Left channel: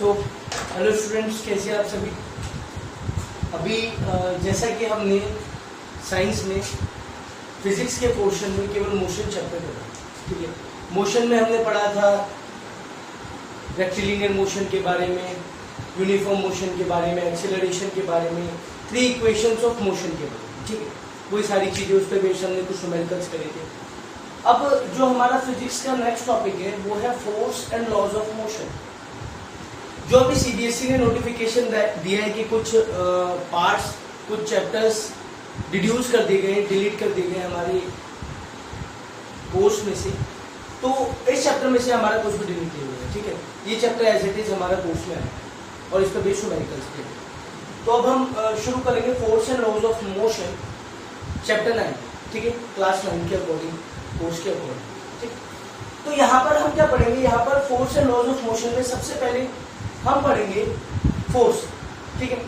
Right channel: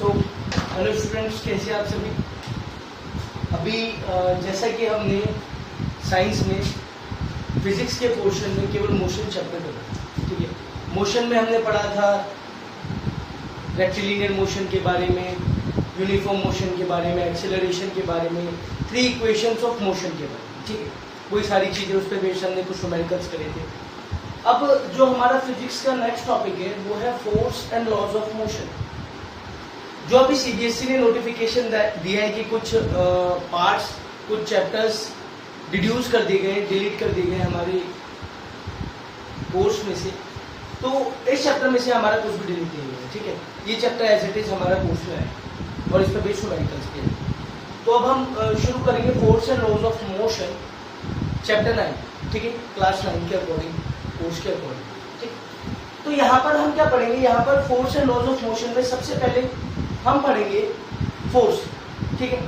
So hello students, कैसे आप सभी। अभी जैसा कि हमने साइंस में फिजिक्स के पोर्शन में केवल मोशन चैप्टर पढ़ा, ठीक है। मोशन में हमने पढ़ा था रेक्टिलिनियर मोशन के बारे में, यूनिफॉर्म मोशन के बारे में, एक्सेलरेशन के बारे में, 3 इक्वेशंस ऑफ मोशन के बारे में, ठीक है। वही सारी चीजें उस पर बेस्ड हमने कुछ न्यूमेरिकल्स करे थे। अब जो हमारा फिजिक्स का नेक्स्ट टॉपिक है वो है force and laws of motion. जो अभी सीबीएसई ने नोटिफिकेशन दिया है कि कुछ पार्ट्स, कुछ चैप्टर्स डिड्यूस कर दिए गए, डिलीट कर दिए गए हमारे कोर्स में से, तो इस चैप्टर में से हमारा कुछ भी डिलीट नहीं हुआ है, ठीक है। ये चैप्टर एज इट इज हमारा कोर्स में है और इस पर बेस्ड न्यूमेरिकल्स के। तो अब हम शुरू करेंगे force and laws of motion chapter 9, ठीक है, क्लास 9 के अकॉर्डिंग, कोर्स के अकॉर्डिंग, ठीक। तो यहाँ पर हम क्या पढ़ेंगे, यहाँ पर force and laws of motion में सबसे पहले हम पढ़ेंगे फोर्स, ठीक है,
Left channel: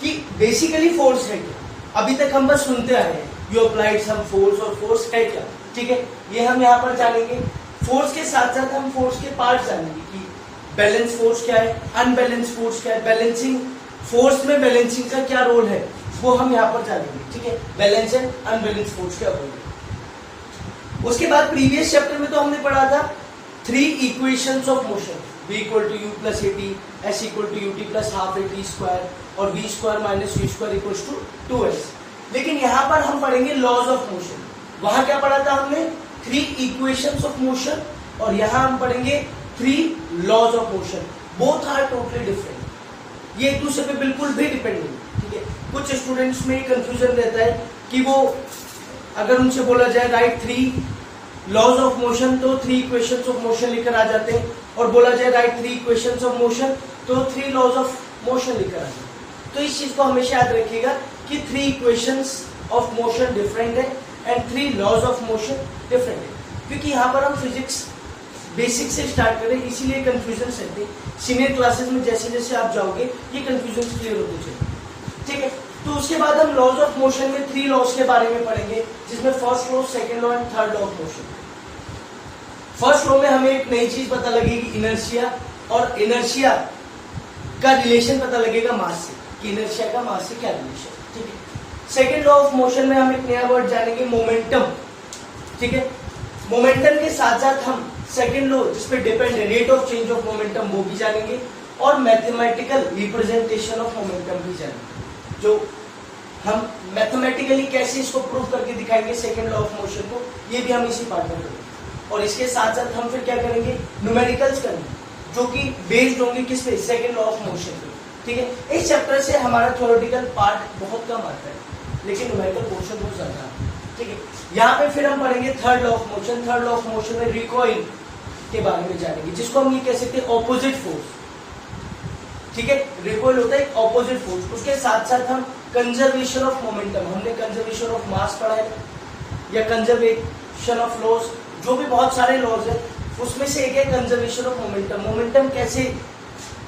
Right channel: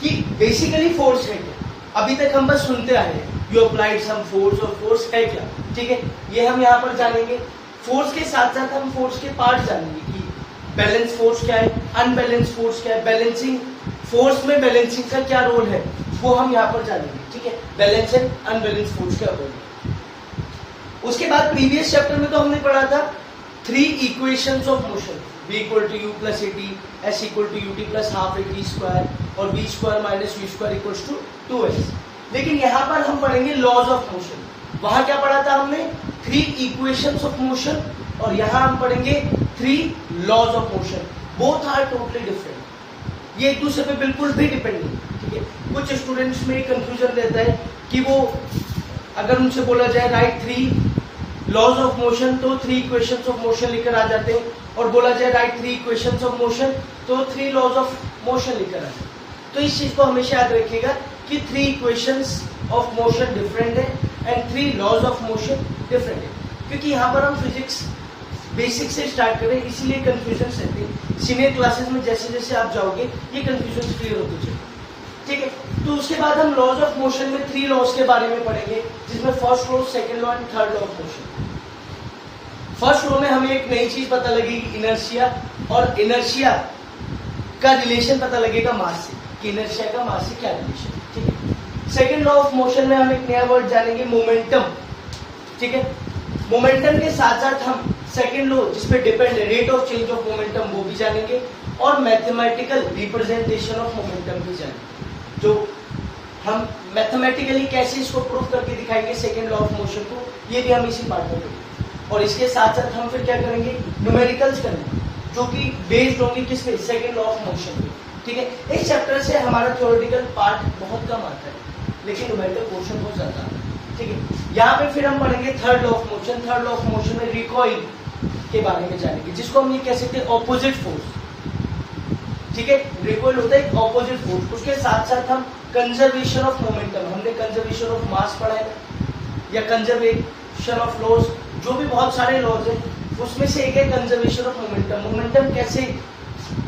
कि बेसिकली फोर्स है क्या। अभी तक हम बस सुनते आए हैं यू अप्लाइड सम फोर्स, और फोर्स है क्या, ठीक है, ये हम यहाँ पर जानेंगे। फोर्स के साथ साथ हम फोर्स के पार्ट जानेंगे कि बैलेंस फोर्स क्या है, अनबैलेंस फोर्स क्या है, बैलेंसिंग फोर्स में बैलेंसिंग का क्या रोल है, वो हम यहाँ पर जानेंगे, ठीक है, बैलेंस एंड अनबैलेंस फोर्स के अकॉर्डिंग। उसके बाद प्रीवियस चैप्टर में तो हमने पढ़ा था 3 equations of motion, v equal to you plus a t, s equal to u t plus half a t square, और v square minus v square equal to 2s। लेकिन यहाँ पर हम पढ़ेंगे लॉज ऑफ मोशन। वहां क्या पढ़ा था हमने, 3 इक्वेशंस ऑफ मोशन, और यहाँ हम पढ़ेंगे 3 laws of motion. Both are totally different, ये एक दूसरे पे बिल्कुल भी डिपेंड नहीं, ठीक है। कुछ स्टूडेंट्स में कंफ्यूजन रहता है कि वो अगर उनसे बोला जाए राइट 3 लॉज ऑफ मोशन तो 3 इक्वेशंस ऑफ मोशन लेकर आ जाते हैं, और बोला जाए राइट 3 इक्वेशंस ऑफ मोशन तो 3 लॉज ऑफ मोशन लेकर आ जाते हैं। तो इस चीज को हमेशा याद रखिएगा कि 3 इक्वेशंस ऑफ मोशन डिफरेंट है and 3 laws of motion different है, क्योंकि यहाँ पर हम फिजिक्स बेसिक से स्टार्ट करें, इसीलिए कंफ्यूजन रहती है। सीनियर क्लासेस में जैसे जैसे आप जाओगे ये कंफ्यूजन क्लियर होते चले, ठीक है। तो उसके बाद हम लॉज ऑफ मोशन में 3 लॉज के बारे में पढ़ेंगे, जिसमें first law, second law and third law of motion. First law में हमें एक नई चीज पता लगेगी, इनर्शिया, और इनर्शिया का रिलेशन पता लगेगा मास से, इनर्शिया का मास से क्या रिलेशन, ठीक है। सेकंड लॉ ऑफ मोशन में हम एक नया वर्ड जानेंगे, मोमेंटम, ठीक है। मोमेंटम के साथ साथ हम सेकंड लॉ जिसपे डिपेंड है, rate of change of momentum, वो भी जानेंगे, और मैथमेटिकल रिप्रेजेंटेशन ऑफ मोमेंटम भी जानेंगे, जो हम मैथमेटिकली कैसे इसको प्रूव करके दिखाएंगे सेकंड लॉ ऑफ मोशन को, ये भी हम इसी पार्ट में करेंगे। और इसके साथ साथ हम फिर क्या करेंगे, न्यूमेरिकल्स करेंगे, जो कि बेस्ड होंगे किस पे, सेकंड लॉ ऑफ मोशन पे, ठीक है। इस चैप्टर से हमारा थ्योरेटिकल पार्ट बहुत कम आता है, लेकिन न्यूमेरिकल पोर्शन बहुत ज्यादा है, ठीक है। यहाँ पे फिर हम पढ़ेंगे third law of motion. Third law of motion में रिकॉइल के बारे में जानेंगे, जिसको हम ये कह सकते हैं ऑपोजिट फोर्स, ठीक है। रिकॉइल होता है ऑपोजिट फोर्स। उसके साथ साथ हम कंजर्वेशन ऑफ मोमेंटम, हमने कंजर्वेशन ऑफ मास पढ़ा है, या कंजर्वेशन ऑफ लॉज, जो भी बहुत सारे लॉज है, उसमें से एक है कंजर्वेशन ऑफ मोमेंटम। मोमेंटम कैसे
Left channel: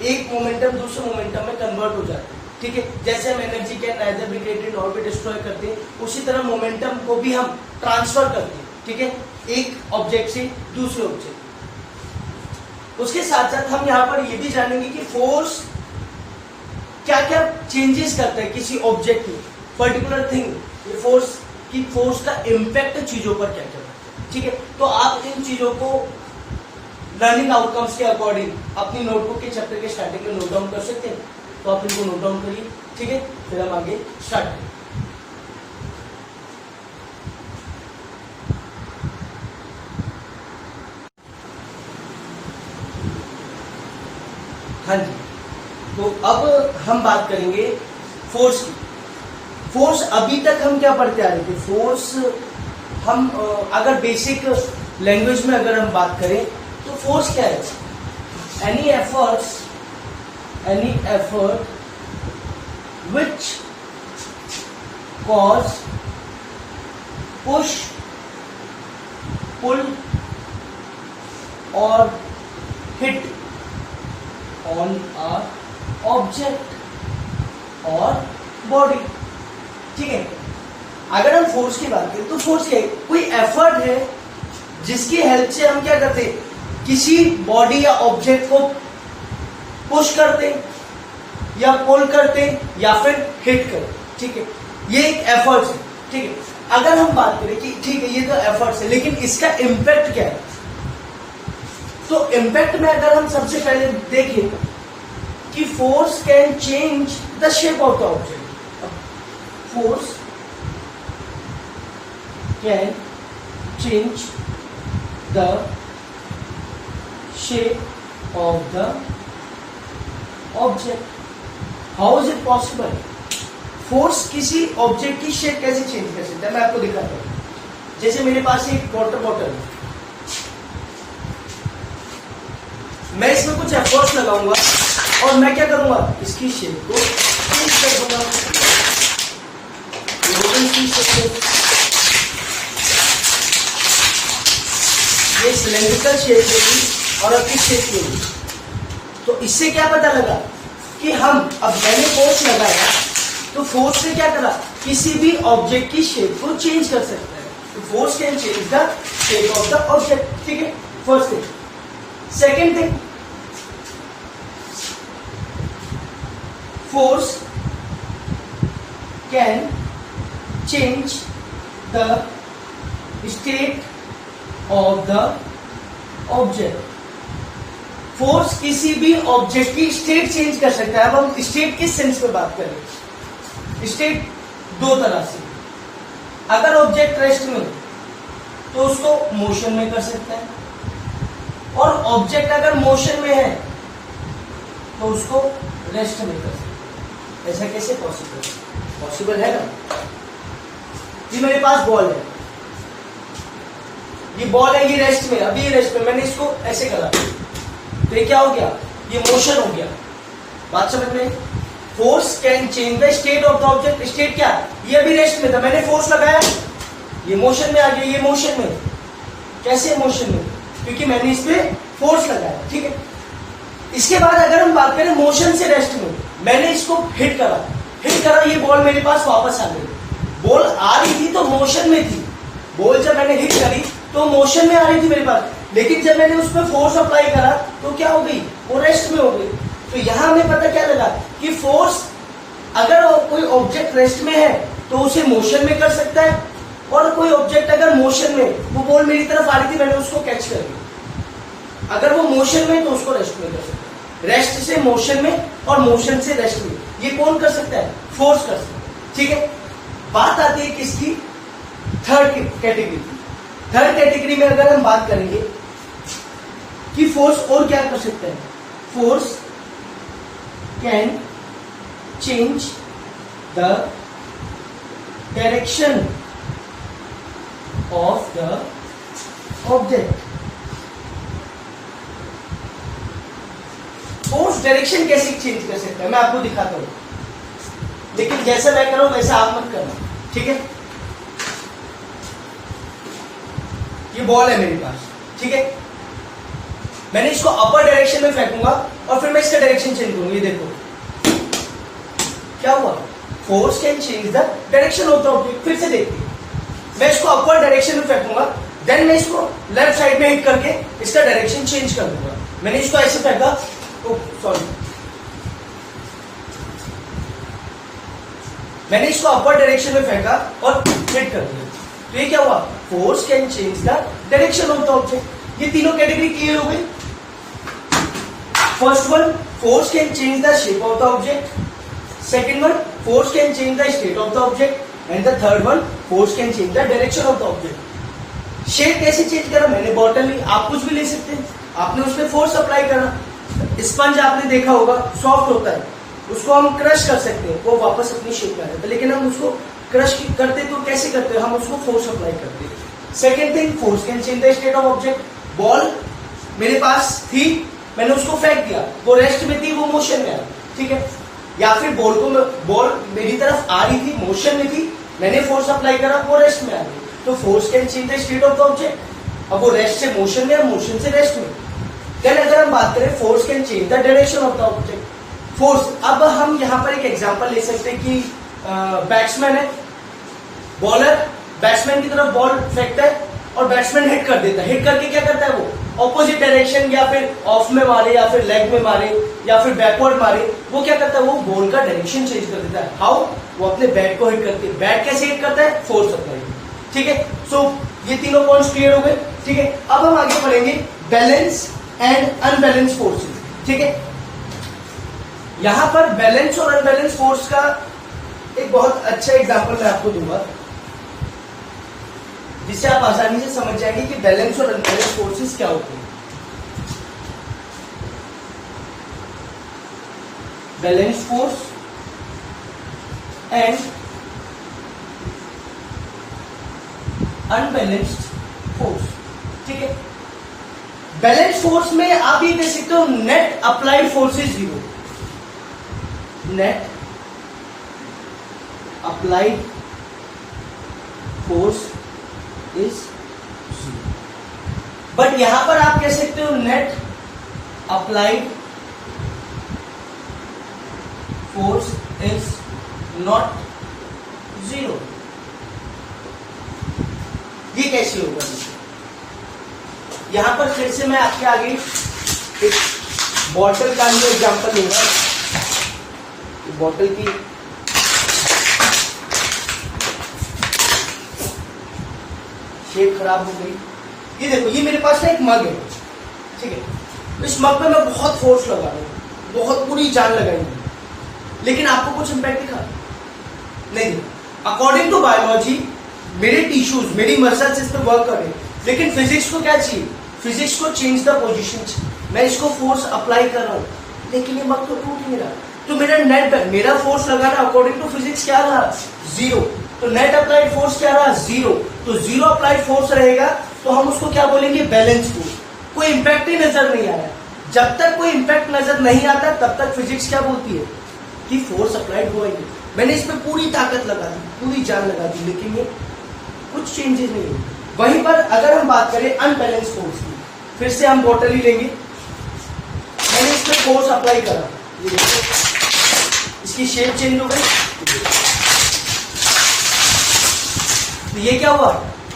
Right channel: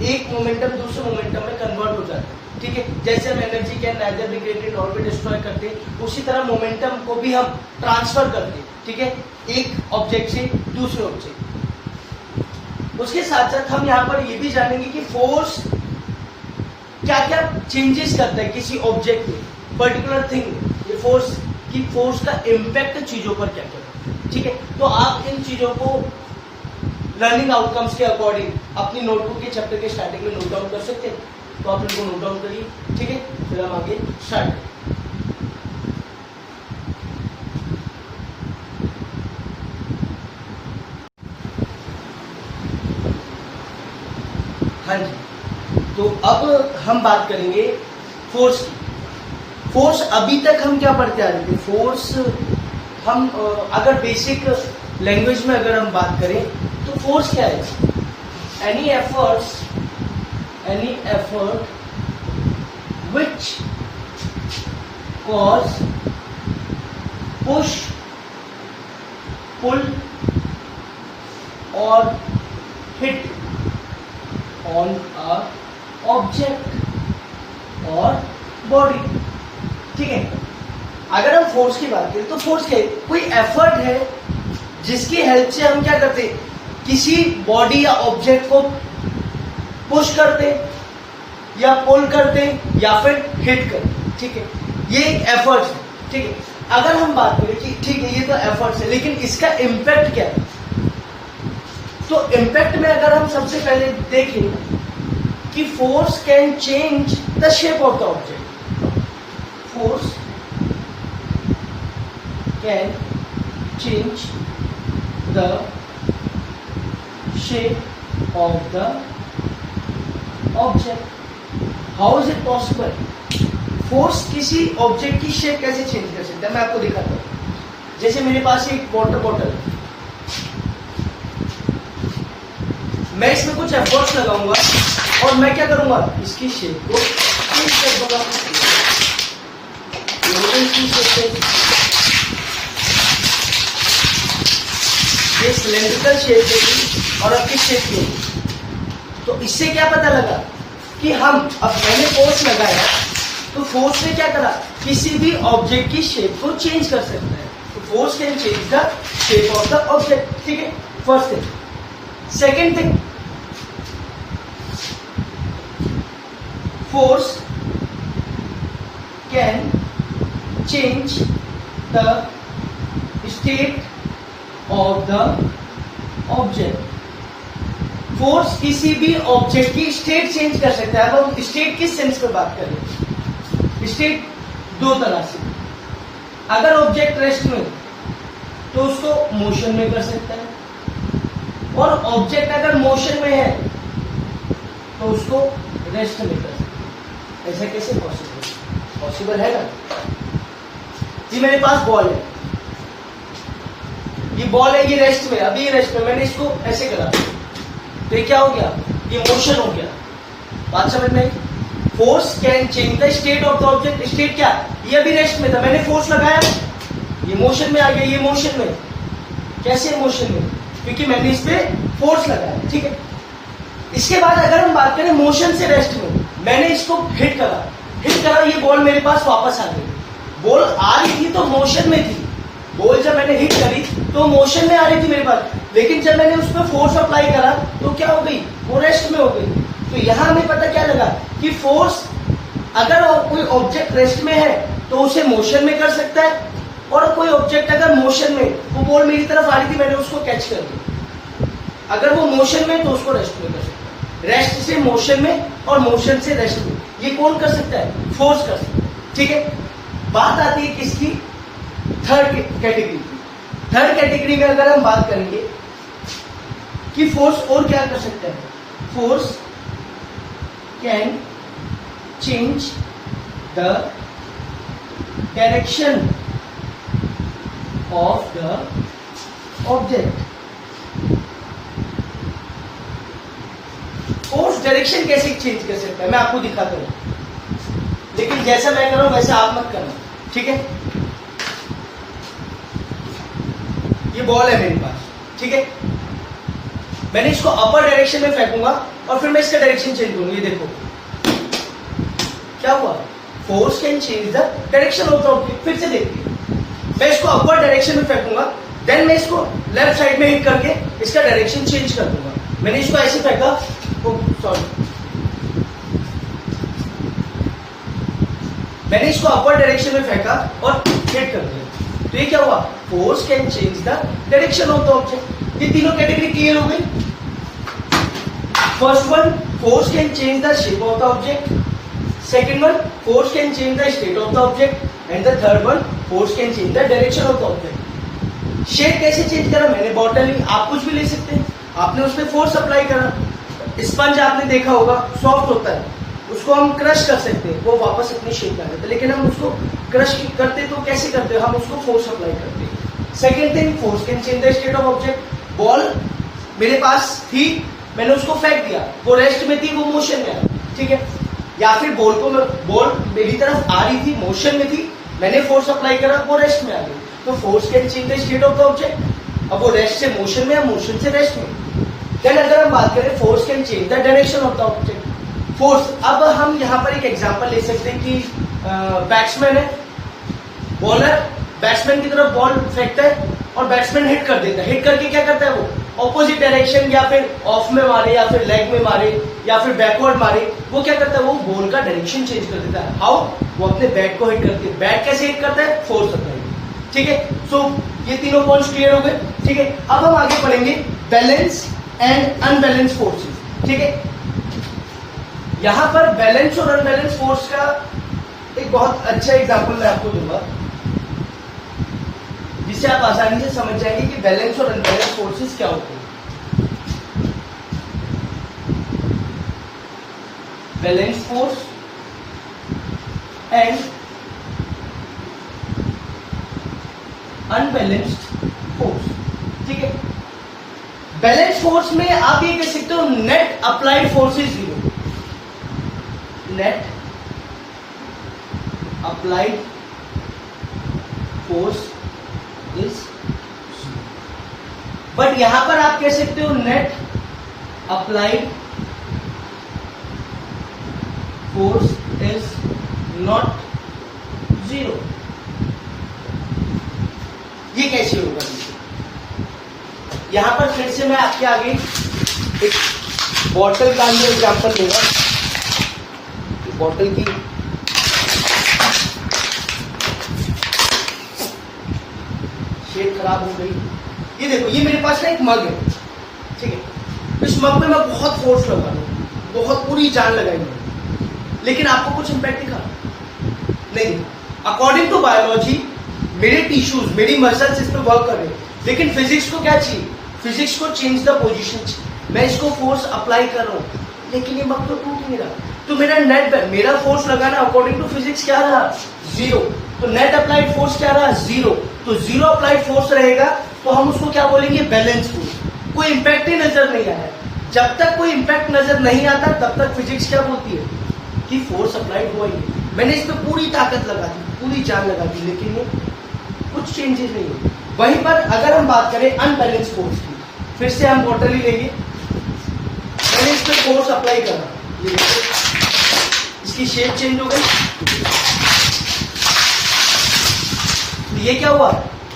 एक मोमेंटम दूसरे मोमेंटम में कन्वर्ट हो जाता है, ठीक है। जैसे हम energy can neither be created nor be destroy करते हैं, उसी तरह मोमेंटम को भी हम ट्रांसफर करते हैं, ठीक है, एक ऑब्जेक्ट से दूसरे ऑब्जेक्ट। उसके साथ साथ हम यहाँ पर ये भी जानेंगे कि फोर्स क्या क्या चेंजेस करता है किसी ऑब्जेक्ट में, पर्टिकुलर थिंग, ये फोर्स की फोर्स का इम्पैक्ट चीजों पर क्या क्या करता है, ठीक है। तो आप इन चीजों को लर्निंग आउटकम्स के अकॉर्डिंग अपनी नोटबुक के चैप्टर के स्टार्टिंग में नोट डाउन कर सकते हैं, तो आप इनको नोट डाउन करिए, ठीक है। फिर हम आगे स्टार्ट करें। हाँ जी, तो अब हम बात करेंगे फोर्स की। फोर्स अभी तक हम क्या पढ़ते आ रहे थे, फोर्स हम अगर बेसिक लैंग्वेज में अगर हम बात करें तो फोर्स क्या है, any effort which cause push pull और हिट ऑन अ ऑब्जेक्ट और बॉडी, ठीक है। अगर हम फोर्स की बात करें तो फोर्स है कोई एफर्ट है जिसकी हेल्प से हम क्या करते हैं, किसी बॉडी या ऑब्जेक्ट को पुश करते या पुल करते या फिर हिट करते, ठीक है। ये एक एफर्ट है, ठीक है। अगर हम बात करें कि ठीक है ये तो एफर्ट्स है, लेकिन इसका इम्पैक्ट क्या है, तो इम्पैक्ट में अगर हम सबसे पहले देखें कि force can change the shape of the object, force can change the shape of the object. How is it possible? Force किसी ऑब्जेक्ट की शेप कैसे चेंज कर सकता है, मैं आपको दिखाता हूं। जैसे मेरे पास एक वाटर बॉटल है, मैं इसमें कुछ एफर्ट्स लगाऊंगा और मैं क्या करूंगा, इसकी शेप को चेंज कर दूंगा। ये सिलेंड्रिकल शेप थी और अब किस शेप की होगी। तो इससे क्या पता लगा कि हम, अब मैंने फोर्स लगाया तो फोर्स ने क्या करा, किसी भी ऑब्जेक्ट की शेप को चेंज कर सकता है। तो force can change the shape of the object, ठीक है, first thing. Second thing, force can change the state of the object. Force किसी भी ऑब्जेक्ट की स्टेट चेंज कर सकता है। अब हम स्टेट किस सेंस में बात करें, स्टेट दो तरह से, अगर ऑब्जेक्ट रेस्ट में तो उसको मोशन में कर सकता है, और ऑब्जेक्ट अगर मोशन में है तो उसको रेस्ट में कर सकता है। ऐसा कैसे पॉसिबल? पॉसिबल है ना। ये मेरे पास बॉल है, ये बॉल है, ये रेस्ट में, अभी ये रेस्ट में, मैंने इसको ऐसे करा तो ये क्या हो गया, ये मोशन हो गया। बात समझ में? Force can change the state of the object. State क्या, ये अभी रेस्ट में था, मैंने फोर्स लगाया, ये मोशन में आ गया, ये मोशन में। कैसे मोशन में? क्योंकि मैंने इस पे फोर्स लगाया, ठीक है। इसके बाद अगर हम बात करें मोशन से रेस्ट में, मैंने इसको हिट करा, ये बॉल मेरे पास वापस आ गई। बॉल आ रही थी तो मोशन में थी, बॉल जब मैंने हिट करी तो मोशन में आ रही थी मेरे पास, लेकिन जब मैंने उस पर फोर्स अप्लाई करा तो क्या हो गई, वो रेस्ट में हो गई। तो यहां हमें पता क्या लगा कि फोर्स, अगर कोई ऑब्जेक्ट रेस्ट में है तो उसे मोशन में कर सकता है, और कोई ऑब्जेक्ट अगर मोशन में, वो बॉल मेरी तरफ आ रही थी, मैंने उसको कैच कर लिया, अगर वो मोशन में तो उसको रेस्ट में कर सकता है। रेस्ट से मोशन में और मोशन से रेस्ट में, ये कौन कर सकता है, फोर्स कर सकता है, ठीक है। बात आती है किसकी, थर्ड कैटेगरी की। थर्ड कैटेगरी में अगर हम बात करेंगे कि फोर्स और क्या कर सकता है, force can change the direction of the object. Force direction कैसे चेंज कर सकता है, मैं आपको दिखाता हूं, लेकिन जैसा मैं कर रहा हूं वैसे आप मत करना, ठीक है। ये बॉल है मेरे पास, ठीक है, मैंने इसको अपर डायरेक्शन में फेंकूंगा और फिर मैं इसका डायरेक्शन चेंज करूंगा। ये देखो क्या हुआ, force can change the direction of the object. फिर से देखिए, मैं इसको अपर डायरेक्शन में फेंकूंगा, देन मैं इसको लेफ्ट साइड में हिट करके इसका डायरेक्शन चेंज कर दूंगा। मैंने इसको ऐसे फेंका, सॉरी, मैंने इसको अपर डायरेक्शन में फेंका और हिट कर दिया, तो ये क्या हुआ, force can change the direction of the object. ये तीनों कैटेगरी क्लियर हो गई। First one, force can change the shape of the object. Second one, force can change the state of the object. And the third one, force can change the direction of the object. Shape कैसे change करा, मैंने bottle ली, आप कुछ भी ले सकते हैं, आपने उसमें फोर्स अप्लाई करा। स्पंज आपने देखा होगा, सॉफ्ट होता है, उसको हम क्रश कर सकते हैं, वो वापस अपनी शेप में आ जाता है, लेकिन हम उसको क्रश करते तो कैसे करते हैं, हम उसको फोर्स अप्लाई करते हैं। Second thing, force can change the state of object. Ball मेरे पास थी, मैंने उसको फेंक दिया, वो रेस्ट में थी, वो मोशन में आई, ठीक है। या फिर बॉल मेरी तरफ आ रही थी, मोशन में थी, मैंने फोर्स अप्लाई करा, वो रेस्ट में आ गई, तो force can change the state of the object. अब वो रेस्ट से मोशन में है, मोशन से रेस्ट में। देन अगर हम बात करें, force can change the direction of the object. Force, अब हम यहां पर एक एग्जांपल ले सकते हैं कि बैट्समैन है, बॉलर बैट्समैन की तरफ बॉल फेंकता है और बैट्समैन हिट कर देता है, हिट करके क्या करता है, वो ऑपोजिट डायरेक्शन या फिर ऑफ में मारे या फिर लेग में मारे या फिर बैकवर्ड मारे, वो क्या करता है, वो बॉल का डायरेक्शन चेंज कर देता है। हाउ? वो अपने बैट को हिट करती है। बैट कैसे हिट करता है? Force apply. ठीक है, सो ये तीनों पॉइंट्स क्लियर हो गए। ठीक है, अब हम आगे बढ़ेंगे बैलेंस एंड अनबैलेंस फोर्सेस। ठीक है, यहां पर बैलेंस और अनबैलेंस फोर्स का एक बहुत अच्छा एग्जांपल मैं आपको दूंगा, जिससे आप आसानी से समझ जाएंगे कि बैलेंस और अनबैलेंस फोर्सेस क्या होते हैं। Balance force and unbalanced force. ठीक है, बैलेंस फोर्स में आप ये कह सकते हो net applied force is zero. Net applied force is zero. But यहां पर आप कह सकते हो net applied force is not zero. ये कैसे होगा? यहां पर फिर से मैं आपके आगे एक बॉटल का एग्जांपल लूंगा। बॉटल की शेप खराब हो गई। ये देखो, ये मेरे पास ना एक मग है। ठीक है, इस मग पे मैं बहुत फोर्स लगा रहा हूं, बहुत पूरी जान लगाई हूं, लेकिन आपको कुछ इंपैक्ट दिखा नहीं। अकॉर्डिंग टू बायोलॉजी मेरे टिश्यूज, मेरी मसल्स इस पर वर्क कर रहे हैं, लेकिन फिजिक्स को क्या चाहिए? फिजिक्स को चेंज द पोजीशन चाहिए। मैं इसको फोर्स अप्लाई कर रहा हूं, लेकिन ये मग तो टूट नहीं रहा, तो मेरा नेट, मेरा फोर्स लगाना अकॉर्डिंग टू फिजिक्स क्या रहा? जीरो। तो नेट अप्लाइड फोर्स क्या रहा? जीरो। तो जीरो अप्लाइड फोर्स रहेगा, तो हम उसको क्या बोलेंगे? Balance force. कोई इंपैक्ट ही नजर नहीं आया। जब तक कोई इंपैक्ट नजर नहीं आता तब तक फिजिक्स क्या बोलती है कि फोर्स अप्लाइड हुआ ही। मैंने इस पे पूरी ताकत लगा दी, पूरी जान लगा दी, लेकिन ये कुछ चेंजेस नहीं हुए। वहीं पर अगर हम बात करें अनबैलेंस फोर्स की, फिर से हम बॉटल ही लेंगे। मैंने इस पे फोर्स अप्लाई करा, ये देखो इसकी शेप चेंज हो गई। तो ये क्या हुआ?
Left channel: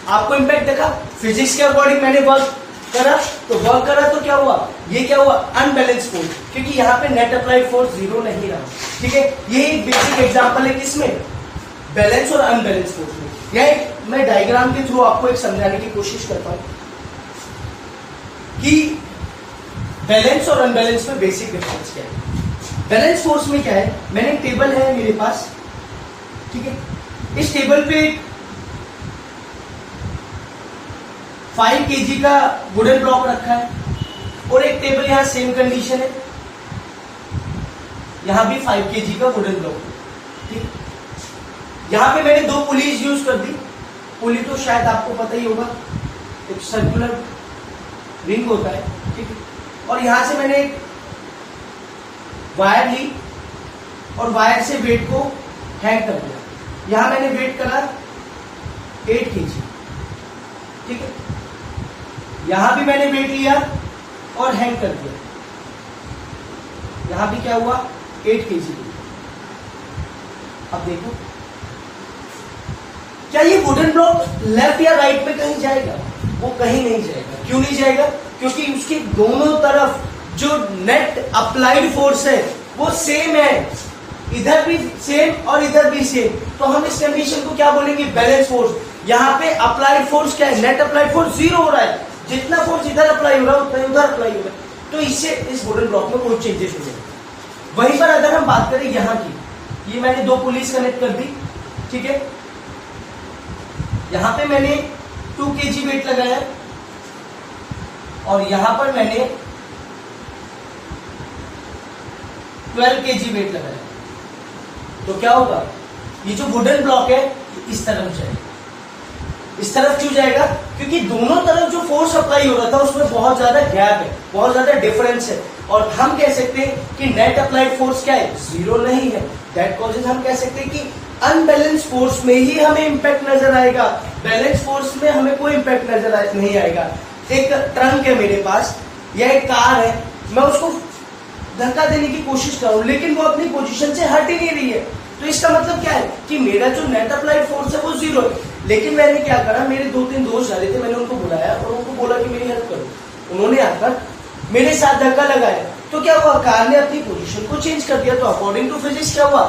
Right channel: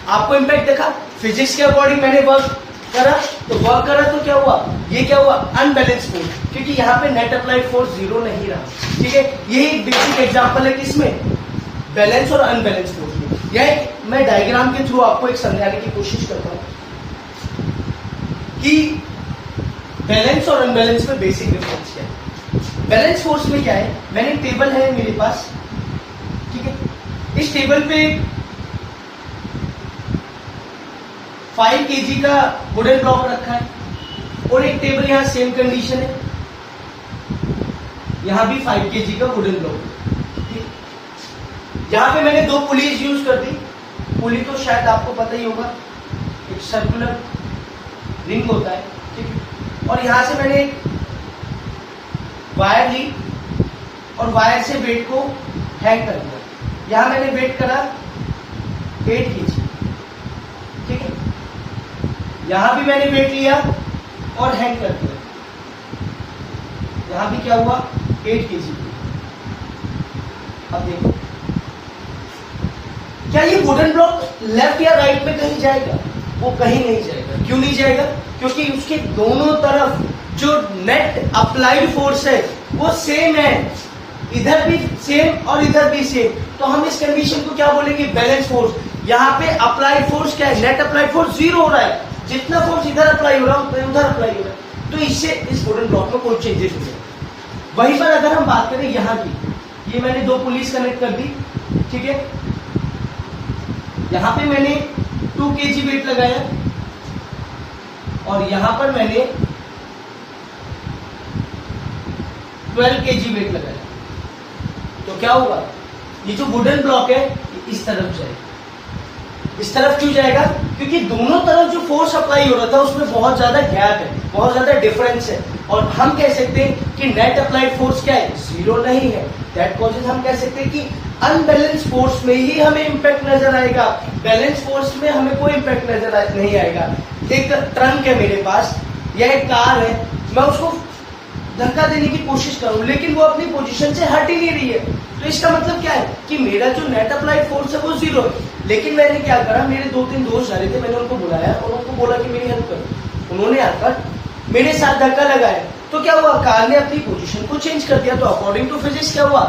आपको इंपैक्ट देखा? फिजिक्स के अकॉर्डिंग मैंने वर्क करा, तो वर्क करा तो क्या हुआ? ये क्या हुआ? अनबैलेंस फोर्स, क्योंकि यहाँ पे नेट अप्लाइड फोर्स जीरो नहीं रहा। ठीक है, ये एक बेसिक एग्जांपल है किसमें? बैलेंस और अनबैलेंस फोर्स में। यह मैं डायग्राम के थ्रू आपको एक समझाने की कोशिश करता हूं कि बैलेंस और अनबैलेंस में बेसिक डिफरेंस क्या है। बैलेंस फोर्स में क्या है? मैंने टेबल है मेरे पास। ठीक है, इस टेबल पे 5 kg का वुडन ब्लॉक रखा है, और एक टेबल यहां सेम कंडीशन है, यहां भी 5 kg का वुडन ब्लॉक। ठीक, यहां पे मैंने 2 पुलीज यूज कर दी। पुली तो शायद आपको पता ही होगा, एक सर्कुलर रिंग होता है। ठीक है, और यहां से मैंने एक वायर ली और वायर से वेट को हैंग कर दिया। यहां मैंने वेट करा 8 kg। ठीक है, यहां भी मैंने वेट लिया और हैंग कर दिया। यहां भी क्या हुआ? 8 kg। अब देखो, क्या ये वुडन ब्लॉक लेफ्ट या राइट में कहीं जाएगा? वो कहीं नहीं जाएगा। क्यों नहीं जाएगा? क्योंकि उसके दोनों तरफ जो नेट अप्लाइड फोर्स है वो सेम है, इधर भी सेम और इधर भी सेम। तो हम इस कंडीशन को क्या बोलेंगे? Balance force. यहाँ पे अप्लाइड फोर्स क्या है? नेट अप्लाइड फोर्स जीरो हो रहा है। जितना फोर्स इधर अप्लाई हो रहा है उतना उधर अप्लाई हो रहा है, तो इससे इस वुडन ब्लॉक में कोई चेंजेस नहीं है। वहीं पर अगर हम बात करें यहाँ की, ये मैंने 2 पुलिस कनेक्ट कर दी। ठीक है, यहां पे मैंने 2 kg वेट लगाया और यहां पर मैंने 12 kg वेट लगाया। तो क्या होगा? ये जो वुडन ब्लॉक है इस तरफ जाएगा। इस तरफ क्यों जाएगा? क्योंकि दोनों तरफ जो फोर्स अप्लाई हो रहा था उसमें बहुत ज्यादा गैप है, बहुत ज्यादा डिफरेंस है, और हम कह सकते हैं कि नेट अप्लाइड फोर्स क्या है? जीरो नहीं है। दैट कॉजेज हम कह सकते हैं कि अनबैलेंस फोर्स में ही हमें इंपैक्ट नजर आएगा, बैलेंस फोर्स में हमें कोई इंपैक्ट नजर नहीं आएगा। एक ट्रंक है मेरे पास या एक कार है, मैं उसको धक्का देने की कोशिश करूं लेकिन वो अपनी पोजीशन से हट ही नहीं रही है, तो इसका मतलब क्या है कि मेरा जो नेट अप्लाइड फोर्स है वो जीरो है। लेकिन मैंने क्या करा, मेरे 2-3 दोस्त जा रहे थे, मैंने उनको बुलाया और उनको बोला कि मेरी हेल्प करो। उन्होंने आकर मेरे साथ धक्का लगाया तो क्या हुआ, कार ने अपनी पोजीशन को चेंज कर दिया। तो अकॉर्डिंग टू फिजिक्स क्या हुआ,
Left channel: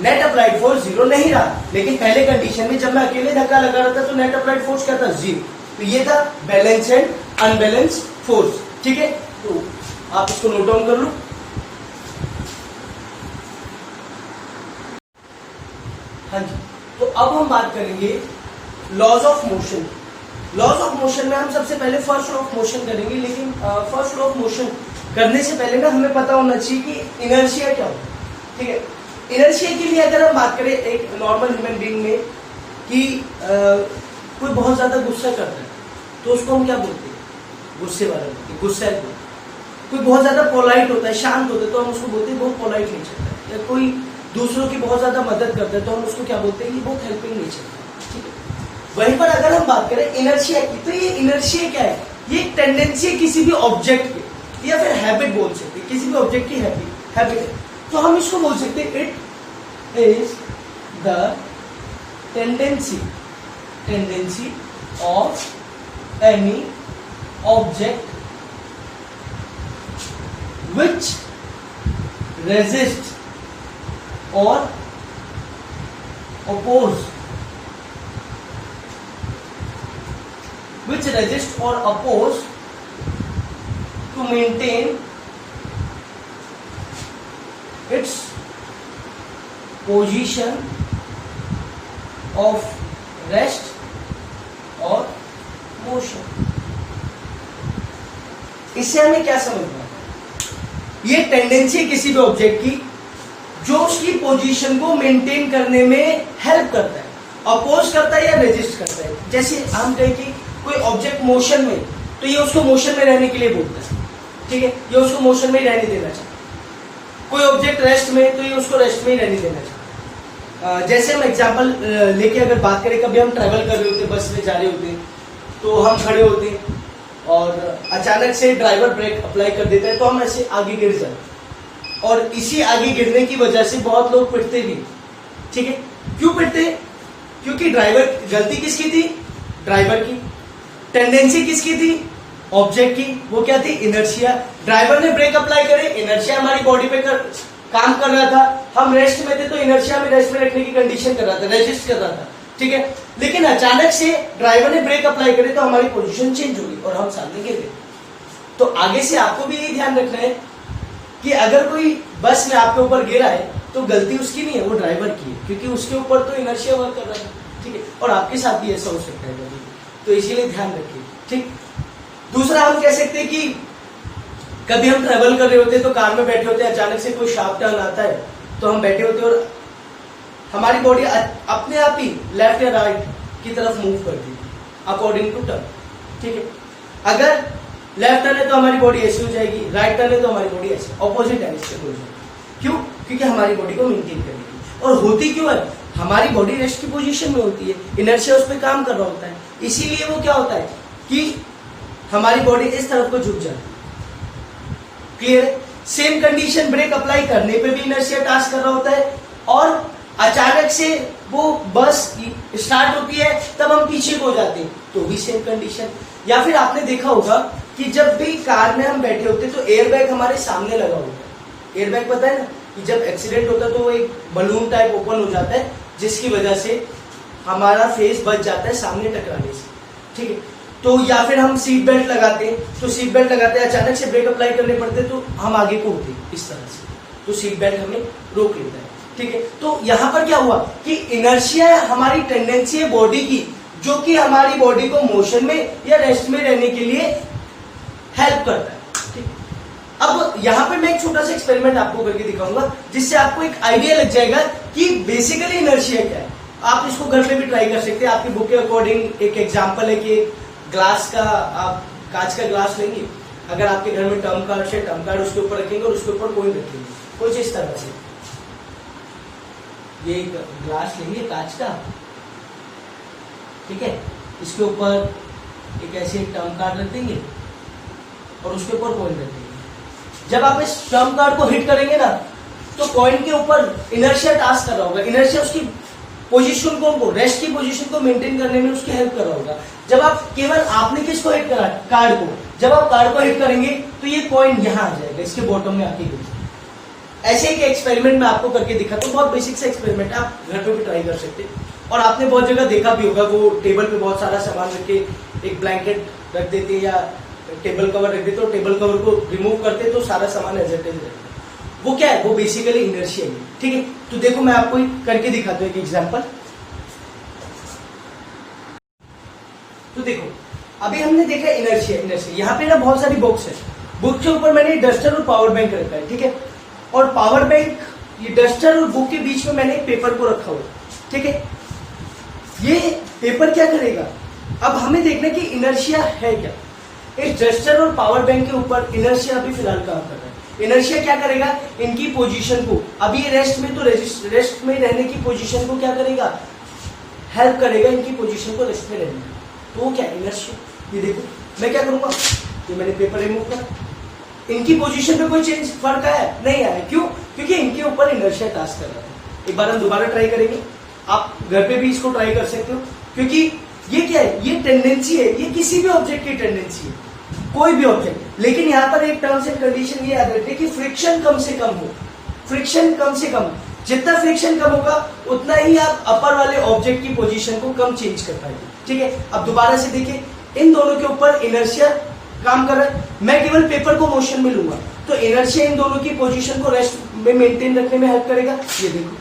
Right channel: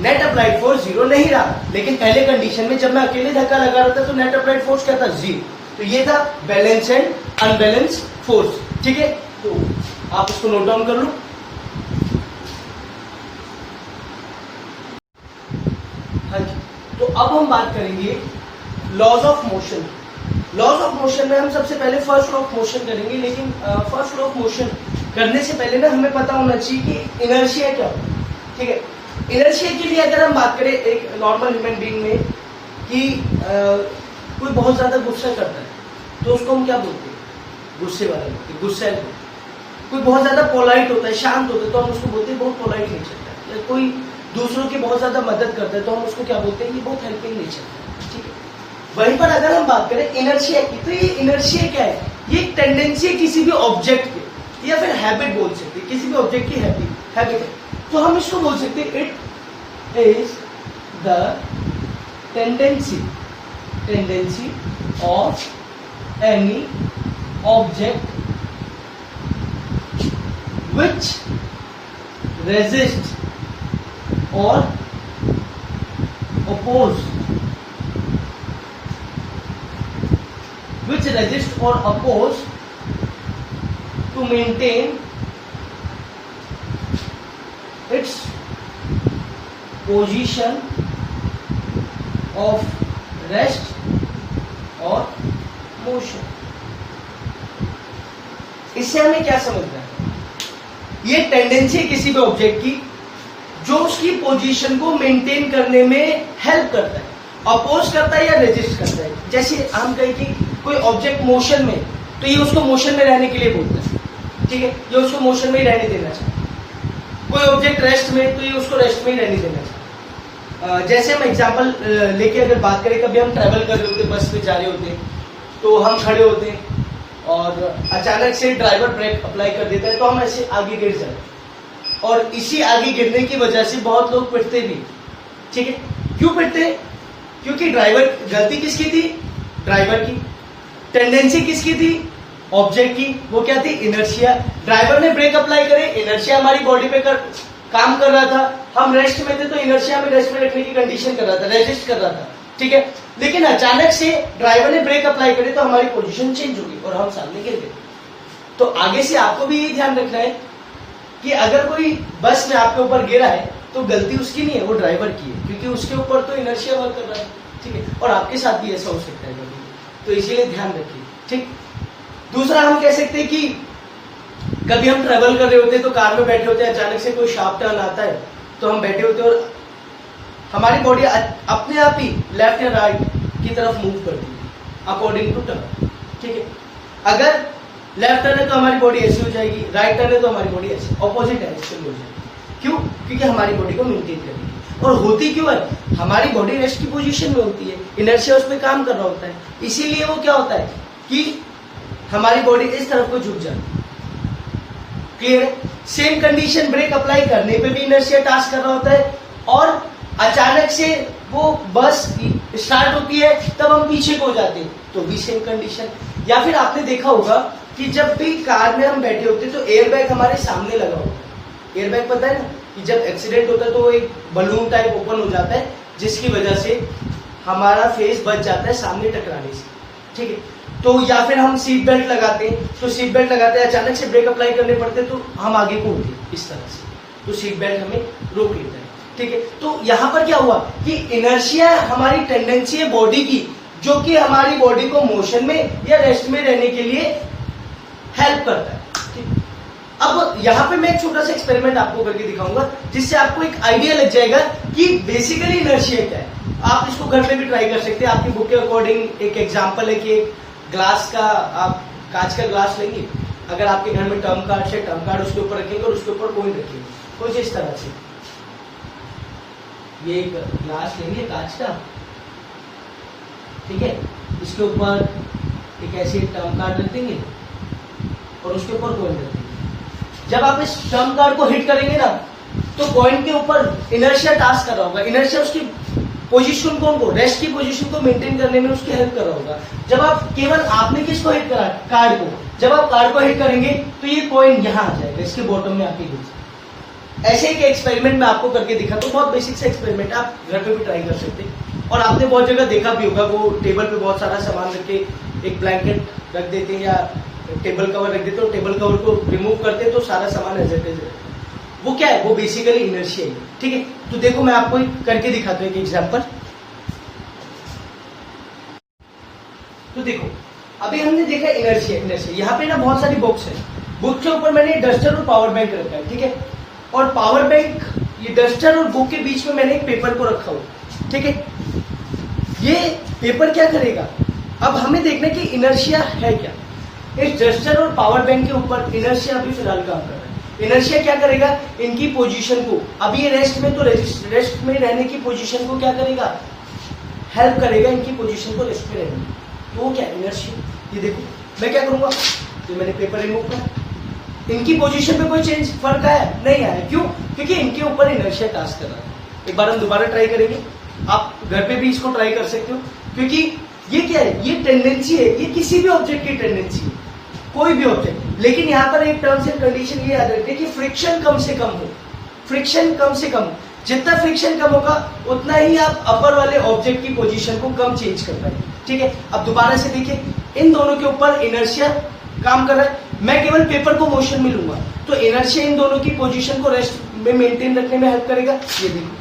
नेट अप्लाइड फोर्स 0 नहीं रहा। लेकिन पहले कंडीशन में जब मैं अकेले धक्का लगा रहा था तो नेट अप्लाइड फोर्स क्या था, 0। तो ये था बैलेंस एंड अनबैलेंस फोर्स। ठीक है, तो आप इसको नोट डाउन कर लो। हाँ जी, तो अब हम बात करेंगे laws of motion. Laws of motion में हम सबसे पहले फर्स्ट लॉ ऑफ मोशन करेंगे। लेकिन फर्स्ट लॉ ऑफ मोशन करने से पहले ना हमें पता होना चाहिए कि इनर्शिया क्या होता है। ठीक है, इनर्शिया के लिए अगर हम बात करें एक नॉर्मल ह्यूमन बीइंग में कि कोई बहुत ज्यादा गुस्सा करता है तो उसको हम क्या बोलते हैं, गुस्से वाला बोलते हैं, गुस्सा है। कोई बहुत ज्यादा पोलाइट होता है, शांत होता है, तो हम उसको बोलते हैं बहुत पोलाइट नेचर का है। या कोई दूसरों की बहुत ज्यादा मदद करता है तो हम उसको क्या बोलते हैं, ये बहुत हेल्पिंग नेचर का है। ठीक है, वहीं पर अगर हम बात करें इनर्शिया की, तो ये इनर्शिया क्या है, ये एक टेंडेंसी है किसी भी ऑब्जेक्ट की, या फिर हैबिट बोल सकते हैं, किसी भी ऑब्जेक्ट की हैबिट है। तो हम इसको बोल सकते हैं it is the tendency of any object which resist or oppose to maintain its position of rest or motion। इससे हमें क्या समझना है, ये टेंडेंसी है किसी भी ऑब्जेक्ट की जो उसकी पोजीशन को मेंटेन करने में हेल्प करता है, अपोज करता है या रेजिस्ट करता है। जैसे हम कहें कि कोई ऑब्जेक्ट मोशन में, तो ये उसको मोशन में रहने के लिए बोलता है। ठीक है, ये उसको मोशन में ही रहने देना चाहिए। कोई ऑब्जेक्ट रेस्ट में, तो ये उसको रेस्ट में ही रहने देना चाहिए। जैसे हम एग्जांपल लेके अगर बात करें, कभी हम ट्रैवल कर रहे होते, बस में जा रहे होते, तो हम खड़े होते हैं और अचानक से ड्राइवर ब्रेक अप्लाई कर देता है तो हम ऐसे आगे गिर जाते, और इसी आगे गिरने की वजह से बहुत लोग पिटते भी। ठीक है, क्यों पिटते, क्योंकि ड्राइवर, गलती किसकी थी, ड्राइवर की। टेंडेंसी किसकी थी, ऑब्जेक्ट की। वो क्या थी, इनर्शिया। ड्राइवर ने ब्रेक अप्लाई करे, इनर्शिया हमारी बॉडी पे काम कर रहा था, हम रेस्ट में थे तो इनर्शिया में रेस्ट में रखने की कंडीशन कर रहा था, रेजिस्ट कर रहा था। ठीक है, लेकिन अचानक से ड्राइवर ने ब्रेक अप्लाई करे तो हमारी पोजीशन चेंज हो गई और हम सामने गिर गए। तो आगे से आपको भी ये ध्यान रखना है कि अगर कोई बस में आपके ऊपर गिरा है तो गलती उसकी नहीं है, वो ड्राइवर की है, क्योंकि उसके ऊपर तो इनर्शिया वर्क कर रहा है। ठीक है, और आपके साथ भी ऐसा हो सकता है कभी, तो इसीलिए ध्यान रखिए। ठीक, दूसरा हम कह सकते हैं कि कभी हम ट्रेवल कर रहे होते हैं तो कार में बैठे होते हैं, अचानक से कोई शार्प टर्न आता है तो हम बैठे होते हैं और हमारी बॉडी अपने आप ही लेफ्ट या राइट की तरफ मूव करती है अकॉर्डिंग टू टर्न। ठीक है, अगर लेफ्ट टर्न है तो हमारी बॉडी ऐसी हो जाएगी, राइट टर्न है तो हमारी बॉडी ऐसी, ऑपोजिट डायरेक्शन में हो जाएगी। क्यों, क्योंकि हमारी बॉडी को मेंटेन करने की। और होती क्यों है, हमारी बॉडी रेस्ट की पोजीशन में होती है, इनर्शिया उस पर काम कर रहा होता है, इसीलिए वो क्या होता है कि हमारी बॉडी इस तरफ को झुक जाती है। क्लियर है, सेम कंडीशन ब्रेक अप्लाई करने पे भी इनर्शिया टास्क कर रहा होता है, और अचानक से वो बस स्टार्ट होती है तब हम पीछे को जाते हैं तो भी सेम कंडीशन। या फिर आपने देखा होगा कि जब भी कार में हम बैठे होते तो एयरबैग हमारे सामने लगा होता है। एयरबैग पता है ना कि जब एक्सीडेंट होता है तो वो एक बलून टाइप ओपन हो जाता है जिसकी वजह से हमारा फेस बच जाता है सामने टकराने से। ठीक है, तो या फिर हम सीट बेल्ट लगाते हैं, तो सीट बेल्ट लगाते हैं, अचानक से ब्रेक अप्लाई करने पड़ते तो हम आगे को उठे इस तरह से, तो सीट बेल्ट हमें रोक लेता है। ठीक है, तो यहां पर क्या हुआ कि इनर्शिया हमारी टेंडेंसी है बॉडी की जो कि हमारी बॉडी को मोशन में या रेस्ट में रहने के लिए हेल्प करता है। ठीक, अब यहां पे मैं एक छोटा सा एक्सपेरिमेंट आपको करके दिखाऊंगा जिससे आपको एक आइडिया लग जाएगा कि बेसिकली इनर्शिया क्या है। आप इसको घर पे भी ट्राई कर सकते हैं। आपकी बुक के अकॉर्डिंग एक एग्जांपल है कि एक ग्लास का, आप कांच का ग्लास लेंगे, अगर आपके घर में टर्म कार्ड है, टर्म कार्ड उसके ऊपर रखेंगे और उसके ऊपर कॉइन रखेंगे कुछ इस तरह से। ये एक ग्लास लेंगे कांच का, ठीक है, इसके ऊपर एक ऐसे टर्म कार्ड रख देंगे और उसके ऊपर कॉइन रख देंगे। जब आप इस टर्म कार्ड को हिट करेंगे ना तो कॉइन के ऊपर इनर्शिया टास्क कर रहा होगा। इनर्शिया उसकी पोजीशन को, रेस्ट की पोजीशन को मेंटेन करने में उसकी हेल्प कर रहा होगा। जब आप केवल आपने किसको हिट करा, कार्ड को, जब आप कार को हिट करेंगे तो ये पॉइंट यहाँ आ जाएगा, इसके बॉटम में आके गिर जाएगा। ऐसे एक एक्सपेरिमेंट मैं आपको करके दिखाता हूँ, बहुत बेसिक सा एक्सपेरिमेंट है, आप घर पे भी ट्राई कर सकते हैं। और आपने बहुत जगह देखा भी होगा, वो टेबल पे बहुत सारा सामान रख के एक ब्लैंकेट रख देते हैं या टेबल कवर रख देते हो, टेबल कवर को रिमूव करते तो सारा सामान एज इट इज रहता है। वो क्या है, वो बेसिकली इनर्शिया है। ठीक है, तो देखो मैं आपको करके दिखाता हूँ एक एग्जांपल। तो देखो अभी हमने देखा इनर्शिया। यहाँ पे ना बहुत सारी बुक्स है, बुक के ऊपर मैंने डस्टर और पावर बैंक रखा है। ठीक है, और पावर बैंक, ये डस्टर और बुक के बीच में मैंने एक पेपर को रखा हुआ। ठीक है, ये पेपर क्या करेगा, अब हमें देखना कि इनर्शिया है क्या। इस डस्टर और पावर बैंक के ऊपर इनर्शिया अभी फिलहाल काम कर रहा है। इनर्शिया क्या करेगा, इनकी पोजीशन को, अभी ये रेस्ट में, तो रेस्ट में रहने की पोजीशन को क्या करेगा, हेल्प करेगा इनकी पोजीशन को रेस्ट में रहने में। तो वो क्या इनर्शिया, ये देखो मैं क्या करूंगा, ये मैंने पेपर रिमूव करा, इनकी पोजीशन पे कोई चेंज फर्क आया नहीं आया, क्यों, क्योंकि इनके ऊपर इनर्शिया टास्क कर रहा है। एक बार हम दोबारा ट्राई करेंगे, आप घर पे भी इसको ट्राई कर सकते हो, क्योंकि ये क्या है, ये टेंडेंसी है, ये किसी भी ऑब्जेक्ट की टेंडेंसी है, कोई भी ऑब्जेक्ट। लेकिन यहाँ पर एक टर्म्स एंड कंडीशन ये याद रखिए कि फ्रिक्शन कम से कम हो, फ्रिक्शन कम से कम, जितना फ्रिक्शन कम होगा उतना ही आप अपर वाले ऑब्जेक्ट की पोजीशन को कम चेंज कर पाएंगे। ठीक है, अब दोबारा से देखिए, इन दोनों के ऊपर इनर्शिया काम कर रहा है, मैं केवल पेपर को मोशन में लूंगा तो इनर्शिया इन दोनों की पोजीशन को रेस्ट में मेंटेन रखने में हेल्प करेगा। ये देखो,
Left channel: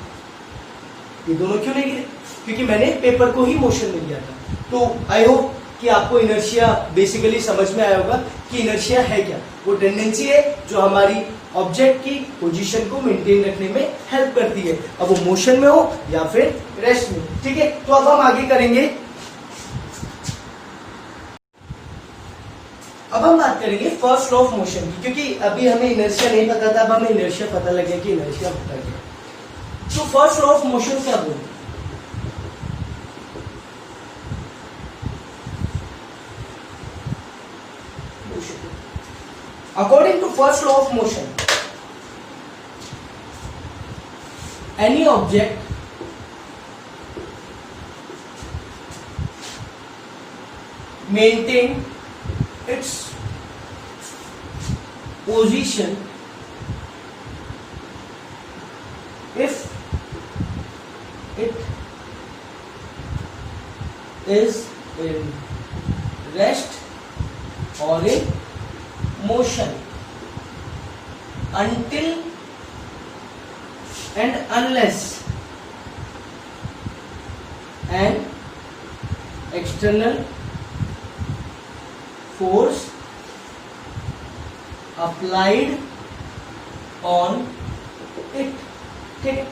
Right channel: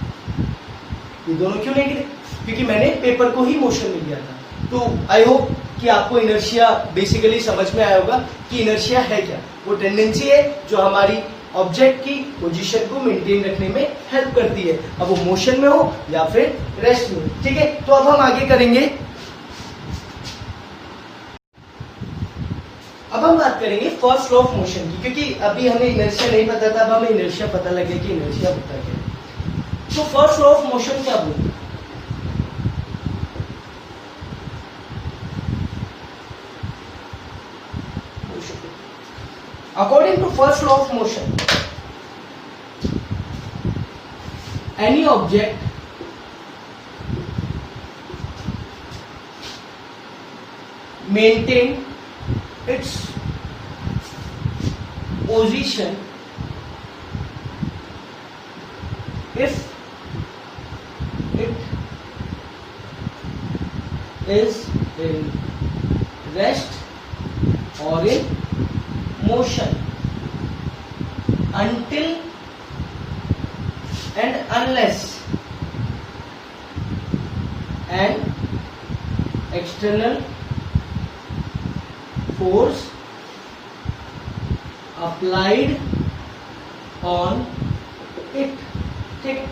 ये दोनों क्यों नहीं गिरे, क्योंकि मैंने पेपर को ही मोशन में लिया था। तो आई होप कि आपको इनर्शिया बेसिकली समझ में आया होगा कि इनर्शिया है क्या। वो टेंडेंसी है जो हमारी ऑब्जेक्ट की पोजीशन को मेंटेन रखने में हेल्प करती है, अब वो मोशन में हो या फिर रेस्ट में। ठीक है, तो अब हम आगे करेंगे, अब हम बात करेंगे फर्स्ट लॉ ऑफ मोशन की, क्योंकि अभी हमें इनर्शिया नहीं पता था, अब हमें इनर्शिया पता लग गया कि इनर्शिया होता है। तो फर्स्ट लॉ ऑफ मोशन क्या बोलते हैं, according to first law of motion, any object maintain its position if it is in rest or in motion until and unless an external force applied on it। ठीक है,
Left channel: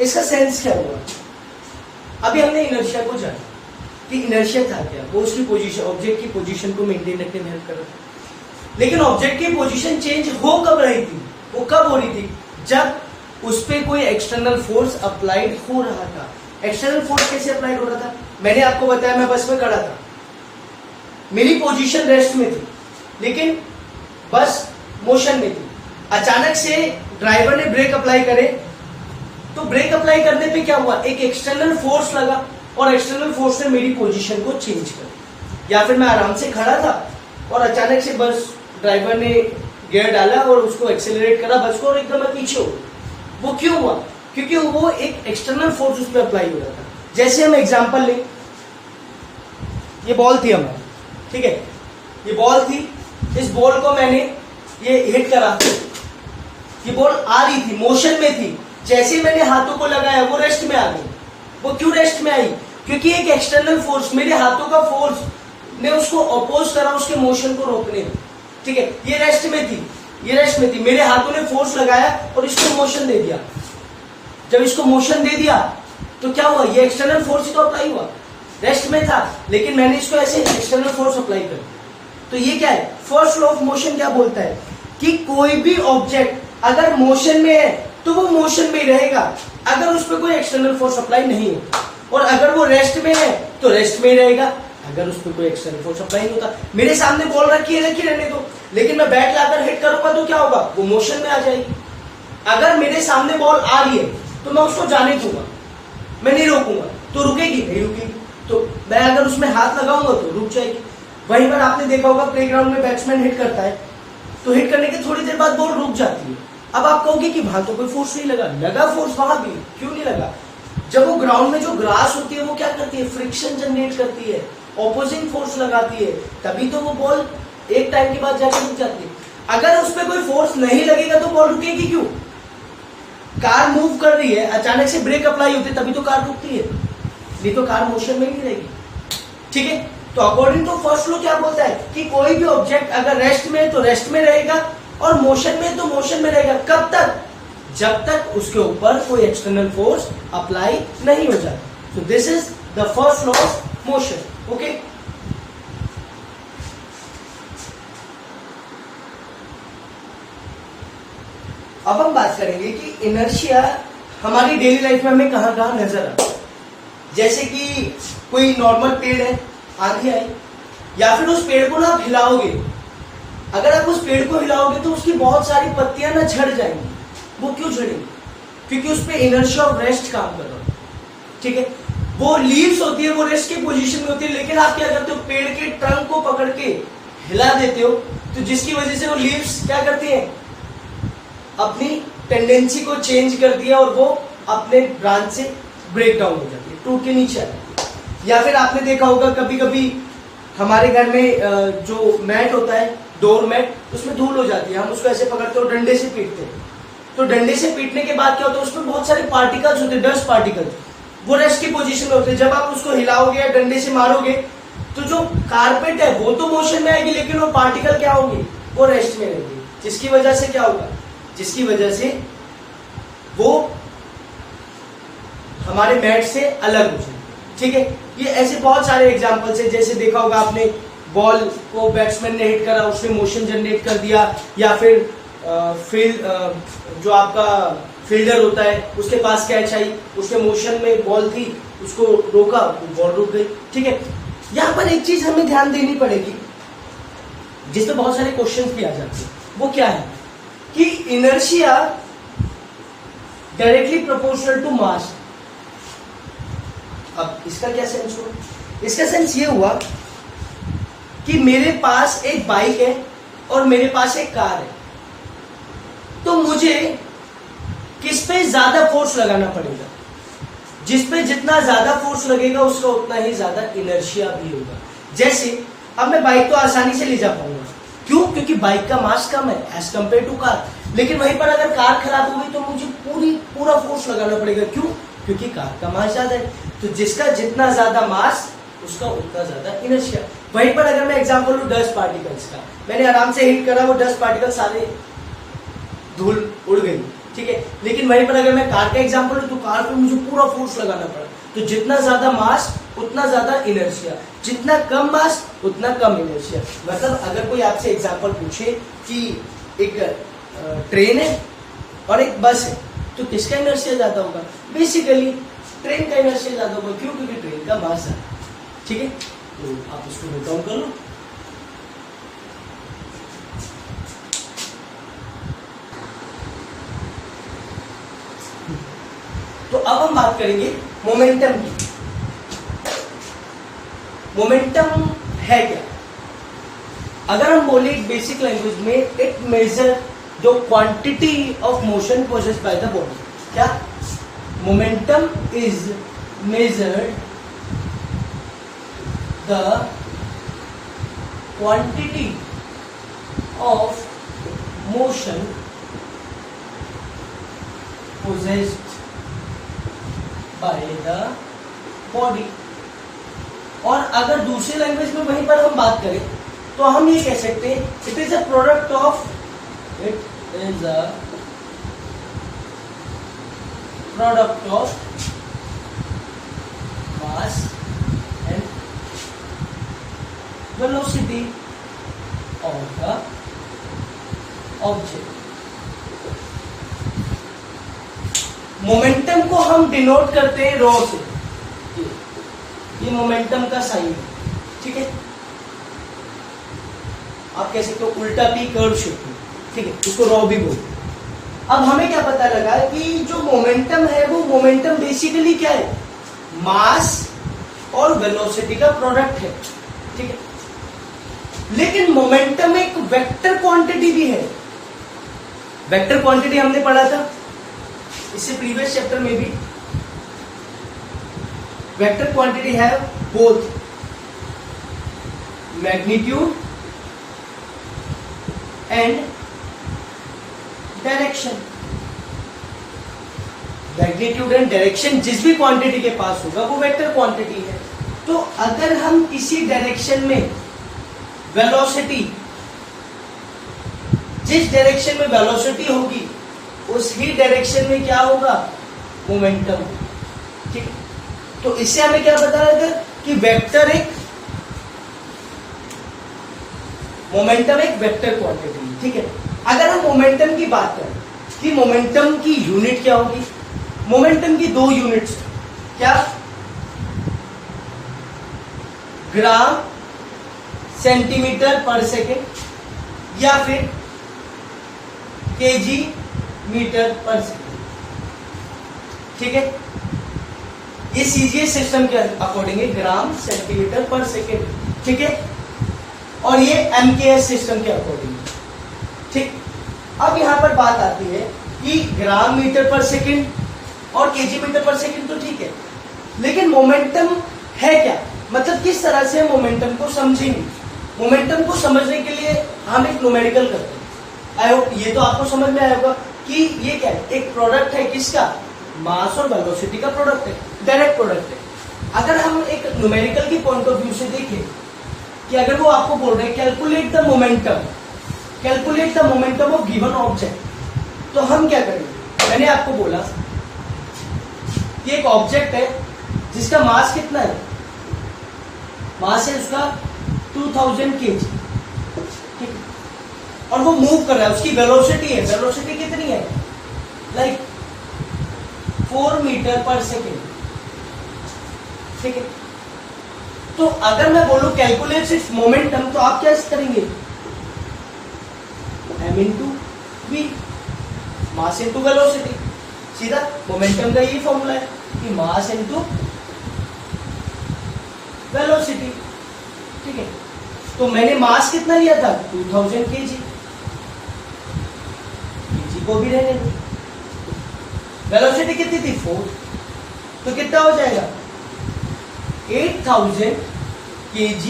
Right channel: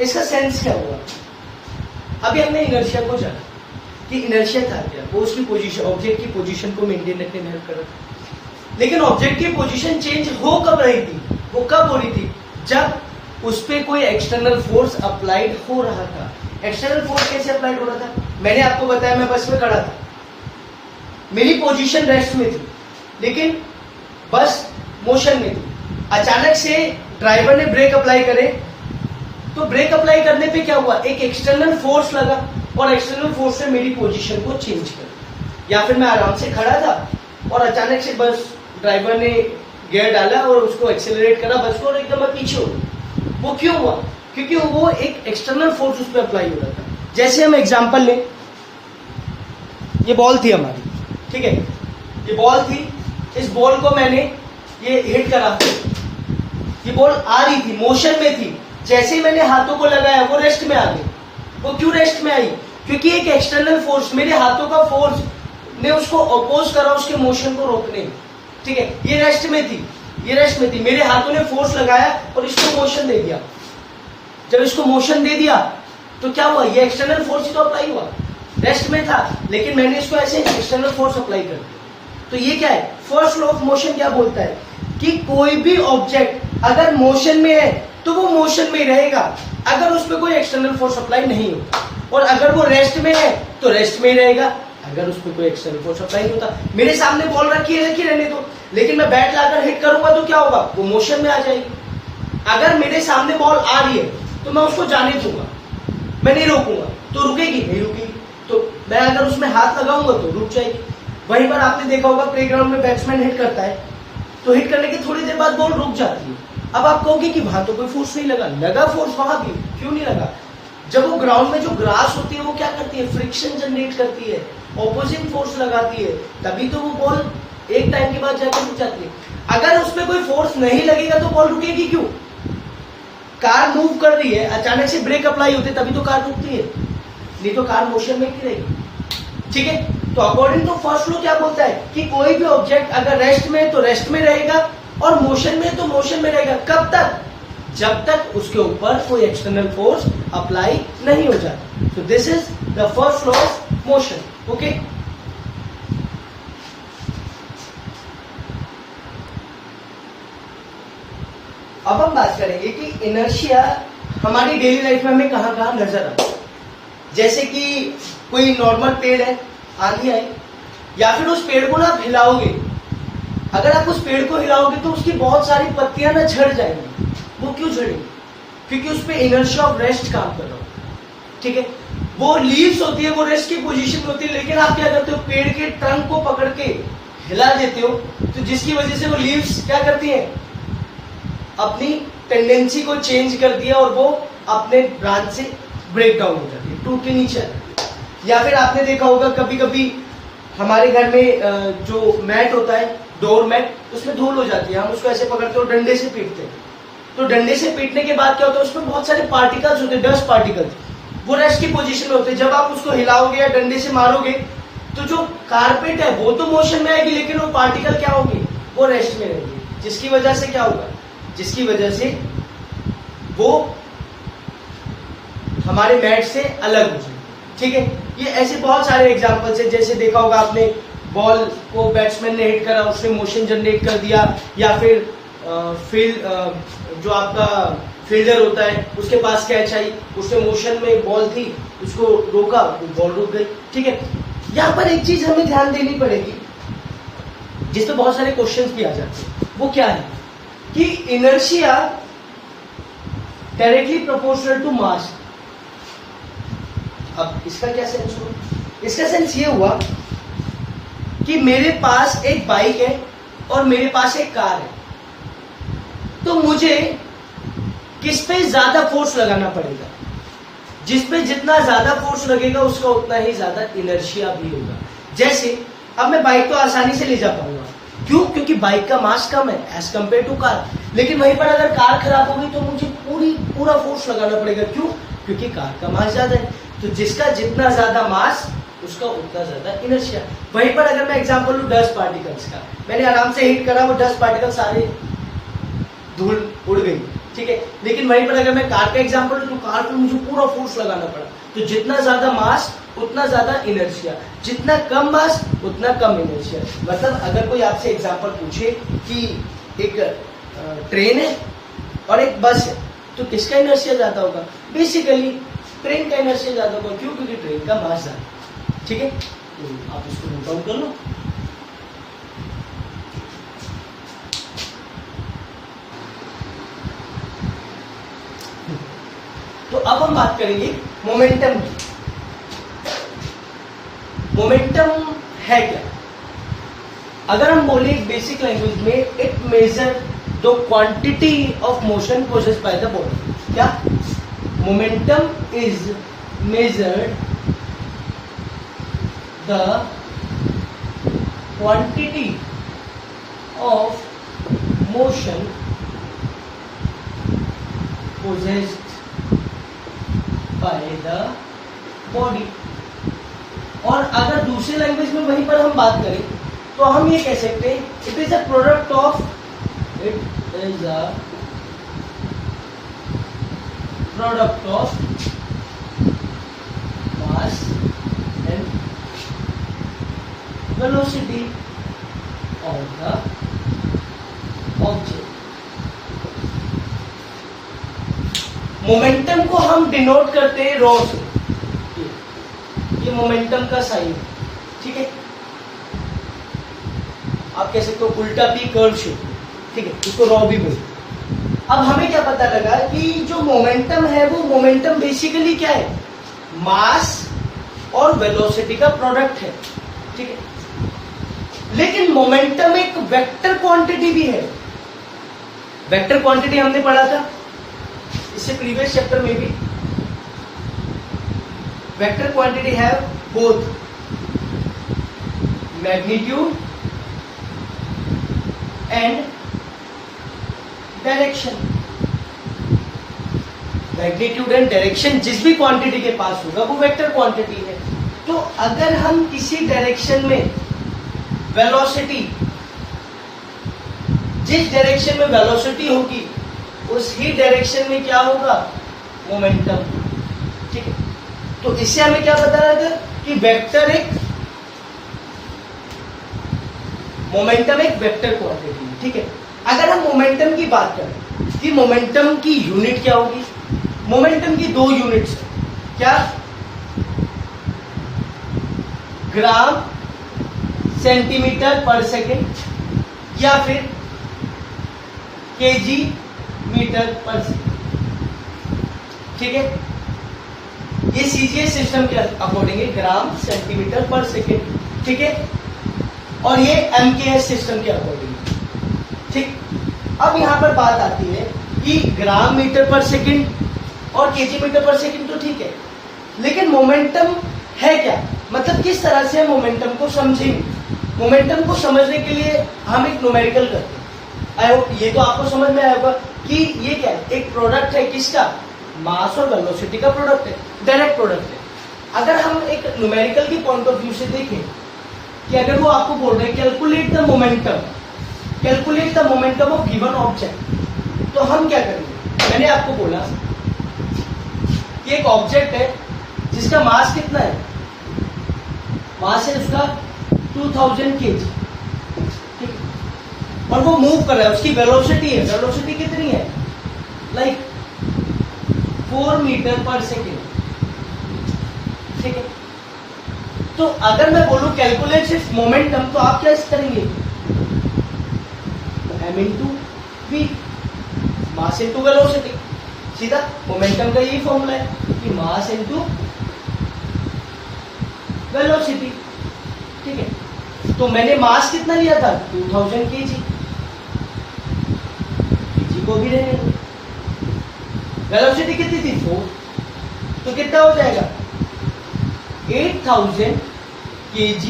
इसका sense क्या हुआ, अभी हमने इनर्शिया को जाना कि इनर्शिया था क्या, वो उसकी पोजीशन, ऑब्जेक्ट की पोजीशन को मेंटेन रखने में हेल्प कर रहा था। लेकिन ऑब्जेक्ट की पोजीशन चेंज हो कब रही थी, वो कब हो रही थी, जब उस पर कोई एक्सटर्नल फोर्स अप्लाइड हो रहा था। एक्सटर्नल फोर्स कैसे अप्लाइड हो रहा था, मैंने आपको बताया, मैं बस में खड़ा था, मेरी पोजीशन रेस्ट में थी, लेकिन बस मोशन में थी। अचानक से ड्राइवर ने ब्रेक अप्लाई करे, तो ब्रेक अप्लाई करने पे क्या हुआ, एक एक्सटर्नल फोर्स लगा और एक्सटर्नल फोर्स ने मेरी पोजीशन को चेंज कर दिया। या फिर मैं आराम से खड़ा था और अचानक से बस ड्राइवर ने गियर डाला और उसको एक्सेलरेट करा बस को, और एकदम मैं पीछे हो गया। वो क्यों हुआ, क्योंकि वो एक एक्सटर्नल फोर्स उस पर अप्लाई हो रहा था। जैसे हम एग्जांपल लें, ये बॉल थी हमारी, ठीक है, ये बॉल थी, इस बॉल को मैंने ये हिट करा, ये बॉल आ रही थी, मोशन में थी, जैसे ही मैंने हाथों को लगाया वो रेस्ट में आ गई। वो क्यों रेस्ट में आई, क्योंकि एक एक्सटर्नल फोर्स, मेरे हाथों का फोर्स ने उसको अपोज करा उसके मोशन को रोकने में। ठीक है, ये रेस्ट में थी, ये रेस्ट में थी, मेरे हाथों ने फोर्स लगाया और इसको मोशन दे दिया। जब इसको मोशन दे दिया तो क्या हुआ, ये एक्सटर्नल फोर्स ही तो अप्लाई हुआ, रेस्ट में था लेकिन मैंने इसको ऐसे एक्सटर्नल फोर्स अप्लाई कर दिया। तो ये क्या है, फर्स्ट लॉ ऑफ मोशन क्या बोलता है कि कोई भी ऑब्जेक्ट अगर मोशन में है तो वो मोशन में ही रहेगा अगर उस पर कोई एक्सटर्नल फोर्स अप्लाई नहीं हो, और अगर वो रेस्ट में है तो रेस्ट में ही रहेगा अगर उस पर कोई एक्सटर्नल फोर्स अप्लाई नहीं होता। मेरे सामने बॉल रखी रहने दो, लेकिन मैं बैट लाकर हिट करूंगा तो क्या होगा, वो मोशन में आ जाएगी। अगर मेरे सामने बॉल आ रही है तो मैं उसको जाने दूंगा, मैं नहीं रोकूंगा, तो रुकेगी नहीं रुकेगी। तो मैं अगर उसमें हाथ लगाऊंगा तो रुक जाएगी। वहीं पर आपने देखा होगा प्लेग्राउंड में बैट्समैन हिट करता है, तो हिट करने के थोड़ी देर बाद बॉल रुक जाती है। अब आप कहोगे कि वहां तो कोई फोर्स नहीं लगा, लगा फोर्स वहां भी, क्यों नहीं लगा? जब वो ग्राउंड में जो ग्रास होती है वो क्या करती है, फ्रिक्शन जनरेट करती है, ऑपोजिंग फोर्स लगाती है, तभी तो वो बॉल एक टाइम के बाद जाकर रुक जाती है। अगर उस पर कोई फोर्स नहीं लगेगा तो बॉल रुकेगी क्यों? कार मूव कर रही है, अचानक से ब्रेक अप्लाई होते तभी तो कार रुकती है, नहीं तो कार मोशन में नहीं रहेगी। ठीक है, तो अकॉर्डिंग टू फर्स्ट लॉ क्या बोलता है कि कोई भी ऑब्जेक्ट अगर रेस्ट में है तो रेस्ट में रहेगा और मोशन में तो मोशन में रहेगा। कब तक? जब तक उसके ऊपर कोई एक्सटर्नल फोर्स अप्लाई नहीं हो जाता। तो this is the first law of motion. Okay, अब हम बात करेंगे कि इनर्शिया हमारी डेली लाइफ में हमें कहां कहां नजर आता है। जैसे कि कोई नॉर्मल पेड़ है, आंधी आई, या फिर उस पेड़ को ना आप हिलाओगे, अगर आप उस पेड़ को हिलाओगे तो उसकी बहुत सारी पत्तियां ना झड़ जाएंगी। वो क्यों झड़ेंगी? क्योंकि उस पर इनर्शिया ऑफ रेस्ट काम कर रहा है। ठीक है, वो लीव्स होती है, वो रेस्ट की पोजीशन में होती है, लेकिन आप क्या करते हो, पेड़ के ट्रंक को पकड़ के हिला देते हो, तो जिसकी वजह से वो लीव्स क्या करती हैं, अपनी टेंडेंसी को चेंज कर दिया और वो अपने ब्रांच से ब्रेक डाउन हो जाती है, टूट के नीचे आ जाती है। या फिर आपने देखा होगा कभी कभी हमारे घर में जो मैट होता है, डोर मैट, उसमें धूल हो जाती है, हम उसको ऐसे पकड़ते हो, डंडे से पीटते हैं, तो डंडे से पीटने के बाद क्या होता है, उसमें बहुत सारे पार्टिकल्स होते हैं, डस्ट पार्टिकल्स, वो रेस्ट की पोजीशन में होते हैं। जब आप उसको हिलाओगे या डंडे से मारोगे तो जो कारपेट है वो तो मोशन में आएगी, लेकिन वो पार्टिकल क्या होंगे, वो रेस्ट में रहेंगे, जिसकी वजह से क्या होगा, जिसकी वजह से वो हमारे मैट से अलग हो जाएंगे। ठीक है, ये ऐसे बहुत सारे एग्जांपल्स है। जैसे देखा होगा आपने, बॉल को बैट्समैन ने हिट करा, उसने मोशन जनरेट कर दिया, या फिर जो आपका फील्डर होता है उसके पास कैच आई, उसके मोशन में बॉल थी, उसको रोका, बॉल रुक गई। ठीक है, यहां पर एक चीज हमें ध्यान देनी पड़ेगी जिसपे बहुत सारे क्वेश्चंस भी आ जाते हैं, वो क्या है कि inertia directly proportional to mass. अब इसका क्या सेंस हुआ? इसका सेंस ये हुआ कि मेरे पास एक बाइक है और मेरे पास एक कार है, तो मुझे किस पे ज्यादा फोर्स लगाना पड़ेगा? जिस पे जितना ज्यादा फोर्स लगेगा उसका उतना ही ज्यादा इनर्शिया भी होगा। जैसे अब मैं बाइक तो आसानी से ले जा पाऊंगा, क्यों? क्योंकि बाइक का मास कम है एज कंपेयर टू कार। लेकिन वहीं पर अगर कार खराब हो गई तो मुझे पूरा फोर्स लगाना पड़ेगा, क्यों? क्योंकि कार का मास ज्यादा है। तो जिसका जितना ज्यादा मास उसका उतना ज्यादा इनर्शिया। वहीं पर अगर मैं एग्जांपल लूं डस्ट पार्टिकल्स का, मैंने आराम से हिट करा, वो डस्ट पार्टिकल सारे धूल उड़ गई। ठीक है, लेकिन वहीं पर अगर मैं कार का एग्जांपल लूं तो कार पे मुझे पूरा फोर्स लगाना पड़ा। तो जितना ज्यादा मास उतना ज्यादा इनर्शिया, जितना कम मास उतना कम इनर्शिया। मतलब अगर कोई आपसे एग्जांपल पूछे कि एक ट्रेन है और एक बस है, तो किसका इनर्शिया ज्यादा होगा? बेसिकली ट्रेन का इनर्शिया ज्यादा होगा। क्यों? क्योंकि ट्रेन का मास ज्यादा। ठीक है, तो आप इसको नोट डाउन कर लो। तो अब हम बात करेंगे मोमेंटम की। मोमेंटम है क्या? अगर हम बोले बेसिक लैंग्वेज में, it measure the quantity of motion possessed by the body. क्या? Momentum is measured the quantity of motion possessed by the body। और अगर दूसरी लैंग्वेज में वहीं पर हम बात करें तो हम ये कह सकते हैं, it is a product of mass and velocity of the object. Momentum को हम डिनोट करते हैं रॉ से, ये मोमेंटम का साइन है। ठीक है, आप कह सकते हो उल्टा पी कर्व शेप में। ठीक है, इसको रॉ भी बोलते हैं। अब हमें क्या पता लगा कि जो मोमेंटम है वो मोमेंटम बेसिकली क्या है? मास और वेलोसिटी का प्रोडक्ट है। ठीक है, लेकिन मोमेंटम एक वेक्टर क्वांटिटी भी है। वेक्टर क्वांटिटी हमने पढ़ा था इससे प्रीवियस चैप्टर में भी। वेक्टर क्वांटिटी है both magnitude and direction. Magnitude and direction जिस भी क्वांटिटी के पास होगा वो वेक्टर क्वांटिटी है। तो अगर हम किसी डायरेक्शन में वेलोसिटी, जिस डायरेक्शन में वेलोसिटी होगी उस ही डायरेक्शन में क्या होगा, मोमेंटम। ठीक, तो इससे हमें क्या पता लगा कि वेक्टर एक मोमेंटम एक वेक्टर क्वांटिटी। ठीक है, अगर हम मोमेंटम की बात करें कि मोमेंटम की यूनिट क्या होगी, मोमेंटम की दो यूनिट्स, क्या, ग्राम सेंटीमीटर पर सेकेंड या फिर केजी मीटर पर सेकेंड। ठीक है, ये सीजीएस सिस्टम के अकॉर्डिंग है, ग्राम सेंटीमीटर पर सेकेंड। ठीक है, और ये एमकेएस सिस्टम के अकॉर्डिंग। ठीक, अब यहां पर बात आती है कि ग्राम मीटर पर सेकेंड और केजी मीटर पर सेकेंड तो ठीक है, लेकिन मोमेंटम है क्या, मतलब किस तरह से मोमेंटम को समझेंगे। मोमेंटम को समझने के लिए हम एक न्यूमेरिकल करते हैं। आई होप ये तो आपको समझ में आएगा कि ये क्या है, एक प्रोडक्ट है किसका, मास और वेलोसिटी का प्रोडक्ट है, डायरेक्ट प्रोडक्ट है। अगर हम एक न्यूमेरिकल की पॉइंट ऑफ व्यू से देखें कि अगर वो आपको बोल रहे हैं calculate the momentum, calculate the momentum of given object, तो हम क्या करेंगे। मैंने आपको बोला कि एक ऑब्जेक्ट है जिसका मास कितना है, मास है उसका 2000 kg, ठीक है, और वो मूव कर रहा है, उसकी वेलोसिटी है, वेलोसिटी कितनी है, लाइक 4 मीटर पर सेकेंड। ठीक है, तो अगर मैं बोलूं कैलकुलेट इट्स मोमेंटम, तो आप क्या करेंगे, m into v, mass into velocity. सीधा मोमेंटम का यही फॉर्मूला है कि मास इंटू वेलोसिटी। ठीक है, तो मैंने मास कितना लिया था, 2000 kg, kg को भी रहने दो। वेलोसिटी कितनी थी, 4, तो कितना हो जाएगा, 8000 kg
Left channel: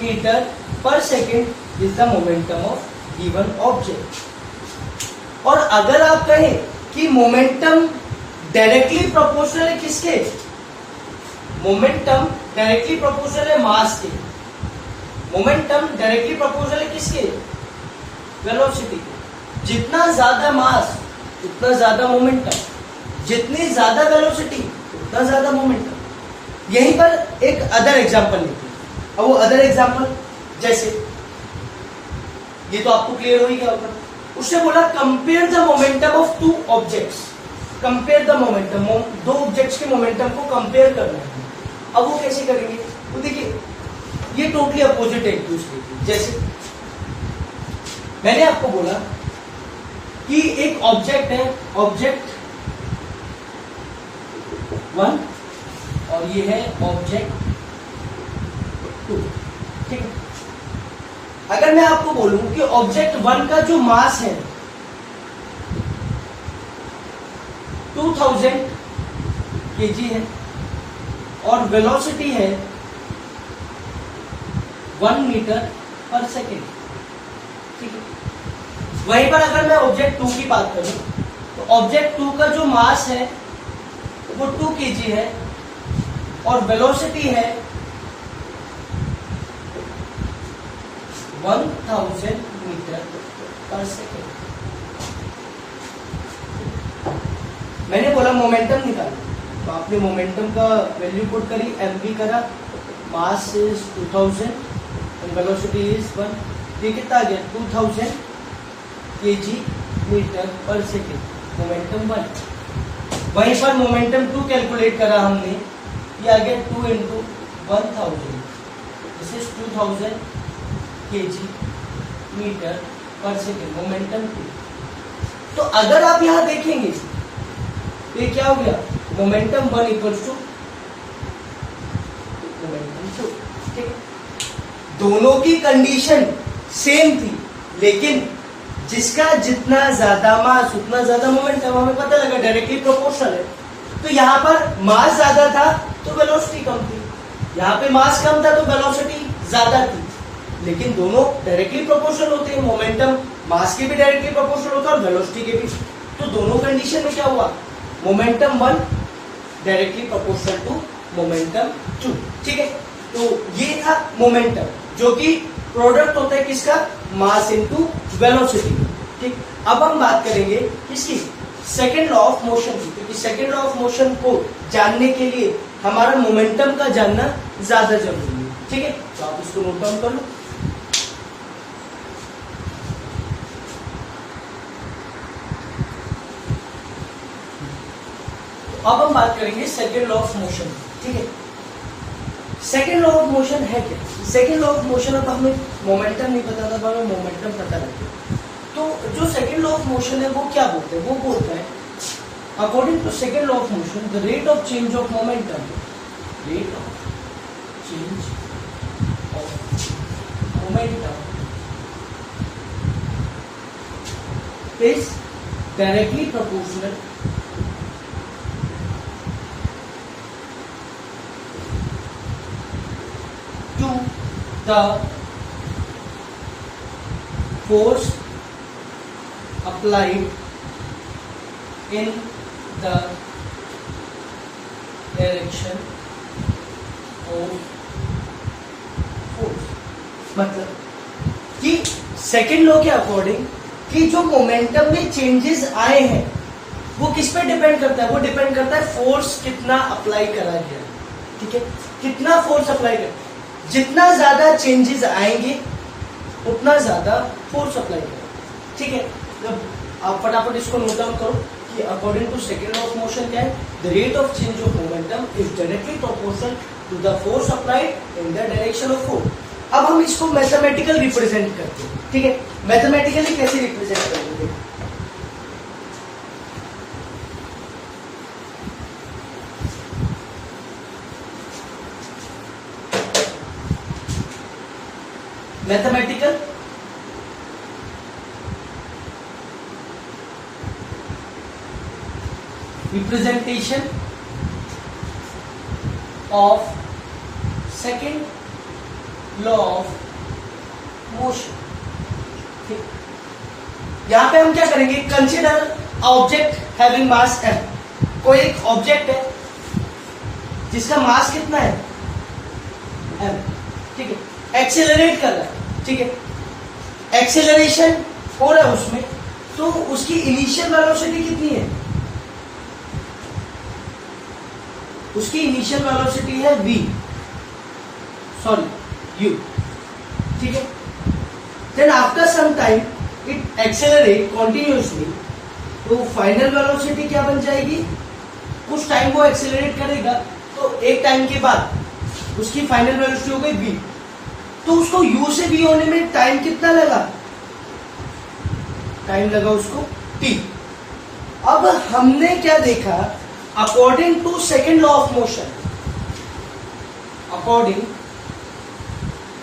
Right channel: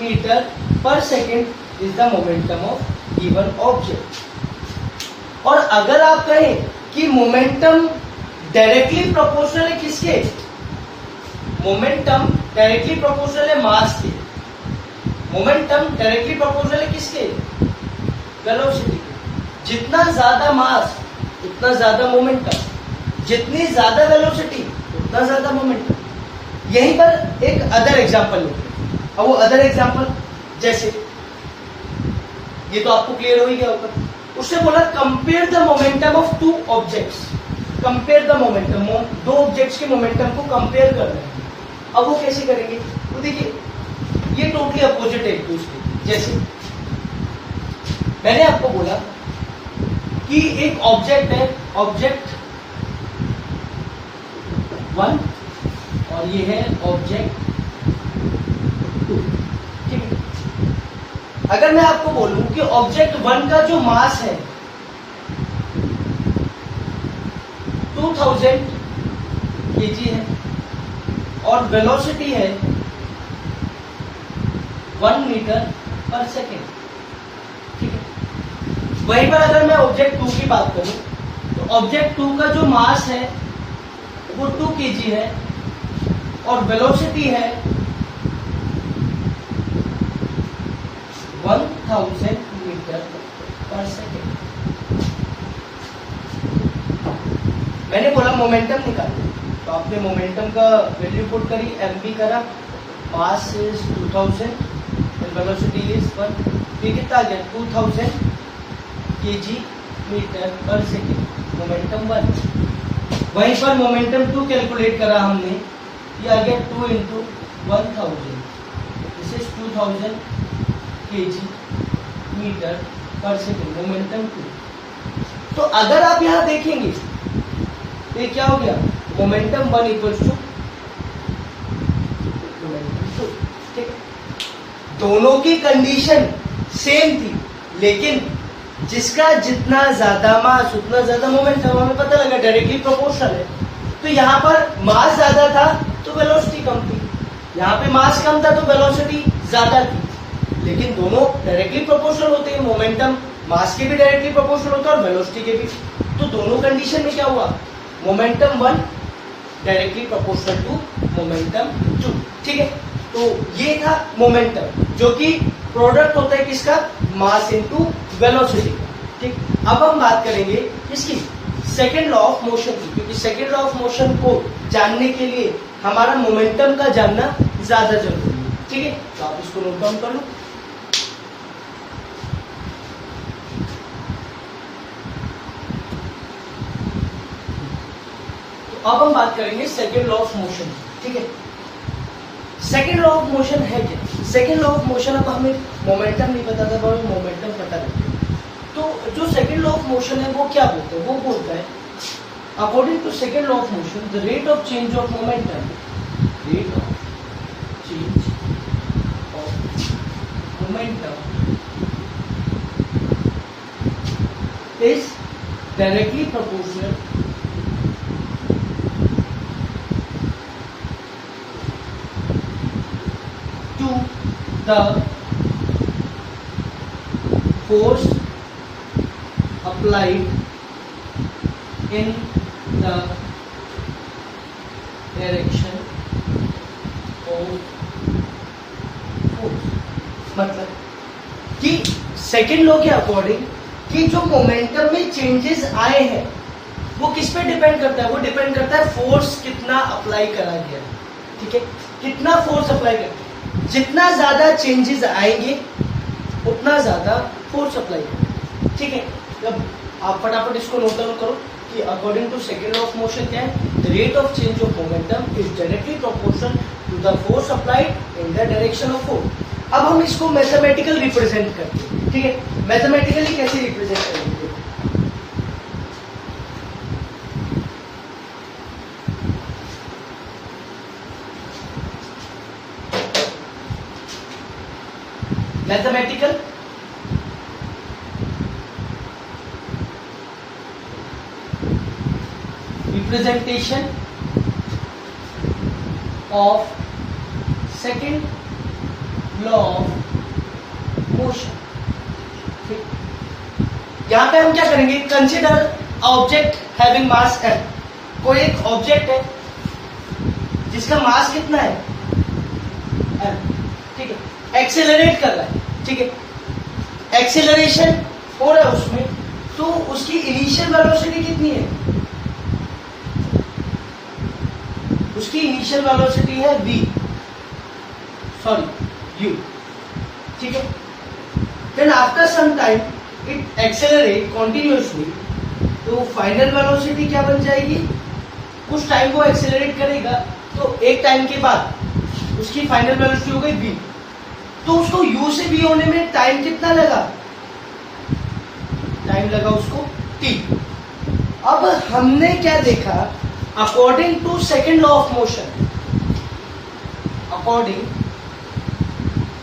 metre per second is the momentum of given object. और अगर आप कहें कि मोमेंटम डायरेक्टली प्रोपोर्शनल है किसके, मोमेंटम डायरेक्टली प्रोपोर्शनल है मास के, मोमेंटम डायरेक्टली प्रोपोर्शनल है किसके, वेलोसिटी के। जितना ज्यादा मास उतना ज्यादा मोमेंटम, जितनी ज्यादा वेलोसिटी उतना ज्यादा मोमेंटम। यहीं पर एक अदर एग्जांपल लेते हैं। अब वो अदर एग्जांपल जैसे, ये तो आपको क्लियर हो ही गया होगा, उसने बोला compare the momentum of two objects, compare the momentum, दो ऑब्जेक्ट्स के मोमेंटम को कंपेयर करना है। अब वो कैसे करेंगे, तो देखिए ये टोटली अपोजिट है एक दूसरे की। जैसे मैंने आपको बोला कि एक ऑब्जेक्ट है, ऑब्जेक्ट 1 और ये है ऑब्जेक्ट 2। ठीक है, अगर मैं आपको बोलूं कि ऑब्जेक्ट 1 का जो मास है 2000 kg है और वेलोसिटी है 1 मीटर पर सेकेंड। ठीक है, वहीं पर अगर मैं ऑब्जेक्ट 2 की बात करूं तो ऑब्जेक्ट 2 का जो मास है वो 2 kg है और वेलोसिटी है 1000 मीटर पर सेकेंड। मैंने बोला मोमेंटम निकालो, तो आपने मोमेंटम का वैल्यू पुट करी, mv करा, mass is 2000 and velocity is 1, ये कितना आ गया 2000 kg metre per second, momentum 1। वहीं पर मोमेंटम 2 कैलकुलेट करा हमने, ये आ गया 2 into 1000, this is 2000 kg metre per second, momentum 2। तो अगर आप यहां देखेंगे तो ये क्या हो गया, मोमेंटम 1 इक्वल्स टू मोमेंटम 2। ठीक है, दोनों की कंडीशन सेम थी, लेकिन जिसका जितना ज्यादा मास उतना ज्यादा मोमेंटम, हमें पता लगा डायरेक्टली प्रोपोर्शनल है। तो यहाँ पर मास ज्यादा था तो वेलोसिटी कम थी, यहाँ पे मास कम था तो वेलोसिटी ज्यादा थी, लेकिन दोनों डायरेक्टली प्रोपोर्शनल होते हैं। मोमेंटम मास के भी डायरेक्टली प्रोपोर्शनल होता है और वेलोसिटी के भी। तो दोनों कंडीशन में क्या हुआ, momentum 1 directly proportional to momentum 2, ठीक है। तो ये था मोमेंटम, जो कि प्रोडक्ट होता है किसका, मास इनटू वेलोसिटी, ठीक। अब हम बात करेंगे इसकी सेकेंड लॉ ऑफ मोशन की, क्योंकि सेकेंड लॉ ऑफ मोशन को जानने के लिए हमारा मोमेंटम का जानना ज्यादा जरूरी है, ठीक है। तो आप इसको नोट डाउन कर लो। तो अब हम बात करेंगे सेकेंड लॉ ऑफ मोशन, ठीक है। सेकेंड लॉ ऑफ मोशन है क्या, सेकेंड लॉ ऑफ मोशन, अब हमें मोमेंटम नहीं पता था, हमें मोमेंटम पता लग गया। तो जो सेकेंड लॉ ऑफ मोशन है वो क्या बोलते हैं, वो बोलता है according to second law of motion the rate of change of momentum, rate of change of momentum is directly proportional to the force applied in the direction of force। मतलब कि सेकेंड लॉ के according कि जो momentum में changes आए हैं वो किस पे डिपेंड करता है, वो डिपेंड करता है फोर्स कितना अप्लाई करा गया, ठीक है। कितना फोर्स अप्लाई कर, जितना ज्यादा चेंजेस आएंगे उतना ज्यादा फोर्स अप्लाई करो, ठीक है। जब आप फटाफट इसको नोट डाउन करो कि according to second law of motion क्या है, the rate of change of momentum is directly proportional to the force applied in the direction of force. अब हम इसको मैथमेटिकल रिप्रेजेंट करते हैं, ठीक है। मैथमेटिकली कैसे रिप्रेजेंट करेंगे, mathematical representation of second law of motion, ठीक। यहां पे हम क्या करेंगे, consider object having mass m। कोई एक ऑब्जेक्ट है जिसका मास कितना है m, ठीक है। एक्सेलरेट कर रहा है, ठीक है। एक्सेलरेशन हो रहा है उसमें, तो उसकी इनिशियल वेलोसिटी कितनी है, उसकी इनिशियल वेलोसिटी है v, सॉरी u, ठीक है। Then after some time it accelerate continuously, तो फाइनल वेलोसिटी क्या बन जाएगी, कुछ टाइम वो एक्सेलरेट करेगा तो एक टाइम के बाद उसकी फाइनल वेलोसिटी हो गई v। तो उसको u से v होने में टाइम कितना लगा, टाइम लगा उसको t। अब हमने क्या देखा, according to second law of motion, according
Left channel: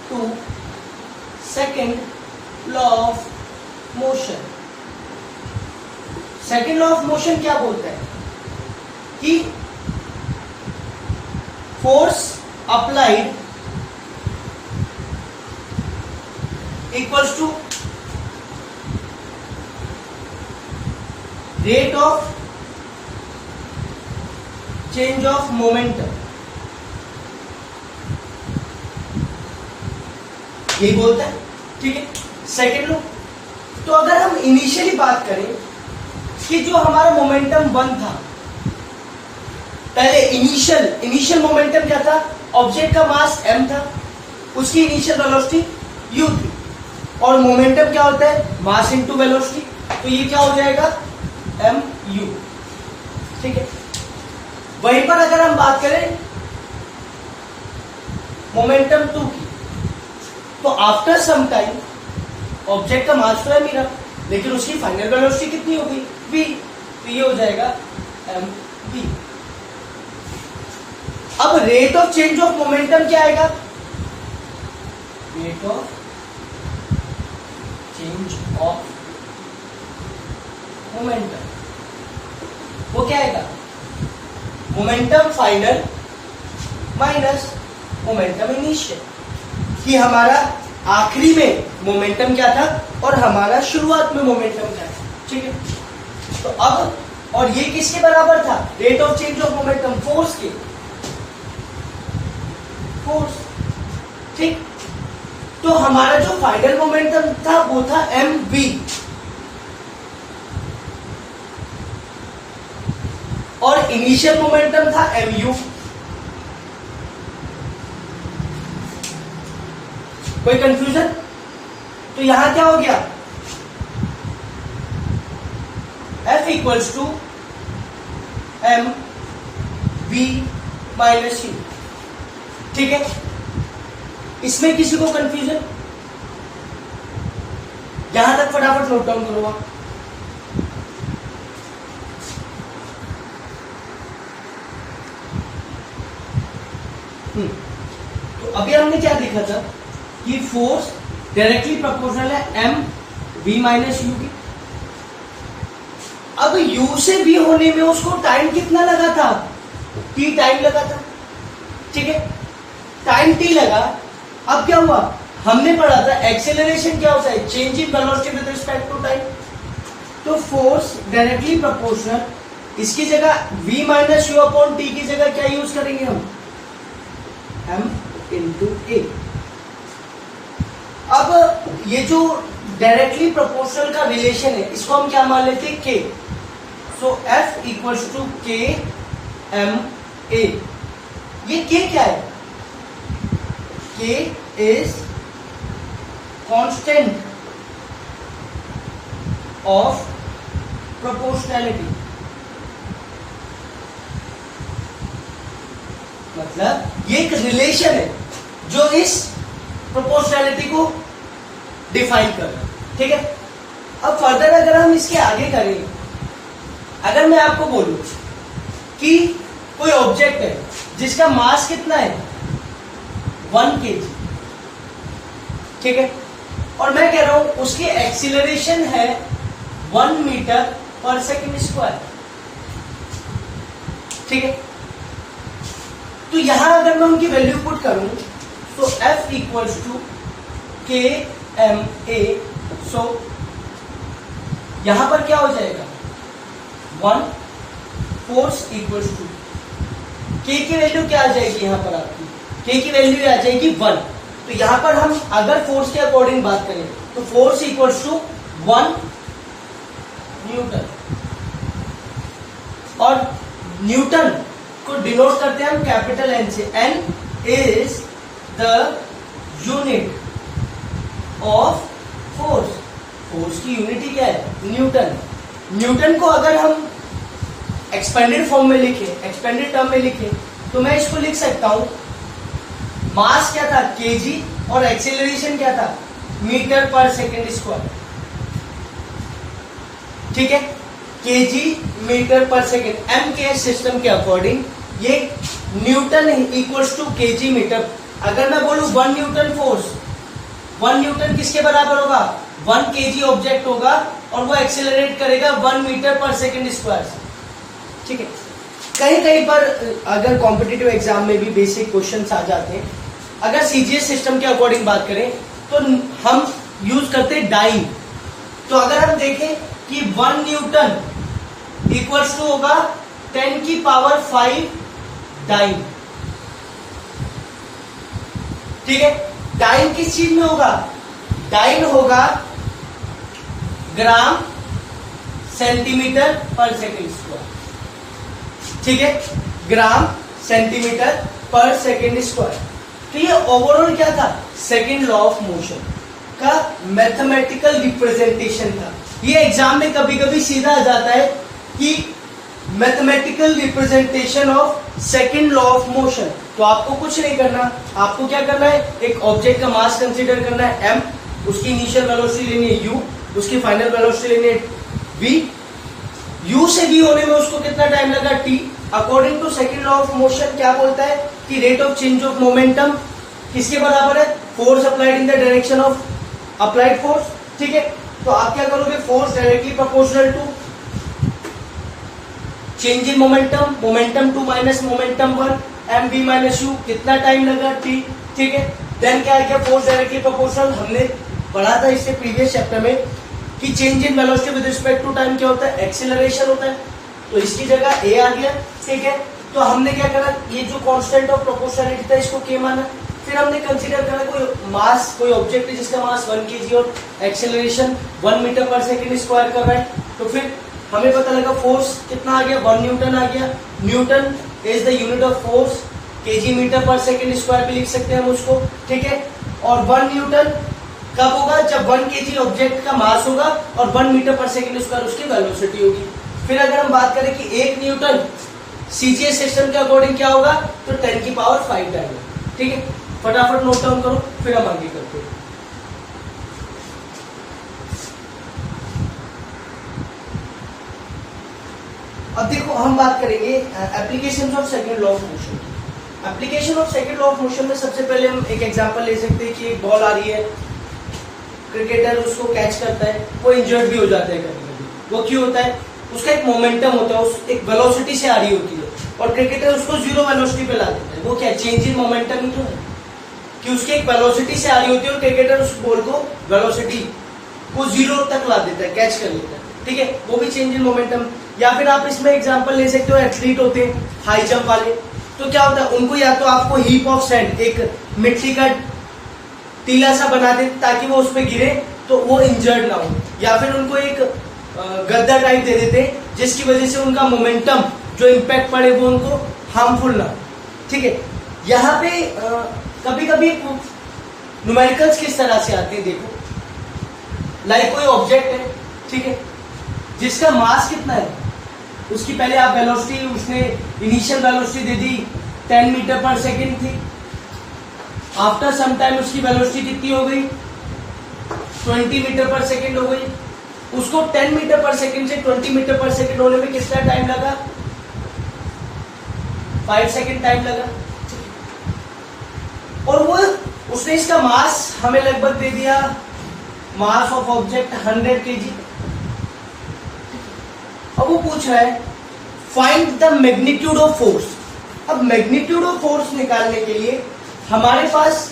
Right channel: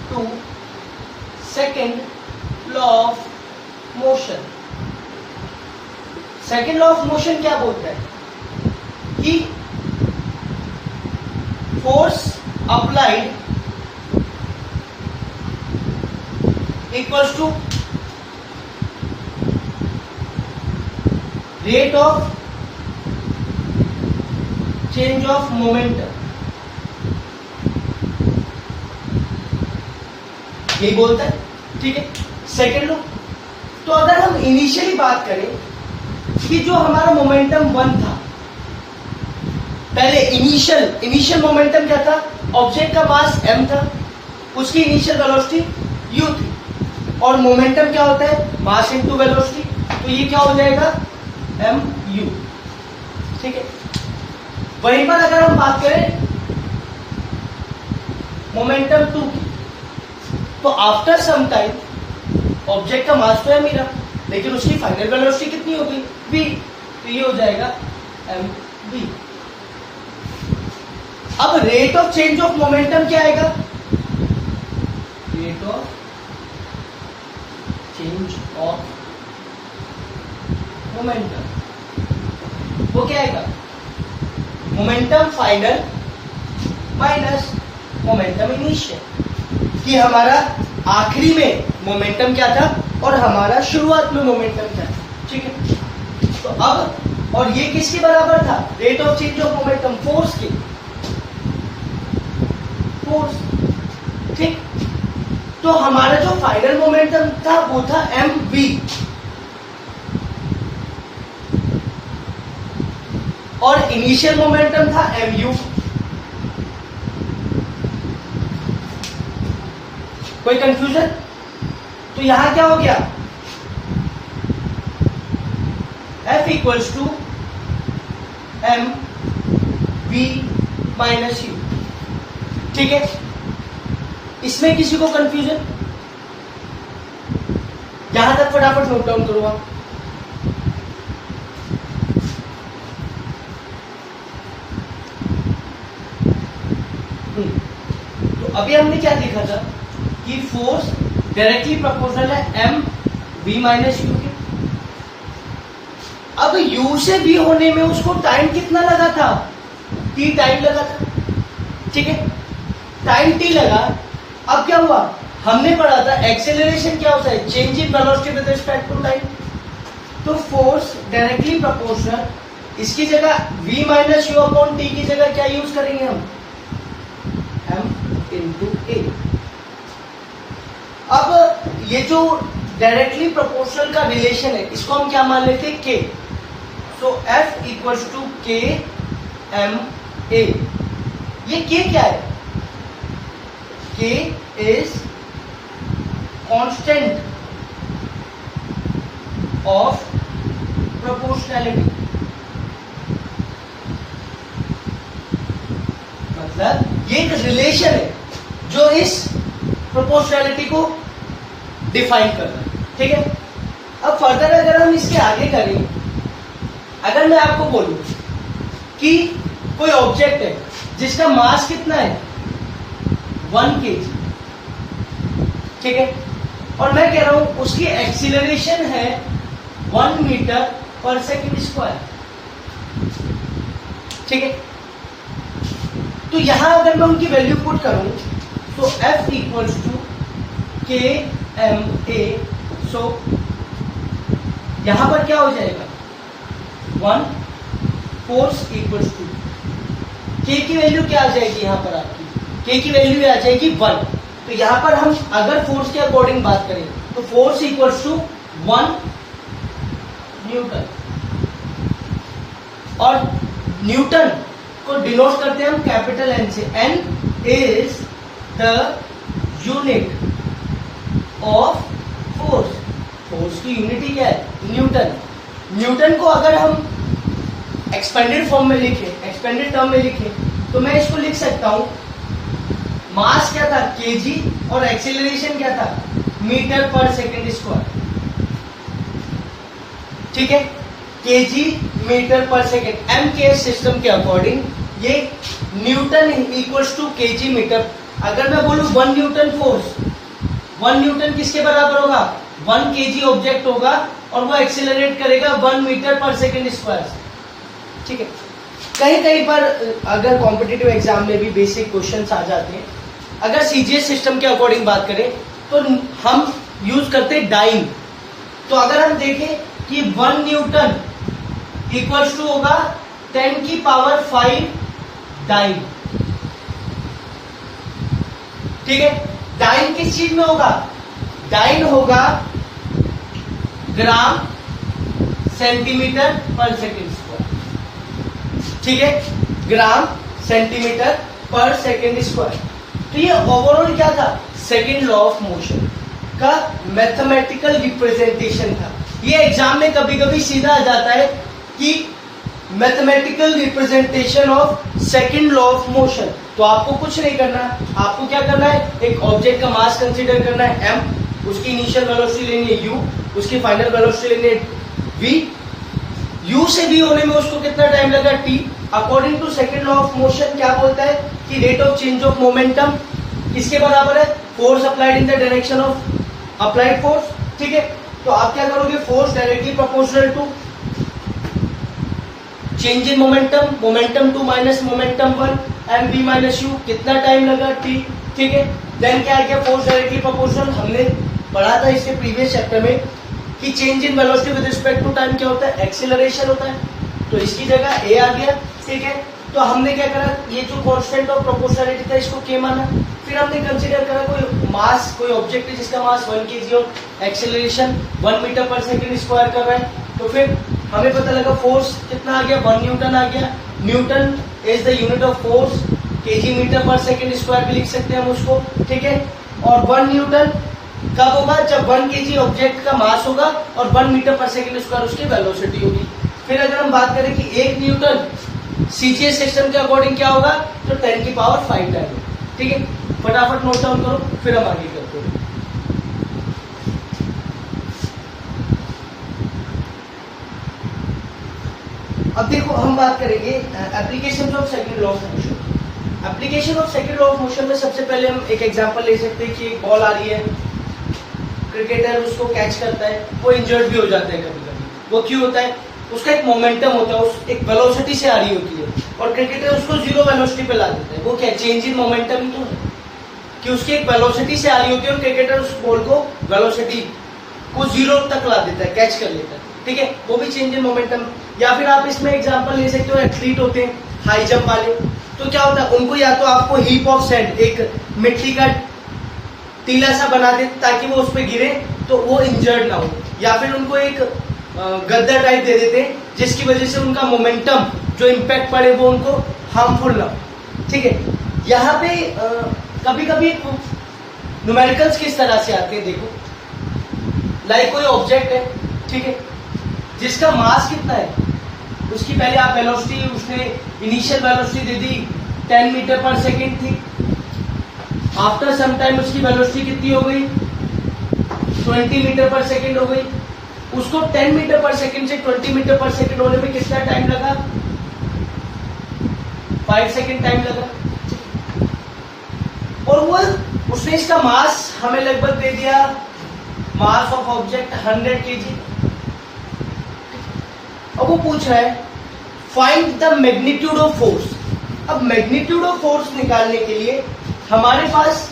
to second law of motion, second law of motion क्या बोलता है कि force applied equals to rate of change of momentum, ये बोलता है, ठीक है। सेकेंड लॉ, तो अगर हम इनिशियली बात करें कि जो हमारा मोमेंटम 1 था, पहले इनिशियल मोमेंटम क्या था, ऑब्जेक्ट का मास m था, उसकी इनिशियल वेलोसिटी u थी, और मोमेंटम क्या होता है, मास इनटू वेलोसिटी, तो ये क्या हो जाएगा mu, ठीक है। वहीं पर अगर हम बात करें मोमेंटम 2 की, तो आफ्टर सम टाइम ऑब्जेक्ट का मास तो है मेरा, लेकिन उसकी फाइनल वेलोसिटी कितनी होगी v, तो ये हो जाएगा mv। अब rate of change of momentum क्या आएगा, rate of change of momentum, वो क्या आएगा, momentum final minus momentum initial, कि हमारा आखिरी में मोमेंटम क्या था और हमारा शुरुआत में मोमेंटम क्या था। ठीक है, तो अब और ये किसके बराबर था, rate of change of momentum, force के, फोर्स। ठीक, तो हमारा जो फाइनल मोमेंटम था वो था mv, और इनिशियल मोमेंटम था mu। कोई कंफ्यूजन? तो यहां क्या हो गया, F equals to M V minus U. ठीक है, इसमें किसी को कंफ्यूजन? यहां तक फटाफट नोट डाउन करो आप। तो अभी हमने क्या देखा था कि फोर्स डायरेक्टली प्रोपोर्शनल है एम वी माइनस यू के। अब u से v होने में उसको टाइम कितना लगा था, t टाइम लगा था। ठीक है, टाइम t लगा। अब क्या हुआ, हमने पढ़ा था एक्सेलरेशन क्या होता है, change in velocity with respect to time. तो फोर्स डायरेक्टली प्रोपोर्शनल, इसकी जगह v minus U upon T की जगह क्या यूज करेंगे हम, m इंटू ए। अब ये जो डायरेक्टली प्रोपोर्शनल का रिलेशन है इसको हम क्या मान लेते हैं, k। So F equals to k m a। ये k क्या है, k is constant of proportionality, मतलब ये एक रिलेशन है जो इस प्रोपोर्शनैलिटी को डिफाइन कर रहा है। ठीक है, अब फर्दर अगर हम इसके आगे करें, अगर मैं आपको बोलूं कि कोई ऑब्जेक्ट है जिसका मास कितना है 1 kg, ठीक है, और मैं कह रहा हूं उसकी एक्सीलरेशन है 1 मीटर पर सेकेंड स्क्वायर। ठीक है, तो यहां अगर मैं उनकी वैल्यू पुट करूं तो F इक्वल्स टू के एम ए। सो यहां पर क्या हो जाएगा, 1 फोर्स इक्वल्स टू के की वैल्यू क्या आ जाएगी, यहां पर आपकी के की वैल्यू आ जाएगी 1। तो यहां पर हम अगर फोर्स के अकॉर्डिंग बात करें तो फोर्स इक्वल्स टू 1 न्यूटन, और न्यूटन को डिनोट करते हैं हम कैपिटल एन से। N is the unit of force, force की यूनिट क्या है, न्यूटन। न्यूटन को अगर हम एक्सपेंडेड फॉर्म में लिखें, एक्सपेंडेड टर्म में लिखें, तो मैं इसको लिख सकता हूं, मास क्या था केजी और एक्सेलरेशन क्या था मीटर पर सेकेंड स्क्वायर। ठीक है, KG metre per second, M K system के अकॉर्डिंग ये newton equals to KG metre. अगर मैं बोलूं 1 न्यूटन फोर्स, 1 न्यूटन किसके बराबर होगा, 1 केजी ऑब्जेक्ट होगा और वो एक्सेलरेट करेगा 1 मीटर पर सेकेंड स्क्वायर। ठीक है, कहीं कहीं पर अगर कॉम्पिटिटिव एग्जाम में भी बेसिक क्वेश्चंस आ जाते हैं। अगर सीजीएस सिस्टम के अकॉर्डिंग बात करें तो हम यूज करते हैं डाइन। तो अगर हम देखें कि 1 न्यूटन इक्वल्स टू होगा 10 की पावर 5 डाइन। ठीक है, डाइन किस चीज में होगा, डाइन होगा ग्राम सेंटीमीटर पर सेकेंड स्क्वायर। ठीक है, ग्राम सेंटीमीटर पर सेकेंड स्क्वायर। तो ये ओवरऑल क्या था, सेकेंड लॉ ऑफ मोशन का मैथमेटिकल रिप्रेजेंटेशन था। ये एग्जाम में कभी कभी सीधा आ जाता है कि mathematical representation of second law of motion. तो आपको कुछ नहीं करना, आपको क्या करना है, एक ऑब्जेक्ट का मास कंसीडर करना है m, उसकी इनिशियल वेलोसिटी लेनी है u, उसकी फाइनल वेलोसिटी लेनी है v, u से v होने में उसको कितना टाइम लगा t। According to second law of motion क्या बोलता है कि rate of change of momentum किसके बराबर है, force applied in the direction of applied force, ठीक है। तो आप क्या करोगे, force directly proportional to change in momentum, momentum 2 minus momentum 1 M B minus U, कितना टाइम लगा टी, ठीक है। देन क्या आ गया, फोर्स डायरेक्टली प्रोपोर्शनल, हमने पढ़ा था इसके प्रीवियस चैप्टर में कि change in velocity with respect to time क्या होता है, एक्सीलरेशन होता है, तो इसकी जगह ए आ गया, ठीक है। तो हमने क्या करा, ये जो कांस्टेंट ऑफ प्रोपोर्शनलिटी था इसको के माना, फिर हमने कंसीडर करा कोई मास, कोई ऑब्जेक्ट है जिसका मास 1 kg और acceleration 1 metre per second square कर रहा है, तो फिर हमें पता लगा फोर्स कितना आ गया, 1 न्यूटन आ गया। Newton is the unit of force, KG metre per second square भी लिख सकते हैं हम उसको, ठीक है। और 1 न्यूटन कब होगा, जब 1 kg ऑब्जेक्ट का मास होगा और 1 मीटर पर सेकंड स्क्वायर उसकी वेलोसिटी होगी। फिर अगर हम बात करें कि 1 न्यूटन सीजीएस सिस्टम के अकॉर्डिंग क्या होगा, तो 10 की पावर 5 टाइम, ठीक है। फटाफट नोट डाउन करो, फिर हम आगे करते हैं। अब देखो हम बात करेंगे application of second law of motion. Application of second law of motion में सबसे पहले हम एक एग्जांपल ले सकते हैं कि एक बॉल आ रही है, क्रिकेटर उसको कैच करता है, वो इंजर्ड भी हो जाता है कभी कभी। वो क्यों होता है, उसका एक मोमेंटम होता है, उस एक वेलोसिटी से आ रही होती है और क्रिकेटर उसको जीरो वेलोसिटी पे ला देता है। वो क्या चेंज इन मोमेंटम ही तो है कि उसकी एक वेलोसिटी से आ रही होती है और क्रिकेटर उस बॉल को वेलोसिटी को जीरो तक ला देता है, कैच कर लेता है, ठीक है। वो भी चेंज इन मोमेंटम। या फिर आप इसमें एग्जांपल ले सकते हो, एथलीट होते हैं हाई जंप वाले, तो क्या होता है उनको या तो आपको हीप ऑफ सैंड, एक मिट्टी का टीला सा बना दे ताकि वो उस पर गिरे तो वो इंजर्ड ना हो, या फिर उनको एक गद्दा टाइप दे देते जिसकी वजह से उनका मोमेंटम जो इम्पैक्ट पड़े वो उनको हार्मफुल ना हो, ठीक है। यहाँ पे कभी कभी न्यूमेरिकल्स किस तरह से आते हैं, देखो लाइक कोई ऑब्जेक्ट है, ठीक है, जिसका मास कितना है, उसकी पहले आप वेलोसिटी, उसने इनिशियल वेलोसिटी दे दी 10 मीटर पर सेकेंड थी, आफ्टर सम टाइम उसकी वेलोसिटी कितनी हो गई 20 मीटर पर सेकेंड हो गई। उसको 10 मीटर पर सेकेंड से 20 मीटर पर सेकेंड होने में कितना टाइम लगा, 5 सेकेंड टाइम लगा। और वो उसने इसका मास हमें लगभग दे दिया, मास ऑफ ऑब्जेक्ट 100 kg। अब वो पूछ रहा है find the magnitude of force. अब मैग्नीट्यूड ऑफ फोर्स निकालने के लिए हमारे पास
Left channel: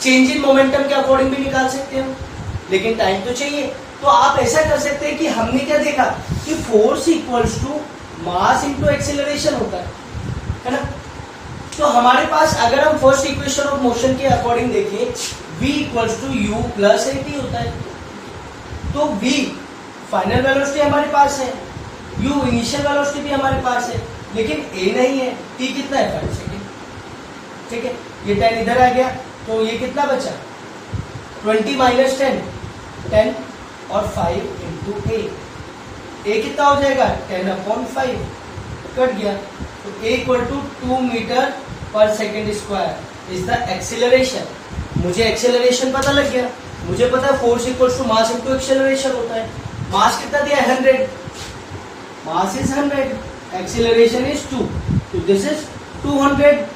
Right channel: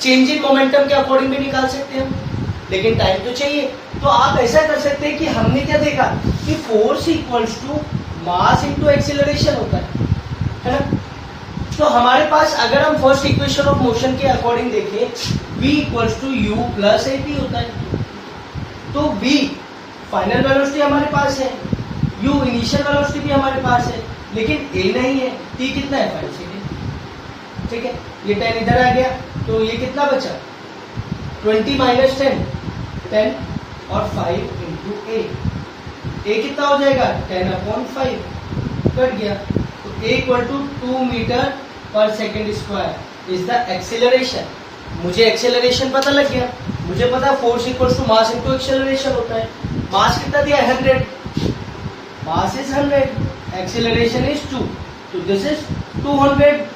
चेंज इन मोमेंटम के अकॉर्डिंग भी निकाल सकते हैं, लेकिन टाइम तो चाहिए। तो आप ऐसा कर सकते हैं कि हमने क्या देखा कि force equals to mass into acceleration होता है ना। तो हमारे पास अगर हम फर्स्ट इक्वेशन ऑफ मोशन के अकॉर्डिंग देखें, v equals to you plus at होता है। तो v फाइनल वेलोसिटी हमारे पास है, u इनिशियल वेलोसिटी भी हमारे पास है, लेकिन a नहीं है। t कितना है 5 सेकेंड, ठीक है। ये 10 इधर आ गया, तो ये कितना बचा 20 माइनस 10 और 5 इंटू a कितना हो जाएगा 10/5 कट गया। तो a equal to 2 metre per second square is the acceleration. मुझे एक्सेलरेशन पता लग गया, मुझे पता है force equal to mass into acceleration होता है। मास कितना दिया 100, मास इज 100, एक्सेलरेशन इज 2, तो this is 200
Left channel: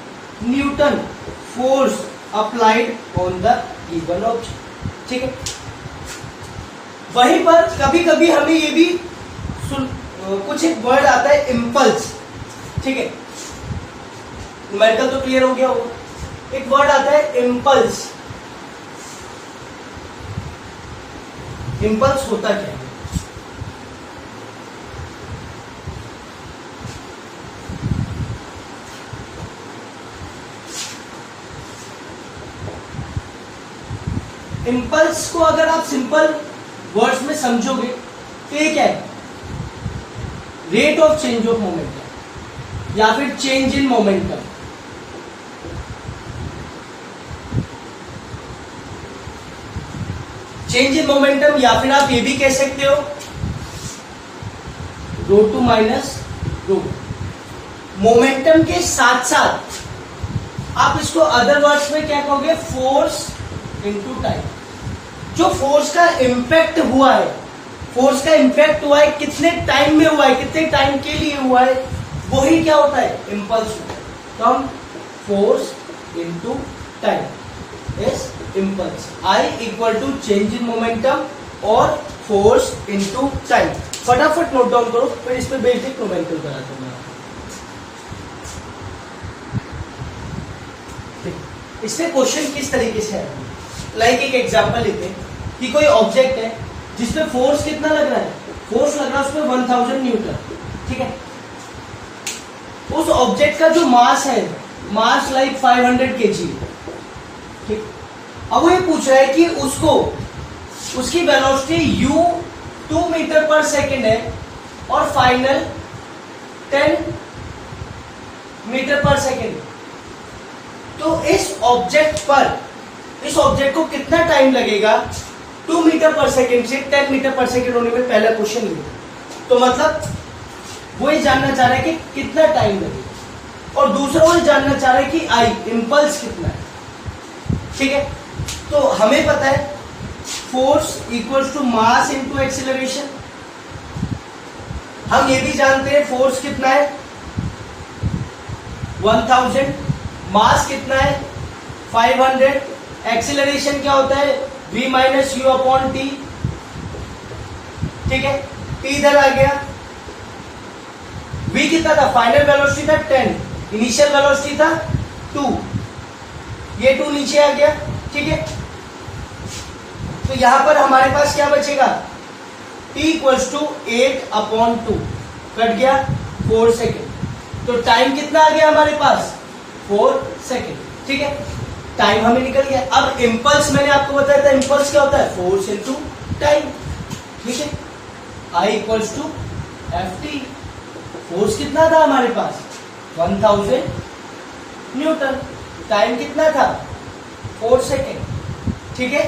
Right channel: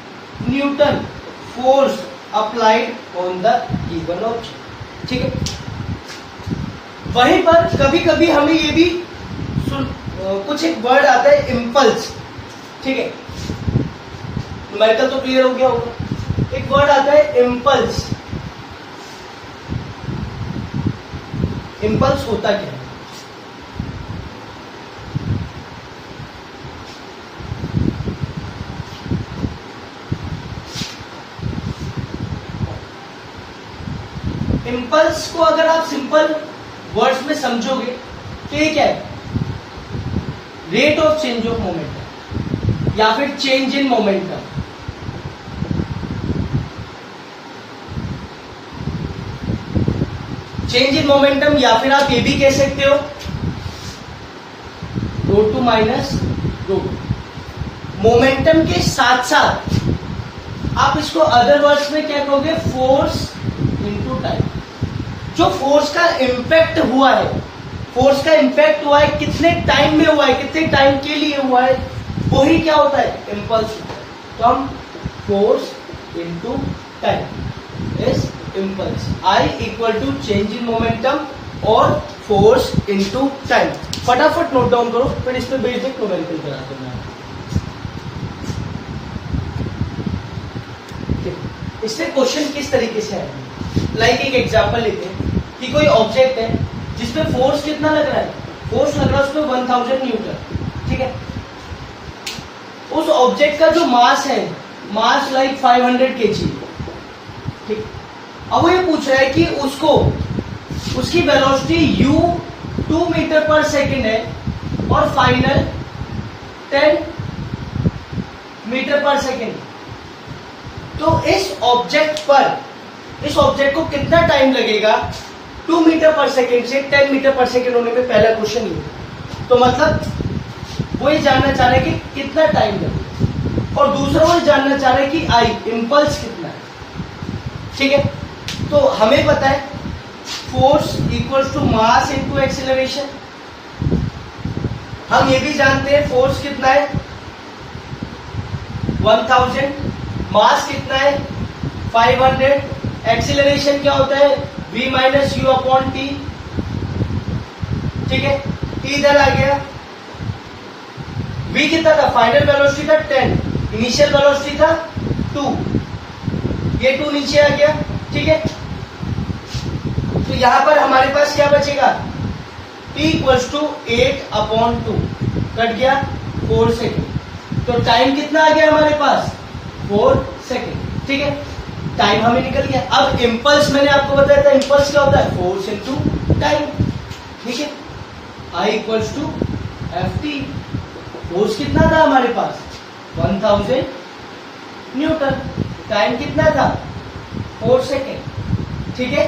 Newton force applied on the given object, ठीक है। वहीं पर कभी कभी हमें ये भी कुछ एक वर्ड आता है इम्पल्स, ठीक है। न्यूमेरिकल तो क्लियर हो गया होगा। एक वर्ड आता है इम्पल्स। इम्पल्स होता क्या है, इम्पल्स को अगर आप सिंपल वर्ड्स में समझोगे तो ये क्या है, rate of change of momentum या फिर change in momentum. Change in momentum, या फिर आप ये भी कह सकते हो ρ2 माइनस ρ। मोमेंटम के साथ साथ आप इसको अदर वर्ड्स में क्या कहोगे, फोर्स इनटू टाइम। जो फोर्स का इम्पैक्ट हुआ है, फोर्स का इम्पैक्ट हुआ है कितने टाइम में हुआ है, कितने टाइम के लिए हुआ है, वही क्या होता है इम्पल्स होता है। तो हम force into time is impulse. I equal to change in momentum और फोर्स इनटू टाइम. फटाफट नोट डाउन करो, फिर इस पे बेसिक नोमेंकल करा दूंगा. इसमें क्वेश्चन किस तरीके से है, लाइक एक एग्जांपल लेते हैं कि कोई ऑब्जेक्ट है जिसपे फोर्स कितना लग रहा है, फोर्स लग रहा है उसपे 1000 न्यूटन. ठीक है, उस ऑब्जेक्ट का जो मास है, मास लाइक 500 kg. ठीक, अब वो ये पूछ रहा है कि उसको उसकी velocity u 2 metre per second है और फाइनल 10 मीटर पर सेकेंड. तो इस ऑब्जेक्ट को कितना टाइम लगेगा 2 मीटर पर सेकेंड से 10 मीटर पर सेकेंड होने में. पहला क्वेश्चन ये. तो मतलब वो ये जानना चाह रहा है कि कितना टाइम लगेगा, और दूसरा वो ये जानना चाह रहा है कि आई इंपल्स कितना है. ठीक है, तो हमें पता है force equals to mass into acceleration. हम ये भी जानते हैं फोर्स कितना है 1000, मास कितना है 500, एक्सीलरेशन क्या होता है v minus U upon T. ठीक है, टी इधर आ गया. v कितना था, फाइनल वेलोसिटी था 10, इनिशियल वेलोसिटी था 2, ये 2 नीचे आ गया. ठीक है, तो यहां पर हमारे पास क्या बचेगा, t equals to 8 upon 2, cut गया 4 सेकेंड. तो टाइम कितना आ गया हमारे पास 4 सेकेंड. ठीक है, टाइम हमें निकल गया. अब इंपल्स मैंने आपको बताया था, इंपल्स क्या होता है, फोर्स इनटू टाइम. ठीक है, I equals to F T. Force कितना था हमारे पास 1000 न्यूटन, टाइम कितना था 4 सेकेंड. ठीक है,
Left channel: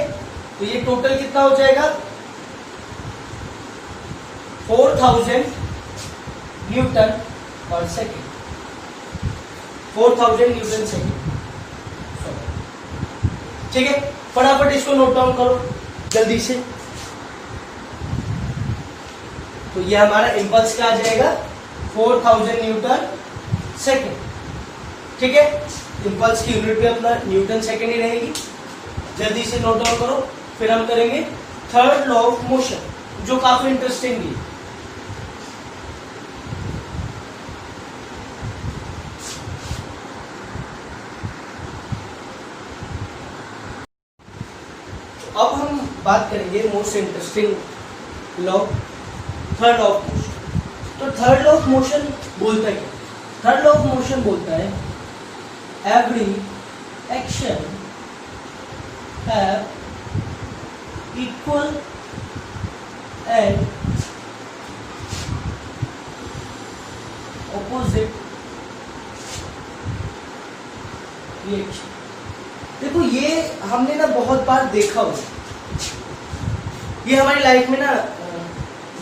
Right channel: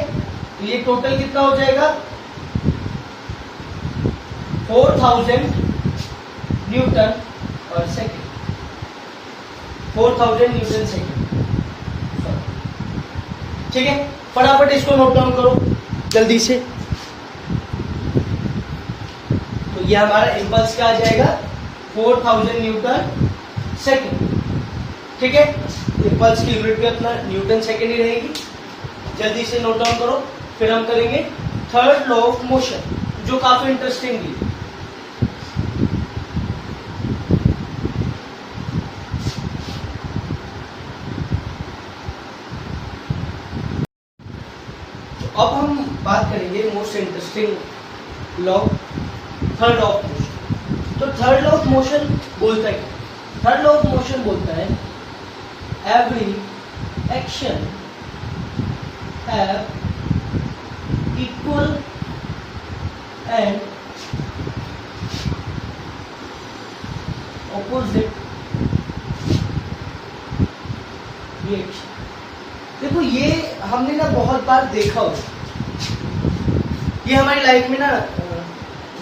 तो ये टोटल कितना हो जाएगा 4000 न्यूटन पर सेकेंड. 4000 Newton second. ठीक है, फटाफट इसको नोट डाउन करो जल्दी से. तो ये हमारा इंपल्स क्या आ जाएगा 4000 न्यूटन सेकेंड. ठीक है, इंपल्स की यूनिट पे अपना न्यूटन सेकेंड ही रहेगी. जल्दी से नोट डाउन करो, फिर हम करेंगे थर्ड लॉ ऑफ मोशन जो काफी इंटरेस्टिंग है. अब हम बात करेंगे most interesting law, third law of motion. तो थर्ड लॉ ऑफ मोशन बोलता है, थर्ड लॉ ऑफ मोशन बोलता है every action have equal and opposite reaction. देखो ये हमने ना बहुत बार देखा हो, ये हमारी लाइफ में ना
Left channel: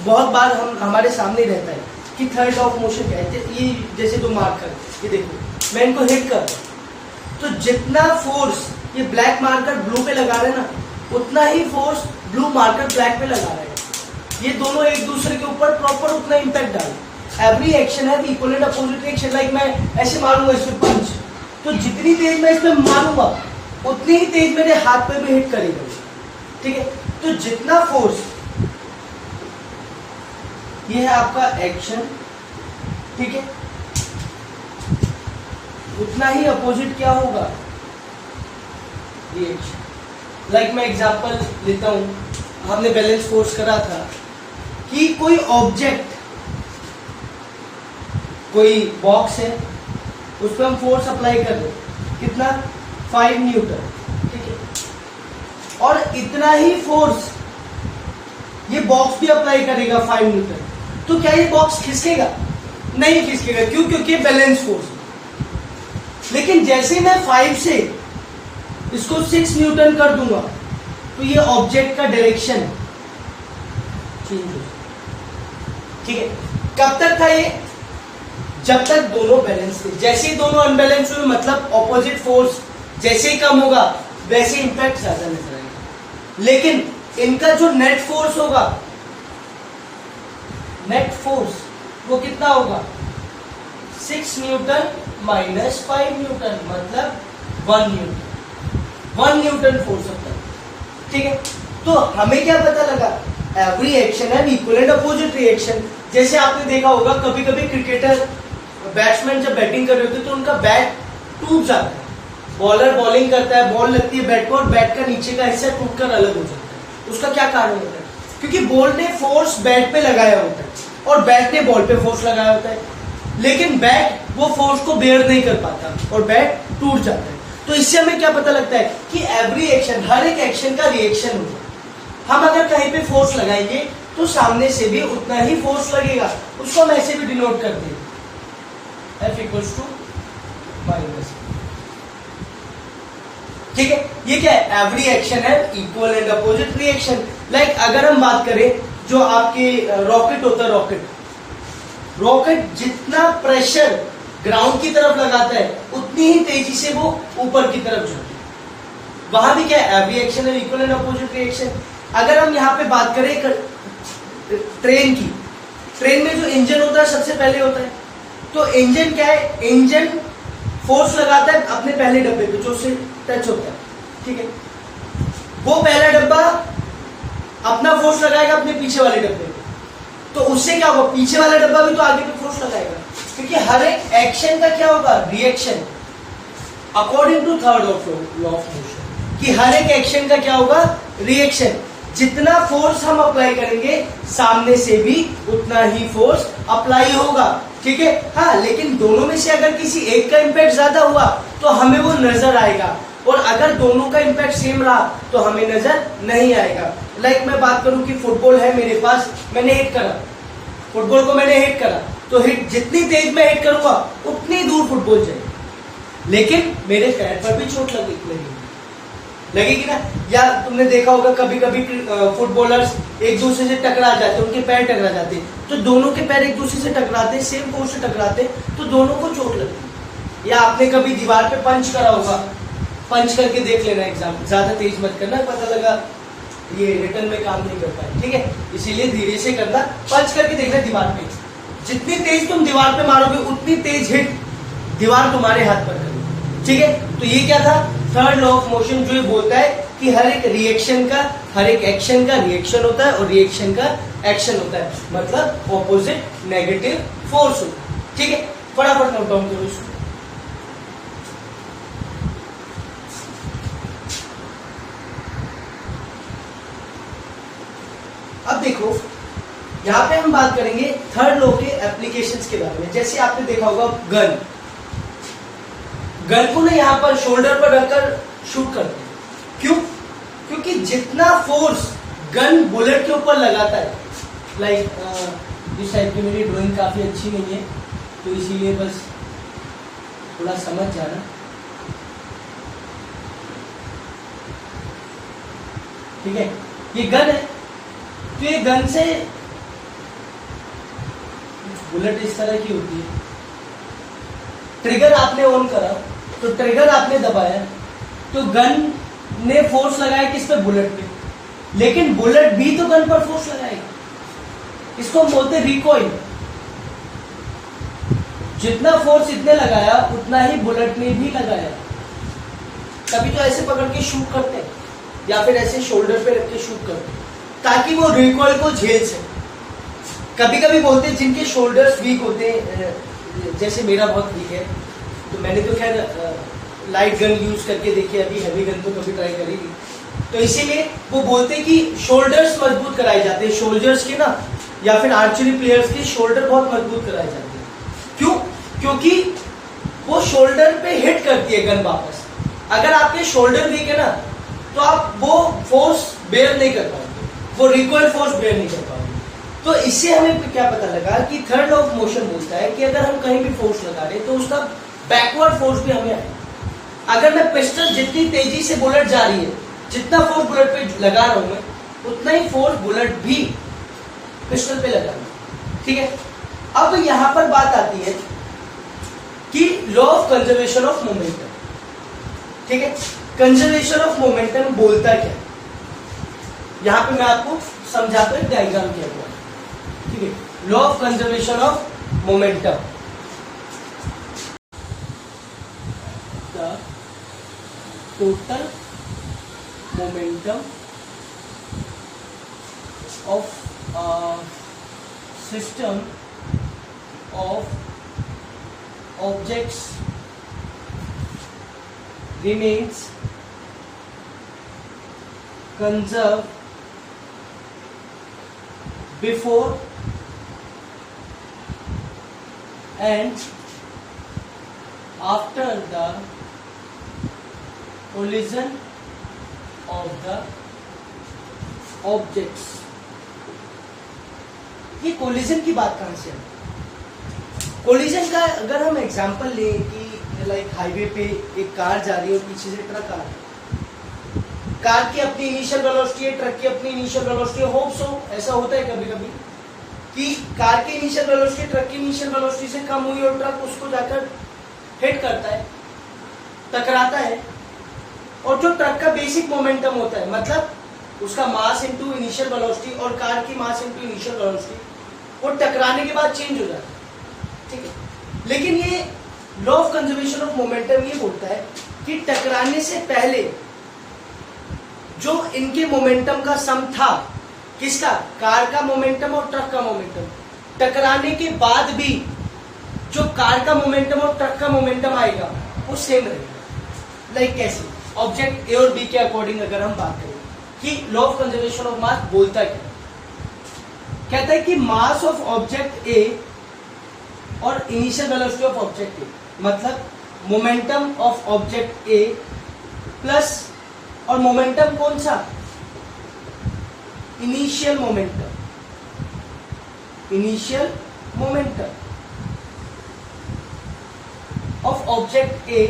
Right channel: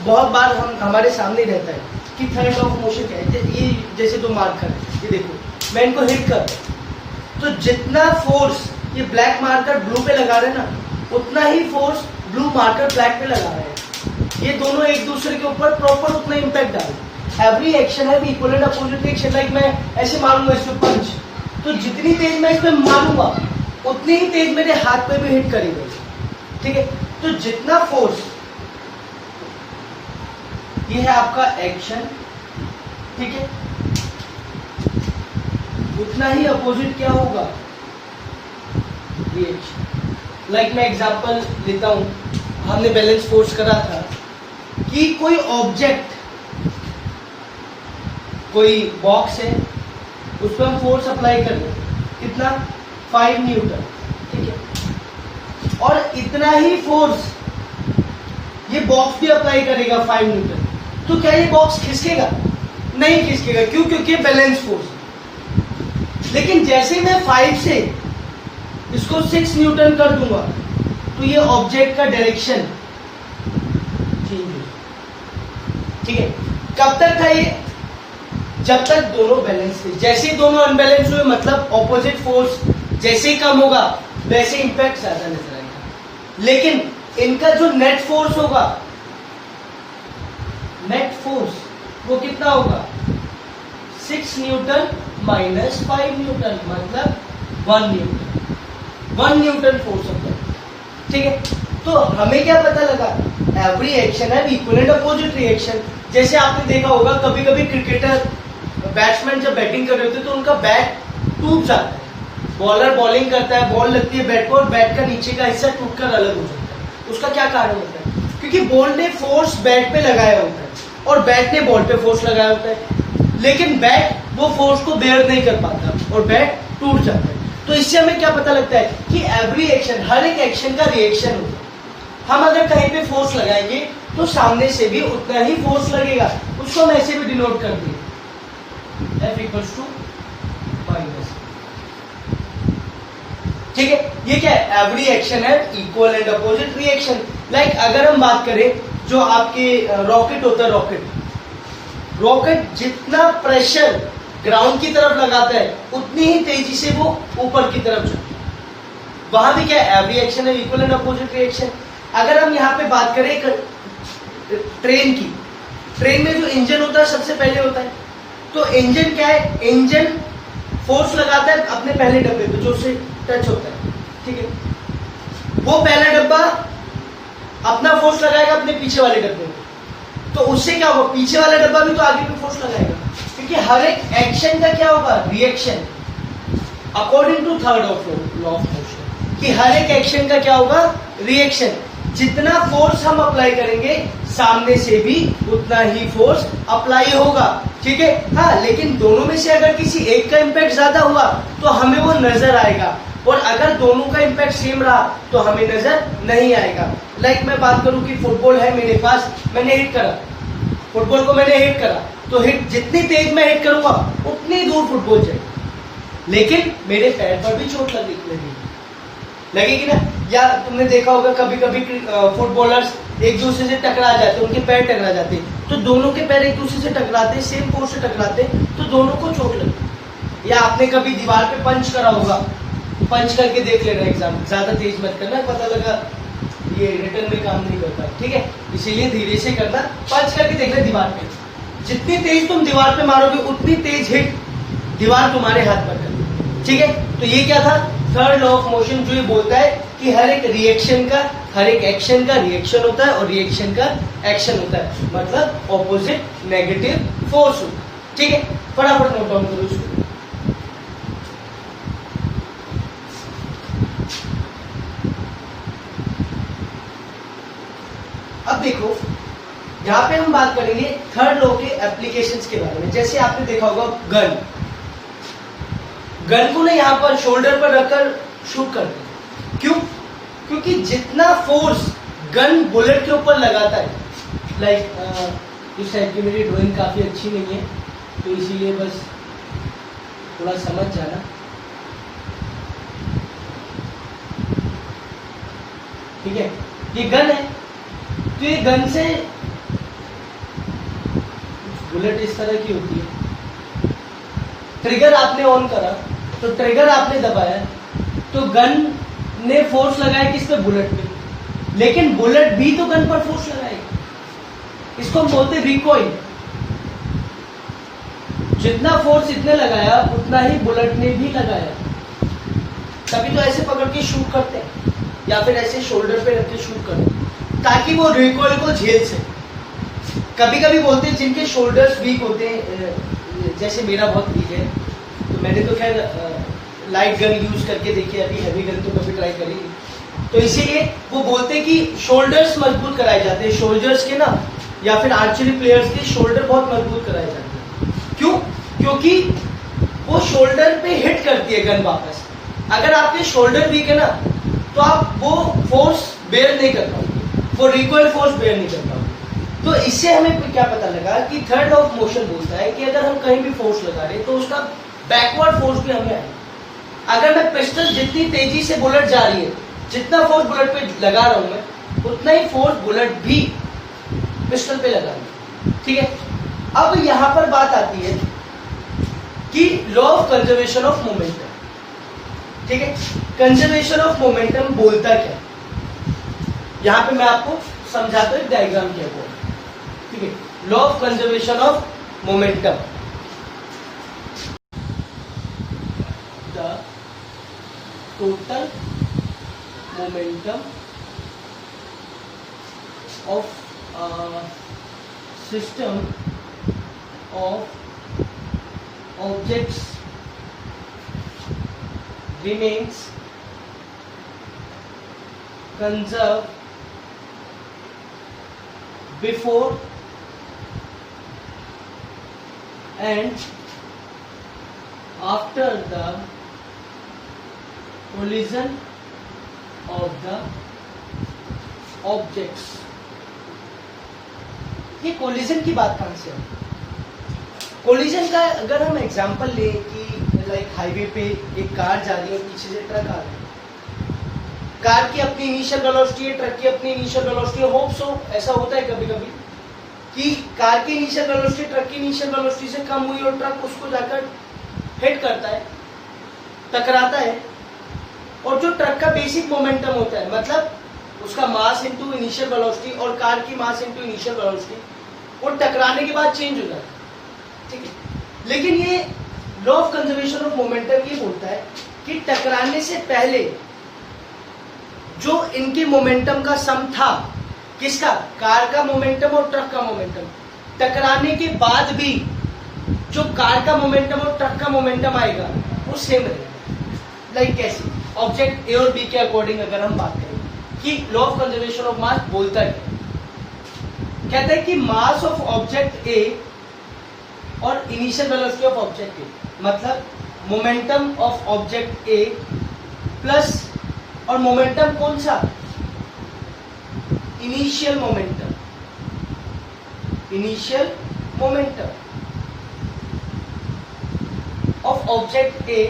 बहुत बार हमारे सामने रहता है कि थर्ड लॉ ऑफ मोशन क्या है. ये जैसे 2 मार्कर, ये देखो मैं इनको हिट कर, तो जितना फोर्स ये ब्लैक मार्कर ब्लू पे लगा रहे हैं ना, उतना ही फोर्स ब्लू मार्कर ब्लैक पे लगा रहे हैं. ये दोनों एक दूसरे के ऊपर प्रॉपर उतना इंपैक्ट डाल. एवरी एक्शन है equal and opposite reaction. Like मैं ऐसे मारूंगा इस पे पंच, तो जितनी तेज मैं इस पे मारूंगा उतनी ही तेज मेरे हाथ पे भी हिट करेगा. ठीक है, तो जितना फोर्स, ये है आपका एक्शन. ठीक है, उतना ही अपोजिट क्या होगा रिएक्शन. लाइक मैं एग्जांपल लेता हूं, हमने बैलेंस फोर्स करा था कि कोई ऑब्जेक्ट, कोई बॉक्स है, उस पर हम फोर्स अप्लाई कर दो, कितना 5 न्यूटन. ठीक है, और इतना ही फोर्स ये बॉक्स भी अप्लाई करेगा 5 न्यूटन. तो क्या ये बॉक्स खिसकेगा? नहीं खिसकेगा. क्यों? क्योंकि बैलेंस फोर्स. लेकिन जैसे मैं 5 से इसको 6 न्यूटन कर दूंगा तो ये ऑब्जेक्ट का डायरेक्शन चेंज हो. ठीक है, कब तक था ये? जब तक दोनों बैलेंस थे. जैसे ही दोनों अनबैलेंस हुए, मतलब ऑपोजिट फोर्स जैसे ही कम होगा वैसे इंपैक्ट ज्यादा नजर आएगा. लेकिन इनका जो नेट फोर्स होगा, नेट फोर्स वो कितना होगा 6 न्यूटन माइनस 5 न्यूटन, मतलब 1 न्यूटन. 1 न्यूटन फोर्स होता है, ठीक है। तो हमें क्या पता लगा, एवरी एक्शन है इक्वल एंड अपोजिट रिएक्शन। जैसे आपने देखा होगा कभी कभी क्रिकेटर बैट्समैन जब बैटिंग कर रहे होते हैं तो उनका बैट टूट जाता है, बॉलर बॉलिंग करता है, बॉल लगती है बैट पर और बैट का नीचे का हिस्सा टूटकर अलग हो जाता है। उसका क्या कारण होता है, क्योंकि बॉल ने फोर्स बैट पे लगाया होता है और बैट ने बॉल पे फोर्स लगाया होता है, लेकिन बैट वो फोर्स को बेयर नहीं कर पाता और बैट टूट जाता है। तो इससे हमें क्या पता लगता है कि एवरी एक्शन, हर एक एक्शन का रिएक्शन होगा। हम अगर कहीं पे फोर्स लगाएंगे तो सामने से भी उतना ही फोर्स लगेगा, उसको हम ऐसे भी डिनोट कर देंगे, F इक्वल्स टू माइनस, ठीक है। ये क्या है, एवरी एक्शन है equal and opposite reaction. Like अगर हम बात करें जो आपके रॉकेट होता है, रॉकेट जितना प्रेशर ग्राउंड की तरफ लगाता है उतनी ही तेजी से वो ऊपर की तरफ जाता है। वहां भी क्या है, एवरी एक्शन है इक्वल एंड अपोजिट रिएक्शन। अगर हम यहाँ पे बात करें ट्रेन की, ट्रेन में जो इंजन होता है सबसे पहले होता है, तो इंजन क्या है, इंजन फोर्स लगाता है अपने पहले डब्बे पे जो उससे टच होता है, ठीक है। वो पहला डब्बा अपना फोर्स लगाएगा अपने पीछे वाले डब्बे पे, तो उससे क्या होगा, पीछे वाला डब्बा भी तो आगे पे फोर्स लगाएगा, क्योंकि हर एक एक्शन का क्या होगा, reaction, according to third law of motion, कि हर एक एक्शन का क्या होगा, रिएक्शन। जितना फोर्स हम अप्लाई करेंगे सामने से भी उतना ही फोर्स अप्लाई होगा, ठीक है। हाँ, लेकिन दोनों में से अगर किसी एक का इम्पैक्ट ज्यादा हुआ तो हमें वो नजर आएगा, और अगर दोनों का इम्पैक्ट सेम रहा तो हमें नजर नहीं आएगा। लाइक मैं बात करूं कि फुटबॉल है मेरे पास, मैंने हिट करा, फुटबॉल को मैंने हिट करा, तो हिट जितनी तेज मैं हिट करूंगा उतनी दूर फुटबॉल जाएगी, लेकिन मेरे पैर पर भी चोट लगेगी ना। या तुमने देखा होगा कभी कभी फुटबॉलर्स एक दूसरे से टकरा जाते हैं, उनके पैर टकरा जाते हैं, तो दोनों के पैर एक दूसरे से टकराते, सेम फोर्स से टकराते, तो दोनों को चोट लगती। या आपने कभी दीवार पे पंच करा होगा, पंच करके देख लेना एग्जाम, ज्यादा तेज मत करना, पता लगा ये रिटर्न में काम नहीं कर पाए, ठीक है। इसीलिए धीरे से करना, पंच करके देखना दीवार पे, जितनी तेज तुम दीवार पे मारोगे उतनी तेज हिट दीवार तुम्हारे हाथ पर करेगी, ठीक है। तो ये क्या था, थर्ड लॉ ऑफ मोशन, जो ये बोलता है कि हर एक रिएक्शन का, हर एक एक्शन का रिएक्शन होता है और रिएक्शन का एक्शन होता है, मतलब ऑपोजिट नेगेटिव फोर्स होता है, ठीक है। फटाफट नोट डाउन करो इसको। अब देखो, यहां पे हम बात करेंगे थर्ड लॉ के एप्लीकेशंस के बारे में। जैसे आपने देखा होगा गन को ना यहाँ पर शोल्डर पर रखकर शूट करते हैं, क्यों, क्योंकि जितना फोर्स गन बुलेट के ऊपर लगाता है, लाइक इस टाइप की मेरी ड्राइंग काफी अच्छी नहीं है तो इसीलिए बस थोड़ा समझ जाना, ठीक है। ये गन है, तो ये गन से बुलेट इस तरह की होती है, ट्रिगर आपने ऑन करा तो ट्रिगर आपने दबाया तो गन ने फोर्स लगाया किस पे, बुलेट पे, लेकिन बुलेट भी तो गन पर फोर्स लगाएगा, इसको हम बोलते हैं रिकॉइल। जितना फोर्स इतने लगाया उतना ही बुलेट ने भी लगाया, तभी तो ऐसे पकड़ के शूट करते हैं या फिर ऐसे शोल्डर पे रख के शूट करते हैं ताकि वो रिकॉइल को झेल सके। कभी कभी बोलते हैं जिनके शोल्डर्स वीक होते हैं, जैसे मेरा बहुत वीक है, तो मैंने तो खैर लाइट गन यूज करके देखी, अभी हैवी गन तो कभी ट्राई करी, तो इसीलिए वो बोलते हैं कि शोल्डर्स मजबूत कराए जाते हैं, शोल्डर्स के ना, या फिर आर्चरी प्लेयर्स के शोल्डर बहुत मजबूत कराए जाते हैं। क्यों, क्योंकि वो शोल्डर पे हिट करती है गन वापस। अगर आपके शोल्डर वीक है ना तो आप वो फोर्स बेयर नहीं कर पाओगे, वो रिकॉइल फोर्स बेयर नहीं कर पाओगे। तो इससे हमें क्या पता लगा कि थर्ड लॉ ऑफ मोशन बोलता है कि अगर हम कहीं भी फोर्स लगा रहे तो उसका बैकवर्ड फोर्स भी हमें आए। अगर मैं पिस्टल जितनी तेजी से बुलेट जा रही है, जितना फोर्स बुलेट पे लगा रहा हूं मैं, उतना ही फोर्स बुलेट भी पिस्टल पे लगा रहा हूं, ठीक है। अब यहां पर बात आती है कि law of conservation of momentum, ठीक है। कंजर्वेशन ऑफ मोमेंटम बोलता क्या, यहां पे मैं आपको समझाता हूं, एक डायग्राम क्या हुआ, ठीक है। Law of conservation of momentum, the total momentum of system of objects remains conserved before and after the collision of the objects. ये कोलिजन की बात कहां से है? कोलिजन का अगर हम एग्जांपल लें कि लाइक हाईवे पे एक कार जा रही है, पीछे से ट्रक आ रहा है, कार की अपनी इनिशियल वेलोसिटी है, ट्रक की अपनी इनिशियल वेलोसिटी है, होप सो ऐसा होता है कभी कभी कि कार की इनिशियल वेलोसिटी ट्रक की इनिशियल वेलोसिटी से कम हुई और ट्रक उसको जाकर हिट करता है, टकराता है, और जो ट्रक का बेसिक मोमेंटम होता है, मतलब उसका मास इनटू इनिशियल वेलोसिटी और कार की मास इनटू इनिशियल वेलोसिटी, वो टकराने के बाद चेंज हो जाता है, ठीक है। लेकिन ये law of conservation of momentum ये बोलता है कि टकराने से पहले जो इनके मोमेंटम का सम था, किसका? कार का मोमेंटम और ट्रक का मोमेंटम, टकराने के बाद भी जो कार का मोमेंटम और ट्रक का मोमेंटम आएगा वो सेम रहेगा। लाइक कैसे? ऑब्जेक्ट ए और बी के अकॉर्डिंग अगर हम बात करें कि law of conservation of mass बोलता है, कहता है कि मास ऑफ ऑब्जेक्ट ए और initial velocity of object A, मतलब momentum of object A plus, और मोमेंटम कौन सा? Initial momentum, initial momentum of object A,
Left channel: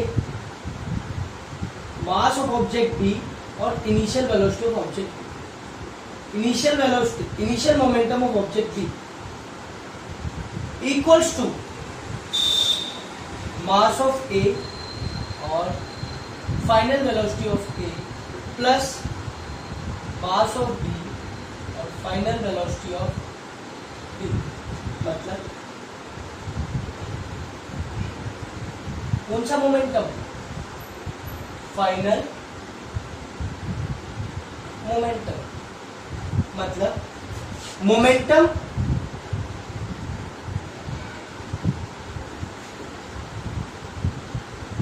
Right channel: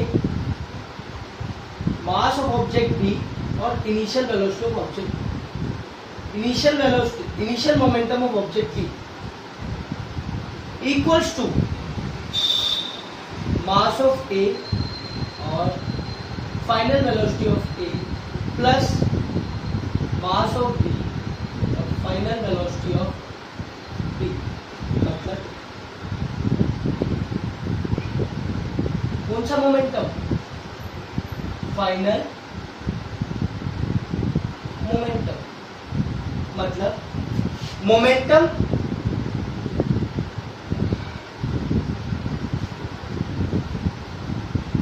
mass of object B और initial velocity of object B, initial velocity, initial momentum of object B equals to mass of A और final velocity of A plus mass of B और final velocity of B. मतलब कौन सा momentum? Final momentum, मतलब momentum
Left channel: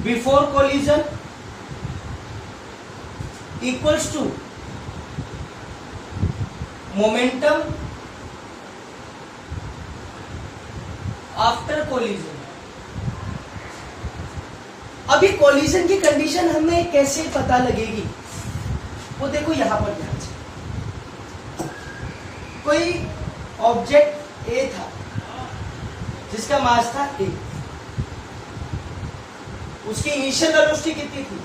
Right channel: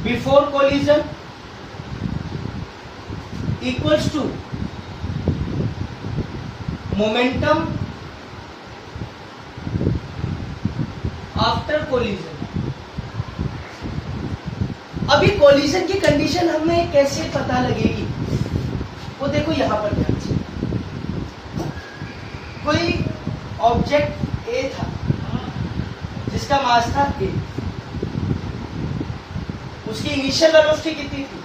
before collision equals to momentum after collision. अभी collision की condition हमें कैसे पता लगेगी? वो देखो यहां पर ध्यान से, कोई ऑब्जेक्ट ए था जिसका मास था ए, उसकी इनिशियल वेलोसिटी कितनी थी?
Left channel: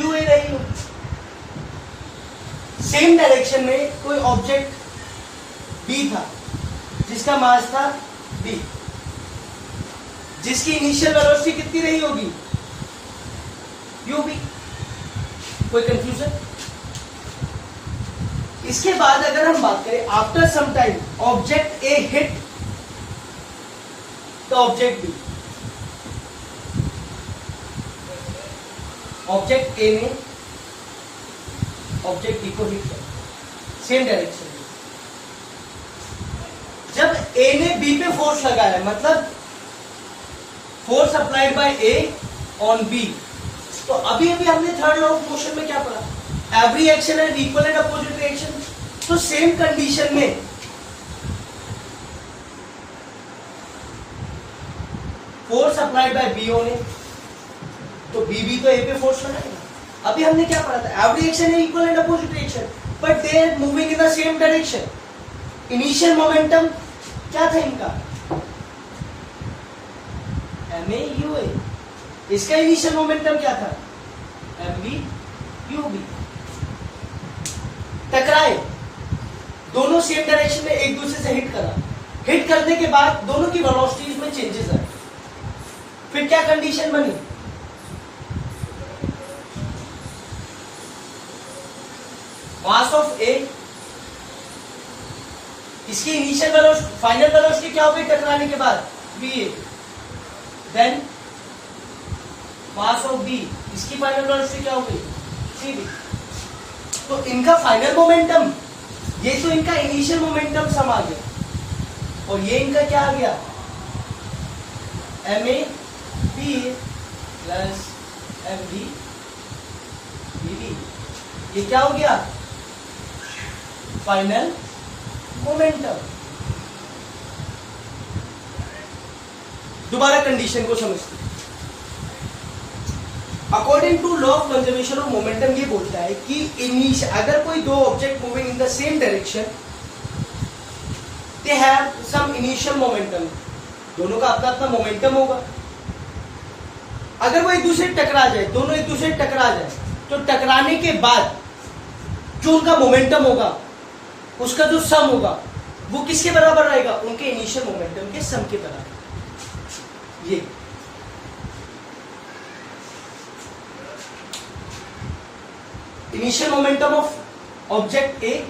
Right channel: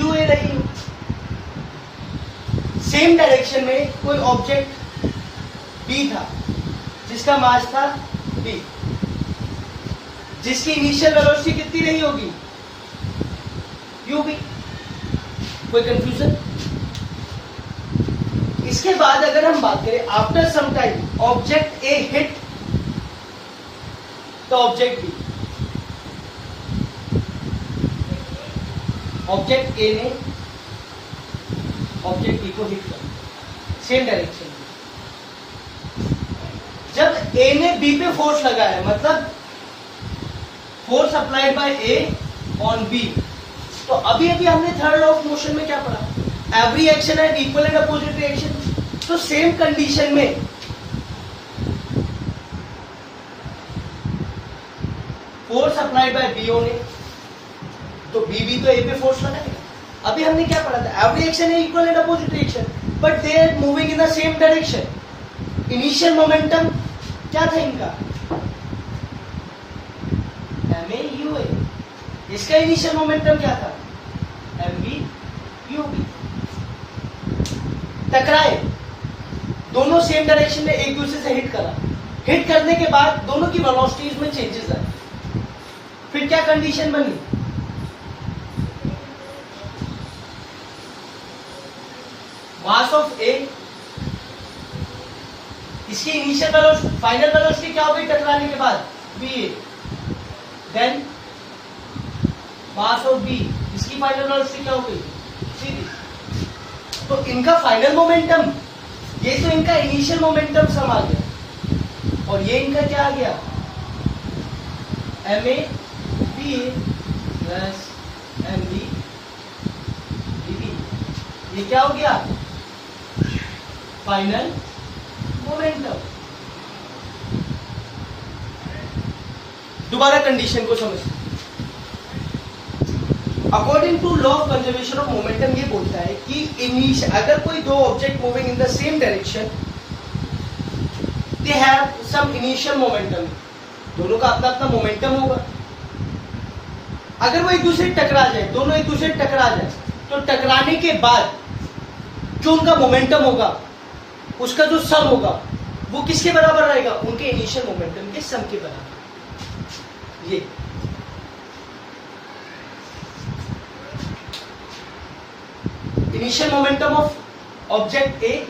यू ए रही हो। सेम डायरेक्शन में कोई ऑब्जेक्ट बी था जिसका मास था बी, जिसकी इनिशियल वेलोसिटी कितनी रही होगी? U B. कोई कंफ्यूजन? इसके बाद अगर हम बात करें after some time object A hit to object B, object A ने ऑब्जेक्ट बी को हिट कर, सेम डायरेक्शन में। जब ए ने बी पे फोर्स लगाया, मतलब force applied by A on B, तो अभी अभी हमने थर्ड लॉ ऑफ मोशन में क्या पढ़ा? Every action has equal and opposite reaction. तो सेम कंडीशन में फोर्स अप्लाइड बाय बी ने, तो बी भी तो ए पे फोर्स लगाएगा। अभी हमने क्या पढ़ा था? एवरी एक्शन है equal and opposite reaction, but they are moving in the same direction. Initial momentum क्या था इनका? M A U A. इसका इनिशियल मोमेंटम क्या था? M B U B. टकराए, दोनों सेम डायरेक्शन में एक दूसरे से हिट करा, हिट करने के बाद दोनों की वेलोसिटीज में चेंजेस आए, फिर क्या कंडीशन बनी? मास ऑफ ए, इसकी इनिशियल वेलोसिटी, फाइनल वेलोसिटी क्या हो गई टकराने के बाद? B A. Then mass of B, इसकी फाइनल वेलोसिटी क्या हो गई? C B. तो इनका फाइनल मोमेंटम, ये तो इनका इनिशियल मोमेंटम सम आ गया और ये इनका क्या आ गया, M A B A plus M B B B, ये क्या हो गया, फाइनल मोमेंटम। दोबारा कंडीशन को समझते, according to law of conservation of momentum ये बोलता है कि अगर कोई दो object moving in the same direction, they have some initial momentum, दोनों का अपना अपना मोमेंटम होगा। अगर वो एक दूसरे टकरा जाए, दोनों एक दूसरे टकरा जाए, तो टकराने के बाद जो उनका मोमेंटम होगा, उसका जो सम होगा वो किसके बराबर रहेगा, उनके इनिशियल मोमेंटम के सम के बराबर। ये initial momentum of object A,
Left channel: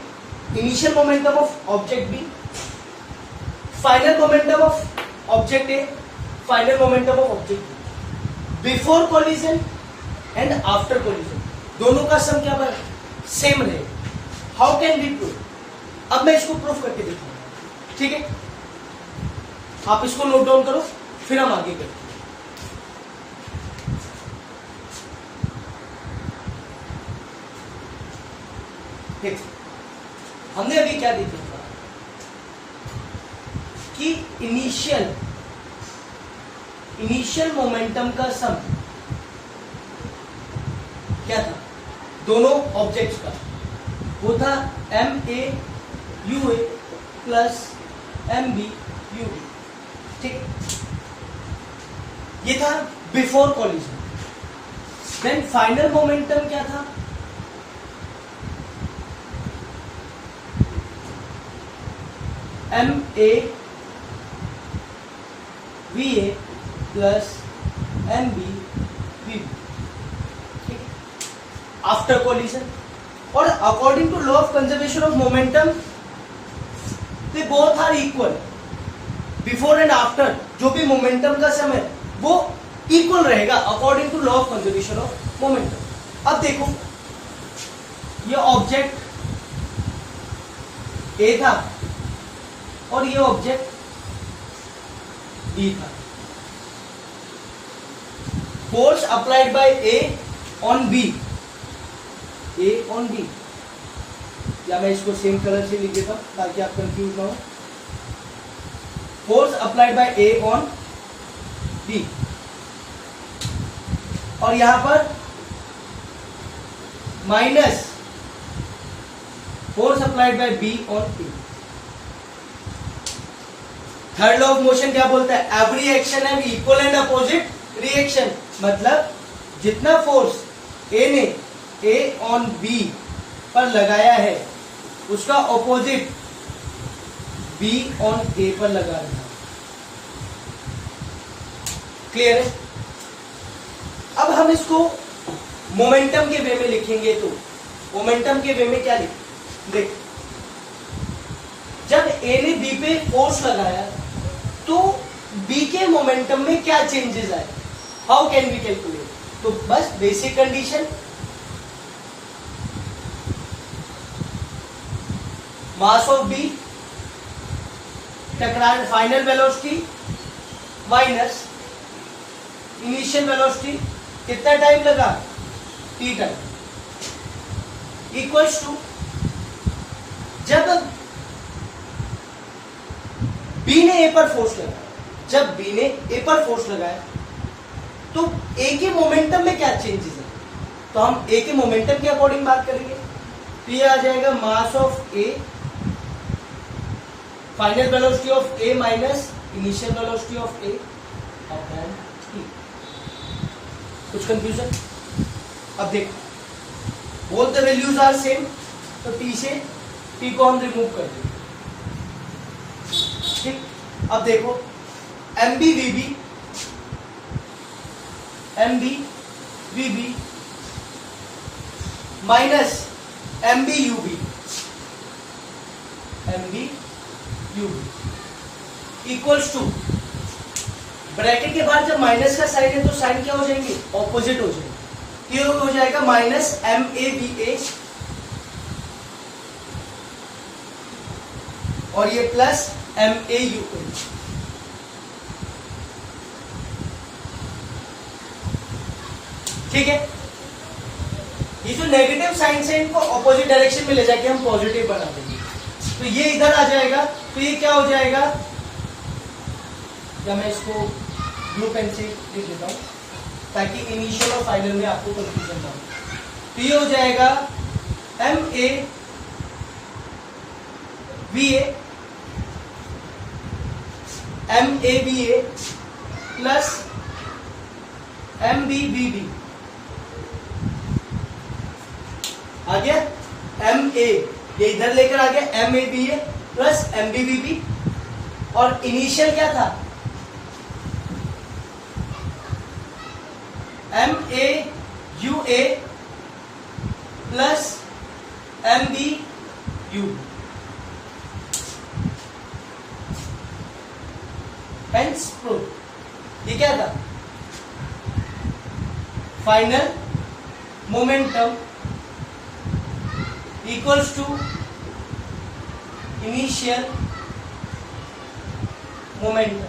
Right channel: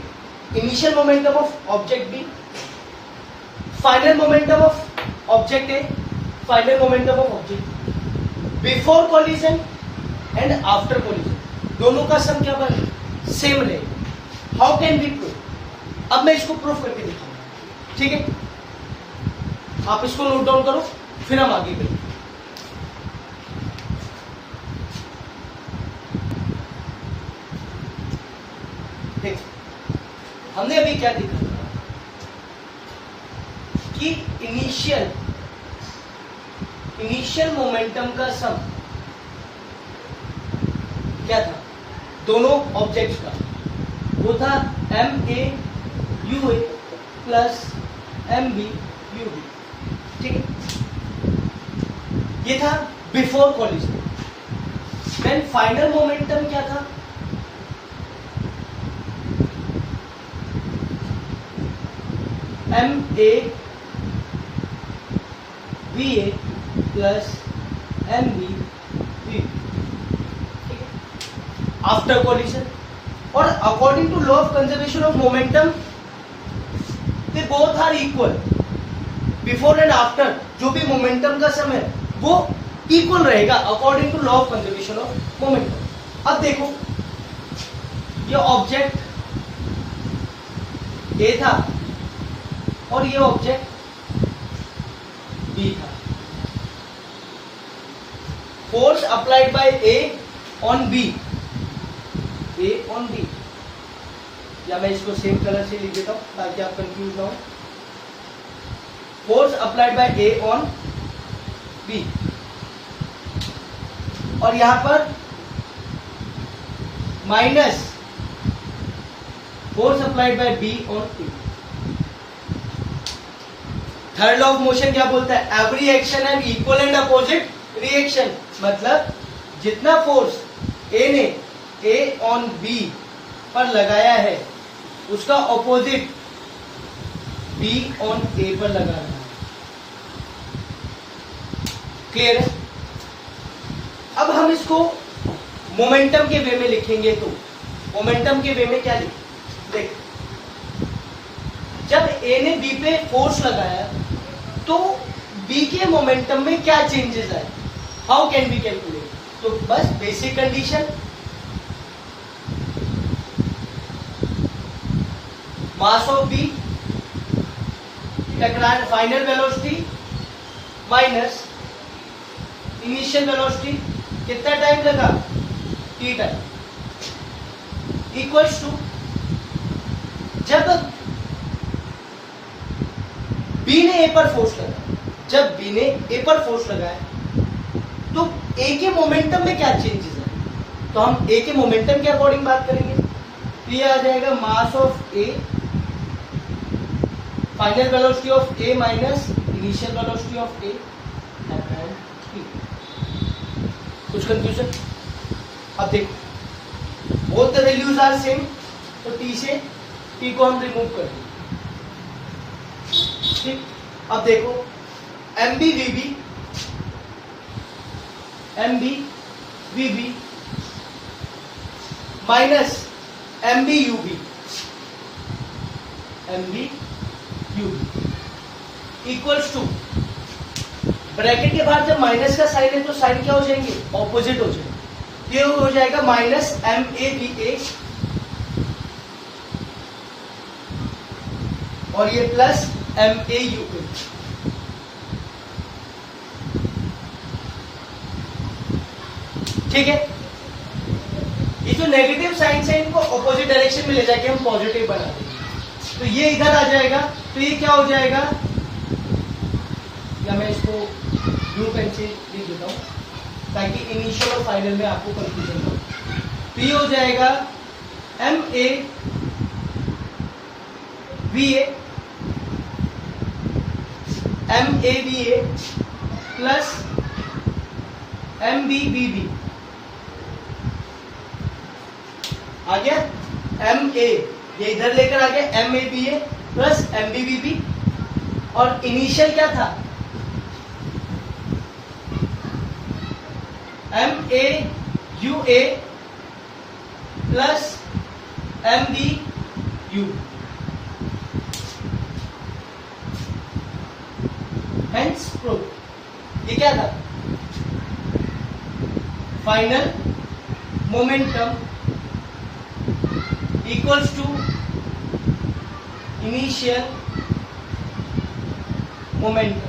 initial momentum of object B, final momentum of object A, final momentum of object B, before collision and after collision, दोनों का सम क्या बराबर, सेम रहेगा। हाउ कैन वी प्रूव, अब मैं इसको प्रूफ करके दिखाऊंगा, ठीक है। आप इसको नोट डाउन करो, फिर हम आगे बढ़ें। देखो हमने अभी क्या देखा कि इनिशियल मोमेंटम का सम क्या था, दोनों ऑब्जेक्ट्स का, वो था M A U A plus M B U B, ठीक है। ये था before collision. Then final momentum क्या था, M A V A plus M B V, after collision. और according to law of conservation of momentum they both are equal, before and after जो भी momentum का समय वो इक्वल रहेगा according to law of conservation of momentum. अब देखो ये ऑब्जेक्ट ए था और ये ऑब्जेक्ट बी था। Force applied by A on B, A on B, या मैं इसको सेम कलर से लिख देता हूं ताकि आप कंफ्यूज ना हो। Force applied by A on B, और यहां पर minus force applied by B on A. Third law of motion क्या बोलता है, every action have equal and opposite reaction, मतलब जितना फोर्स ए ने ए ऑन बी पर लगाया है उसका ऑपोजिट बी ऑन ए पर लगा रहा है। क्लियर है। अब हम इसको मोमेंटम के वे में लिखेंगे, तो मोमेंटम के वे में क्या लिखें, देख जब ए ने बी पे फोर्स लगाया तो बी के मोमेंटम में क्या चेंजेस आए, हाउ कैन वी कैलकुलेट। तो बस basic condition, mass of B टकराने final velocity minus initial velocity, कितना टाइम लगा, टी टाइम, इक्वल्स टू जब बी ने ए पर फोर्स लगाया, जब बी ने ए पर फोर्स लगाया तो ए के मोमेंटम में क्या चेंजेस है, तो हम ए के मोमेंटम के अकॉर्डिंग बात करेंगे। तो ये आ जाएगा mass of A, final velocity of A minus initial velocity of A upon T. कुछ कंफ्यूजन, अब देखो both the values are same, तो टी से टी को हम रिमूव कर देंगे, ठीक। अब देखो M B V B, M B V B minus M B U B, M B U B equals to, bracket के बाद जब माइनस का साइन है तो साइन क्या हो जाएंगे, ऑपोजिट हो जाएंगे। ये हो जाएगा माइनस एम ए बी ए और ये प्लस MAUA। ठीक है, ये जो नेगेटिव साइंस है इनको ऑपोजिट डायरेक्शन में ले जाके हम पॉजिटिव बना देंगे। तो ये इधर आ जाएगा, तो ये क्या हो जाएगा, या मैं इसको ब्लू पेन से लिख देता हूं ताकि इनिशियल और फाइनल में आपको कंफ्यूजन ना हो। तो ये हो जाएगा MAVA प्लस MBBB आ गया। MA ये इधर लेकर आ गया, MAVA प्लस MBBB, और इनिशियल क्या था, MAUA plus MBU। Hence proof. ये क्या था, final momentum equals to initial momentum,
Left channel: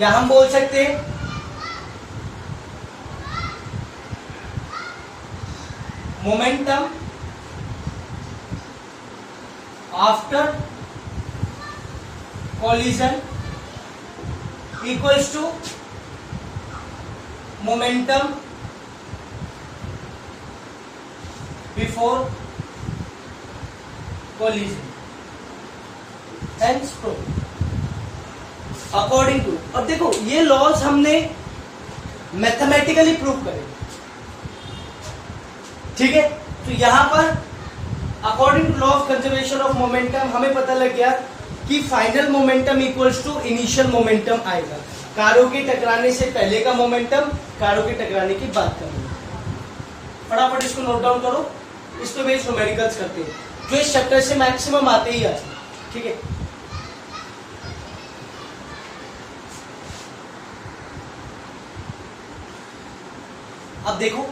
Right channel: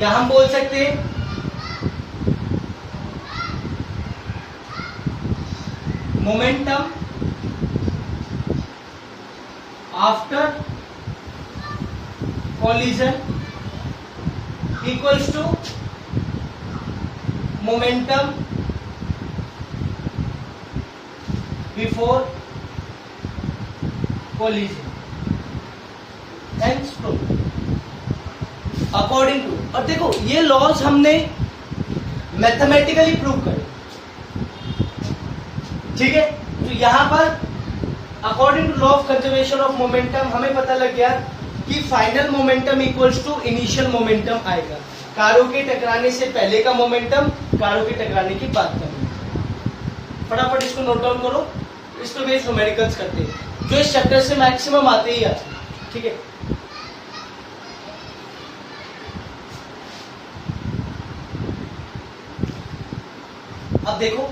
या हम बोल सकते हैं momentum after collision equals to momentum before collision, hence proof according to। और देखो ये लॉज हमने मैथमेटिकली प्रूव करे, ठीक है। तो यहां पर according to law of conservation of momentum हमें पता लग गया कि final momentum equals to initial momentum आएगा। कारों के टकराने से पहले का मोमेंटम, कारों के टकराने की बात कर रहे हैं। फटाफट इसको नोट डाउन करो, इस पे बेस्ड न्यूमेरिकल्स करते हैं जो इस चैप्टर से मैक्सिमम आते ही आते, ठीक है। अब देखो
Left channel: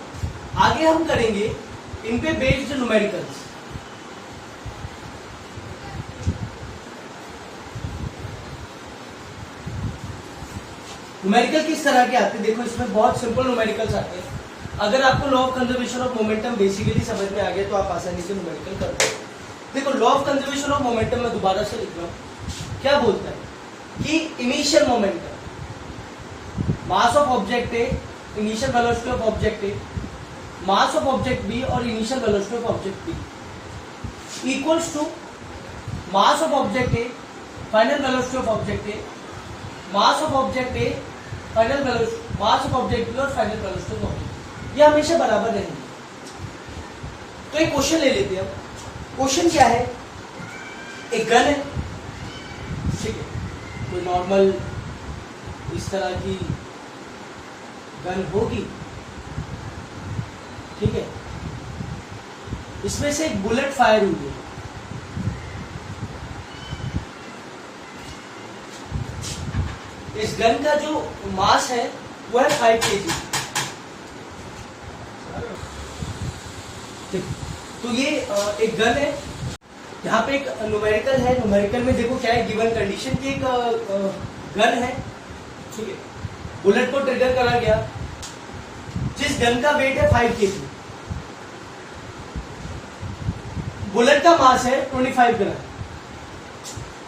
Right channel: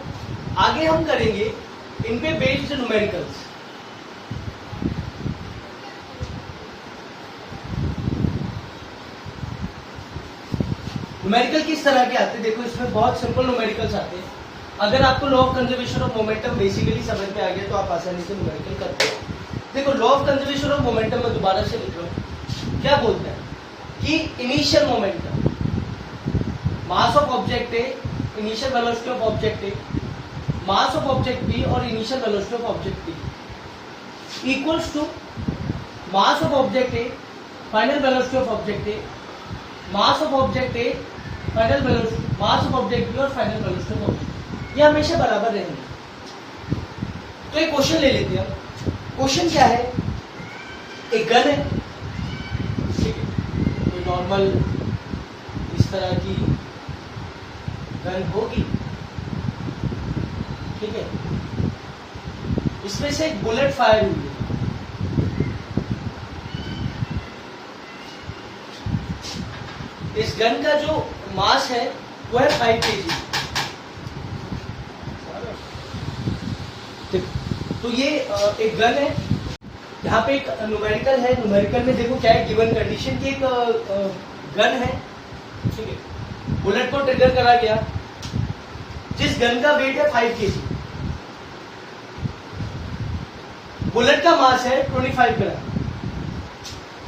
आगे हम करेंगे इन पे बेस्ड न्यूमेरिकल्स। न्यूमेरिकल किस तरह के आते हैं, देखो इसमें बहुत सिंपल न्यूमेरिकल्स आते हैं। अगर आपको law of conservation of momentum basically समझ में आ गया तो आप आसानी से न्यूमेरिकल करते हो। देखो law of conservation of momentum में दोबारा से लिख रहा हूं, क्या बोलता है कि initial momentum, mass of object A, initial velocity of object A, mass of object B और initial velocity of object B equals to mass of object A, final velocity of object A, mass of object A, final velocity, mass of object B और final velocity of object, ये हमेशा बराबर रहेंगे। तो एक question ले लेते हैं। क्वेश्चन क्या है, एक गन है, ठीक है, कोई नॉर्मल इस तरह की गन होगी, ठीक है, इसमें से एक बुलेट फायर हुई है, इस गन का जो मास है वो है 5 kg। तो ये एक गन है, यहाँ पे एक न्यूमेरिकल है। न्यूमेरिकल में देखो क्या है, गिवन कंडीशन की एक गन है, ठीक है, बुलेट को ट्रिगर करा गया, जिस गन का वेट है 5 kg, बुलेट का मास है 25 ग्राम,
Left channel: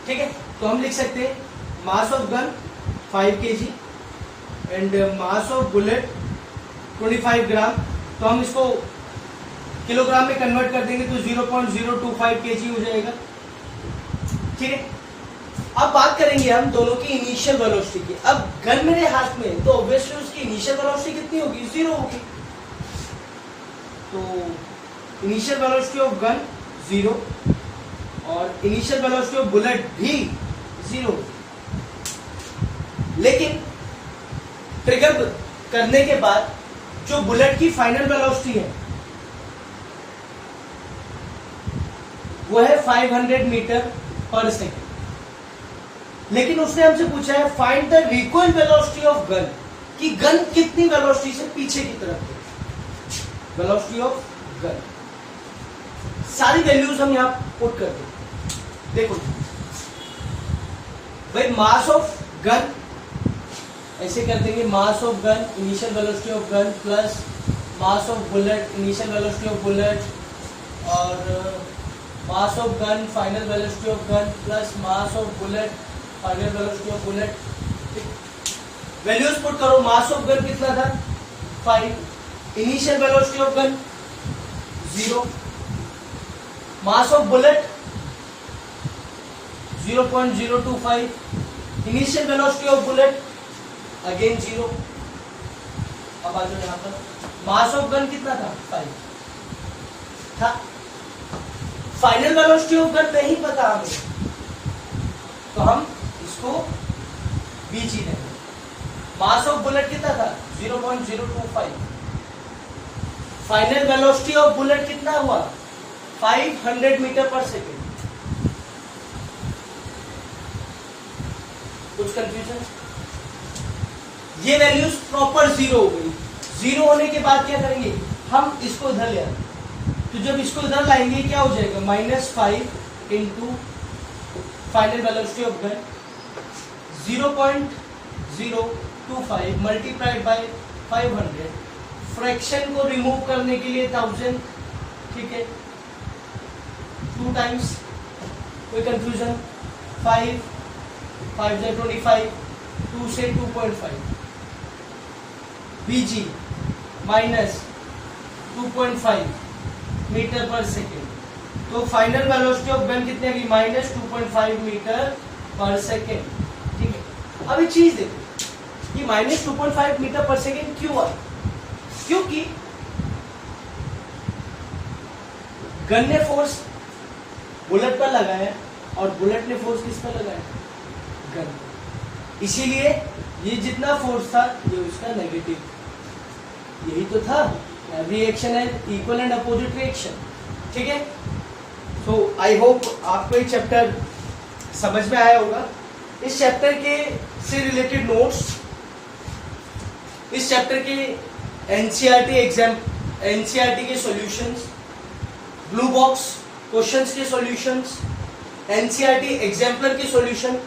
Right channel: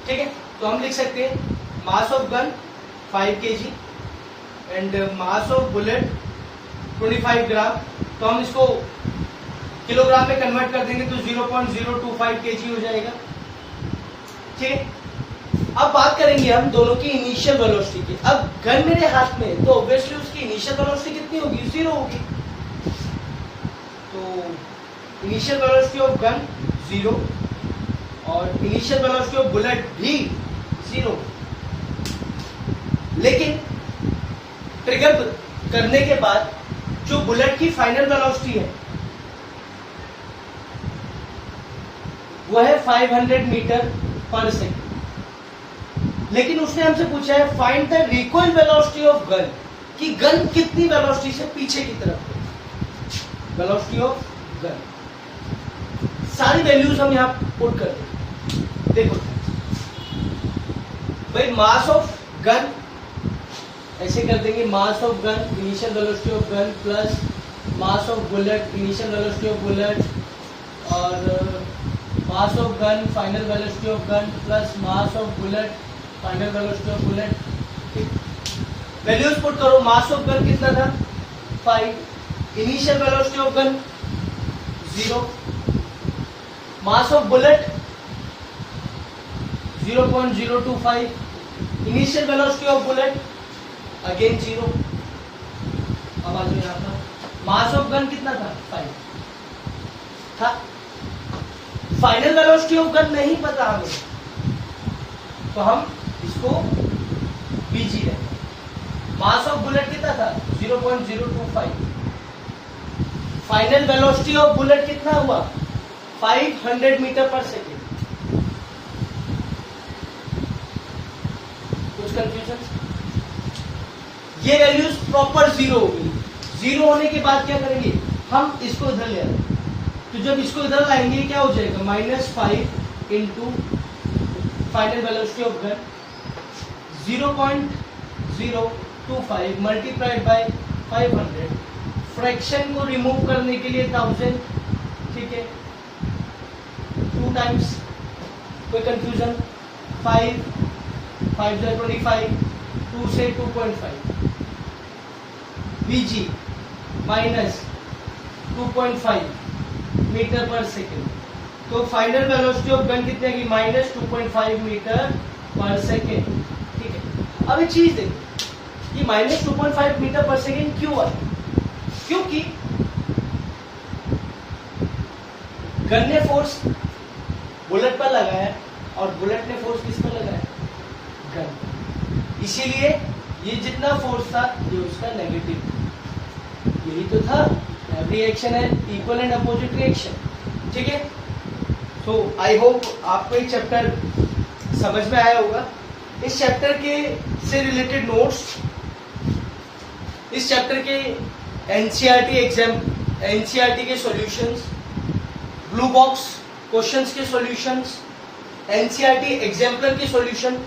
ठीक है। तो हम लिख सकते हैं मास of gun 5 kg and mass of bullet 25 ग्राम। तो हम इसको किलोग्राम में कन्वर्ट कर देंगे तो 0.025 kg हो जाएगा, ठीक है। अब बात करेंगे हम दोनों की इनिशियल वेलोसिटी की। अब गन मेरे हाथ में है तो ऑब्वियसली उसकी इनिशियल वेलोसिटी कितनी होगी, 0 होगी। तो इनिशियल वेलोसिटी ऑफ गन 0 और इनिशियल वेलोसिटी ऑफ बुलेट भी 0। लेकिन ट्रिगर करने के बाद जो बुलेट की फाइनल वेलोसिटी है वो है 500 मीटर पर सेकेंड। लेकिन उसने हमसे पूछा है find the recoil velocity of gun, कि गन कितनी वेलोसिटी से पीछे की तरफ है, वेलोसिटी ऑफ गन। सारी वैल्यूज हम यहां पुट करते हैं। देखो भाई, मास ऑफ गन ऐसे कर देंगे, mass of gun initial velocity of gun plus mass of bullet initial velocity of bullet, और mass of gun final velocity of gun plus mass of bullet final velocity of bullet. Values put करो, mass of gun कितना था 5, initial velocity of gun 0, mass of bullet 0.025, initial velocity of bullet again 0। अब आ जाओ यहाँ पर, मास of gun कितना था 5 था, फाइनल वेलोसिटी ऑफ गन नहीं पता हमें, तो हम इसको बीजी लेंगे। मास ऑफ बुलेट कितना था 0.025, फाइनल वेलोसिटी ऑफ बुलेट कितना हुआ 500 मीटर पर सेकेंड। कुछ कंफ्यूजन? ये वैल्यूज प्रॉपर 0 हो गई। 0 होने के बाद क्या करेंगे, हम इसको इधर ले आएंगे, तो जब इसको इधर लाएंगे क्या हो जाएगा, -5 into final velocity of gun 0.025 multiplied by 500, fraction को रिमूव करने के लिए 1000, ठीक है, 2 टाइम्स। कोई कंफ्यूजन? 5 5 25, 2 से 2.5 बीजी माइनस 2.5 मीटर पर सेकेंड, तो फाइनल वेलोसिटी ऑफ गन कितने की -2.5 मीटर पर सेकेंड, ठीक है। अब एक चीज देखो, ये -2.5 मीटर पर सेकेंड क्यों आई? क्योंकि गन ने फोर्स बुलेट पर लगाया और बुलेट ने फोर्स किस पर लगाया, गन, इसीलिए ये जितना फोर्स था ये उसका नेगेटिव, यही तो था, रिएक्शन है इक्वल एंड अपोजिट रिएक्शन, ठीक है। सो आई होप आपको ये चैप्टर समझ में आया होगा। इस चैप्टर के से रिलेटेड नोट्स, इस चैप्टर के एनसीईआरटी के सॉल्यूशंस, ब्लू बॉक्स क्वेश्चंस के सॉल्यूशंस, एनसीईआरटी एग्जाम्पलर के सॉल्यूशन,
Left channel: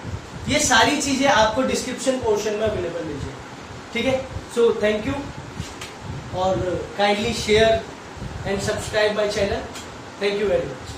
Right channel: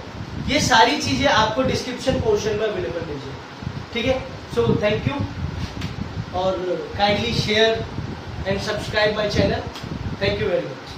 ये सारी चीजें आपको डिस्क्रिप्शन पोर्शन में अवेलेबल मिल जाए, ठीक है। सो थैंक यू, और kindly share and subscribe my channel. Thank you very much.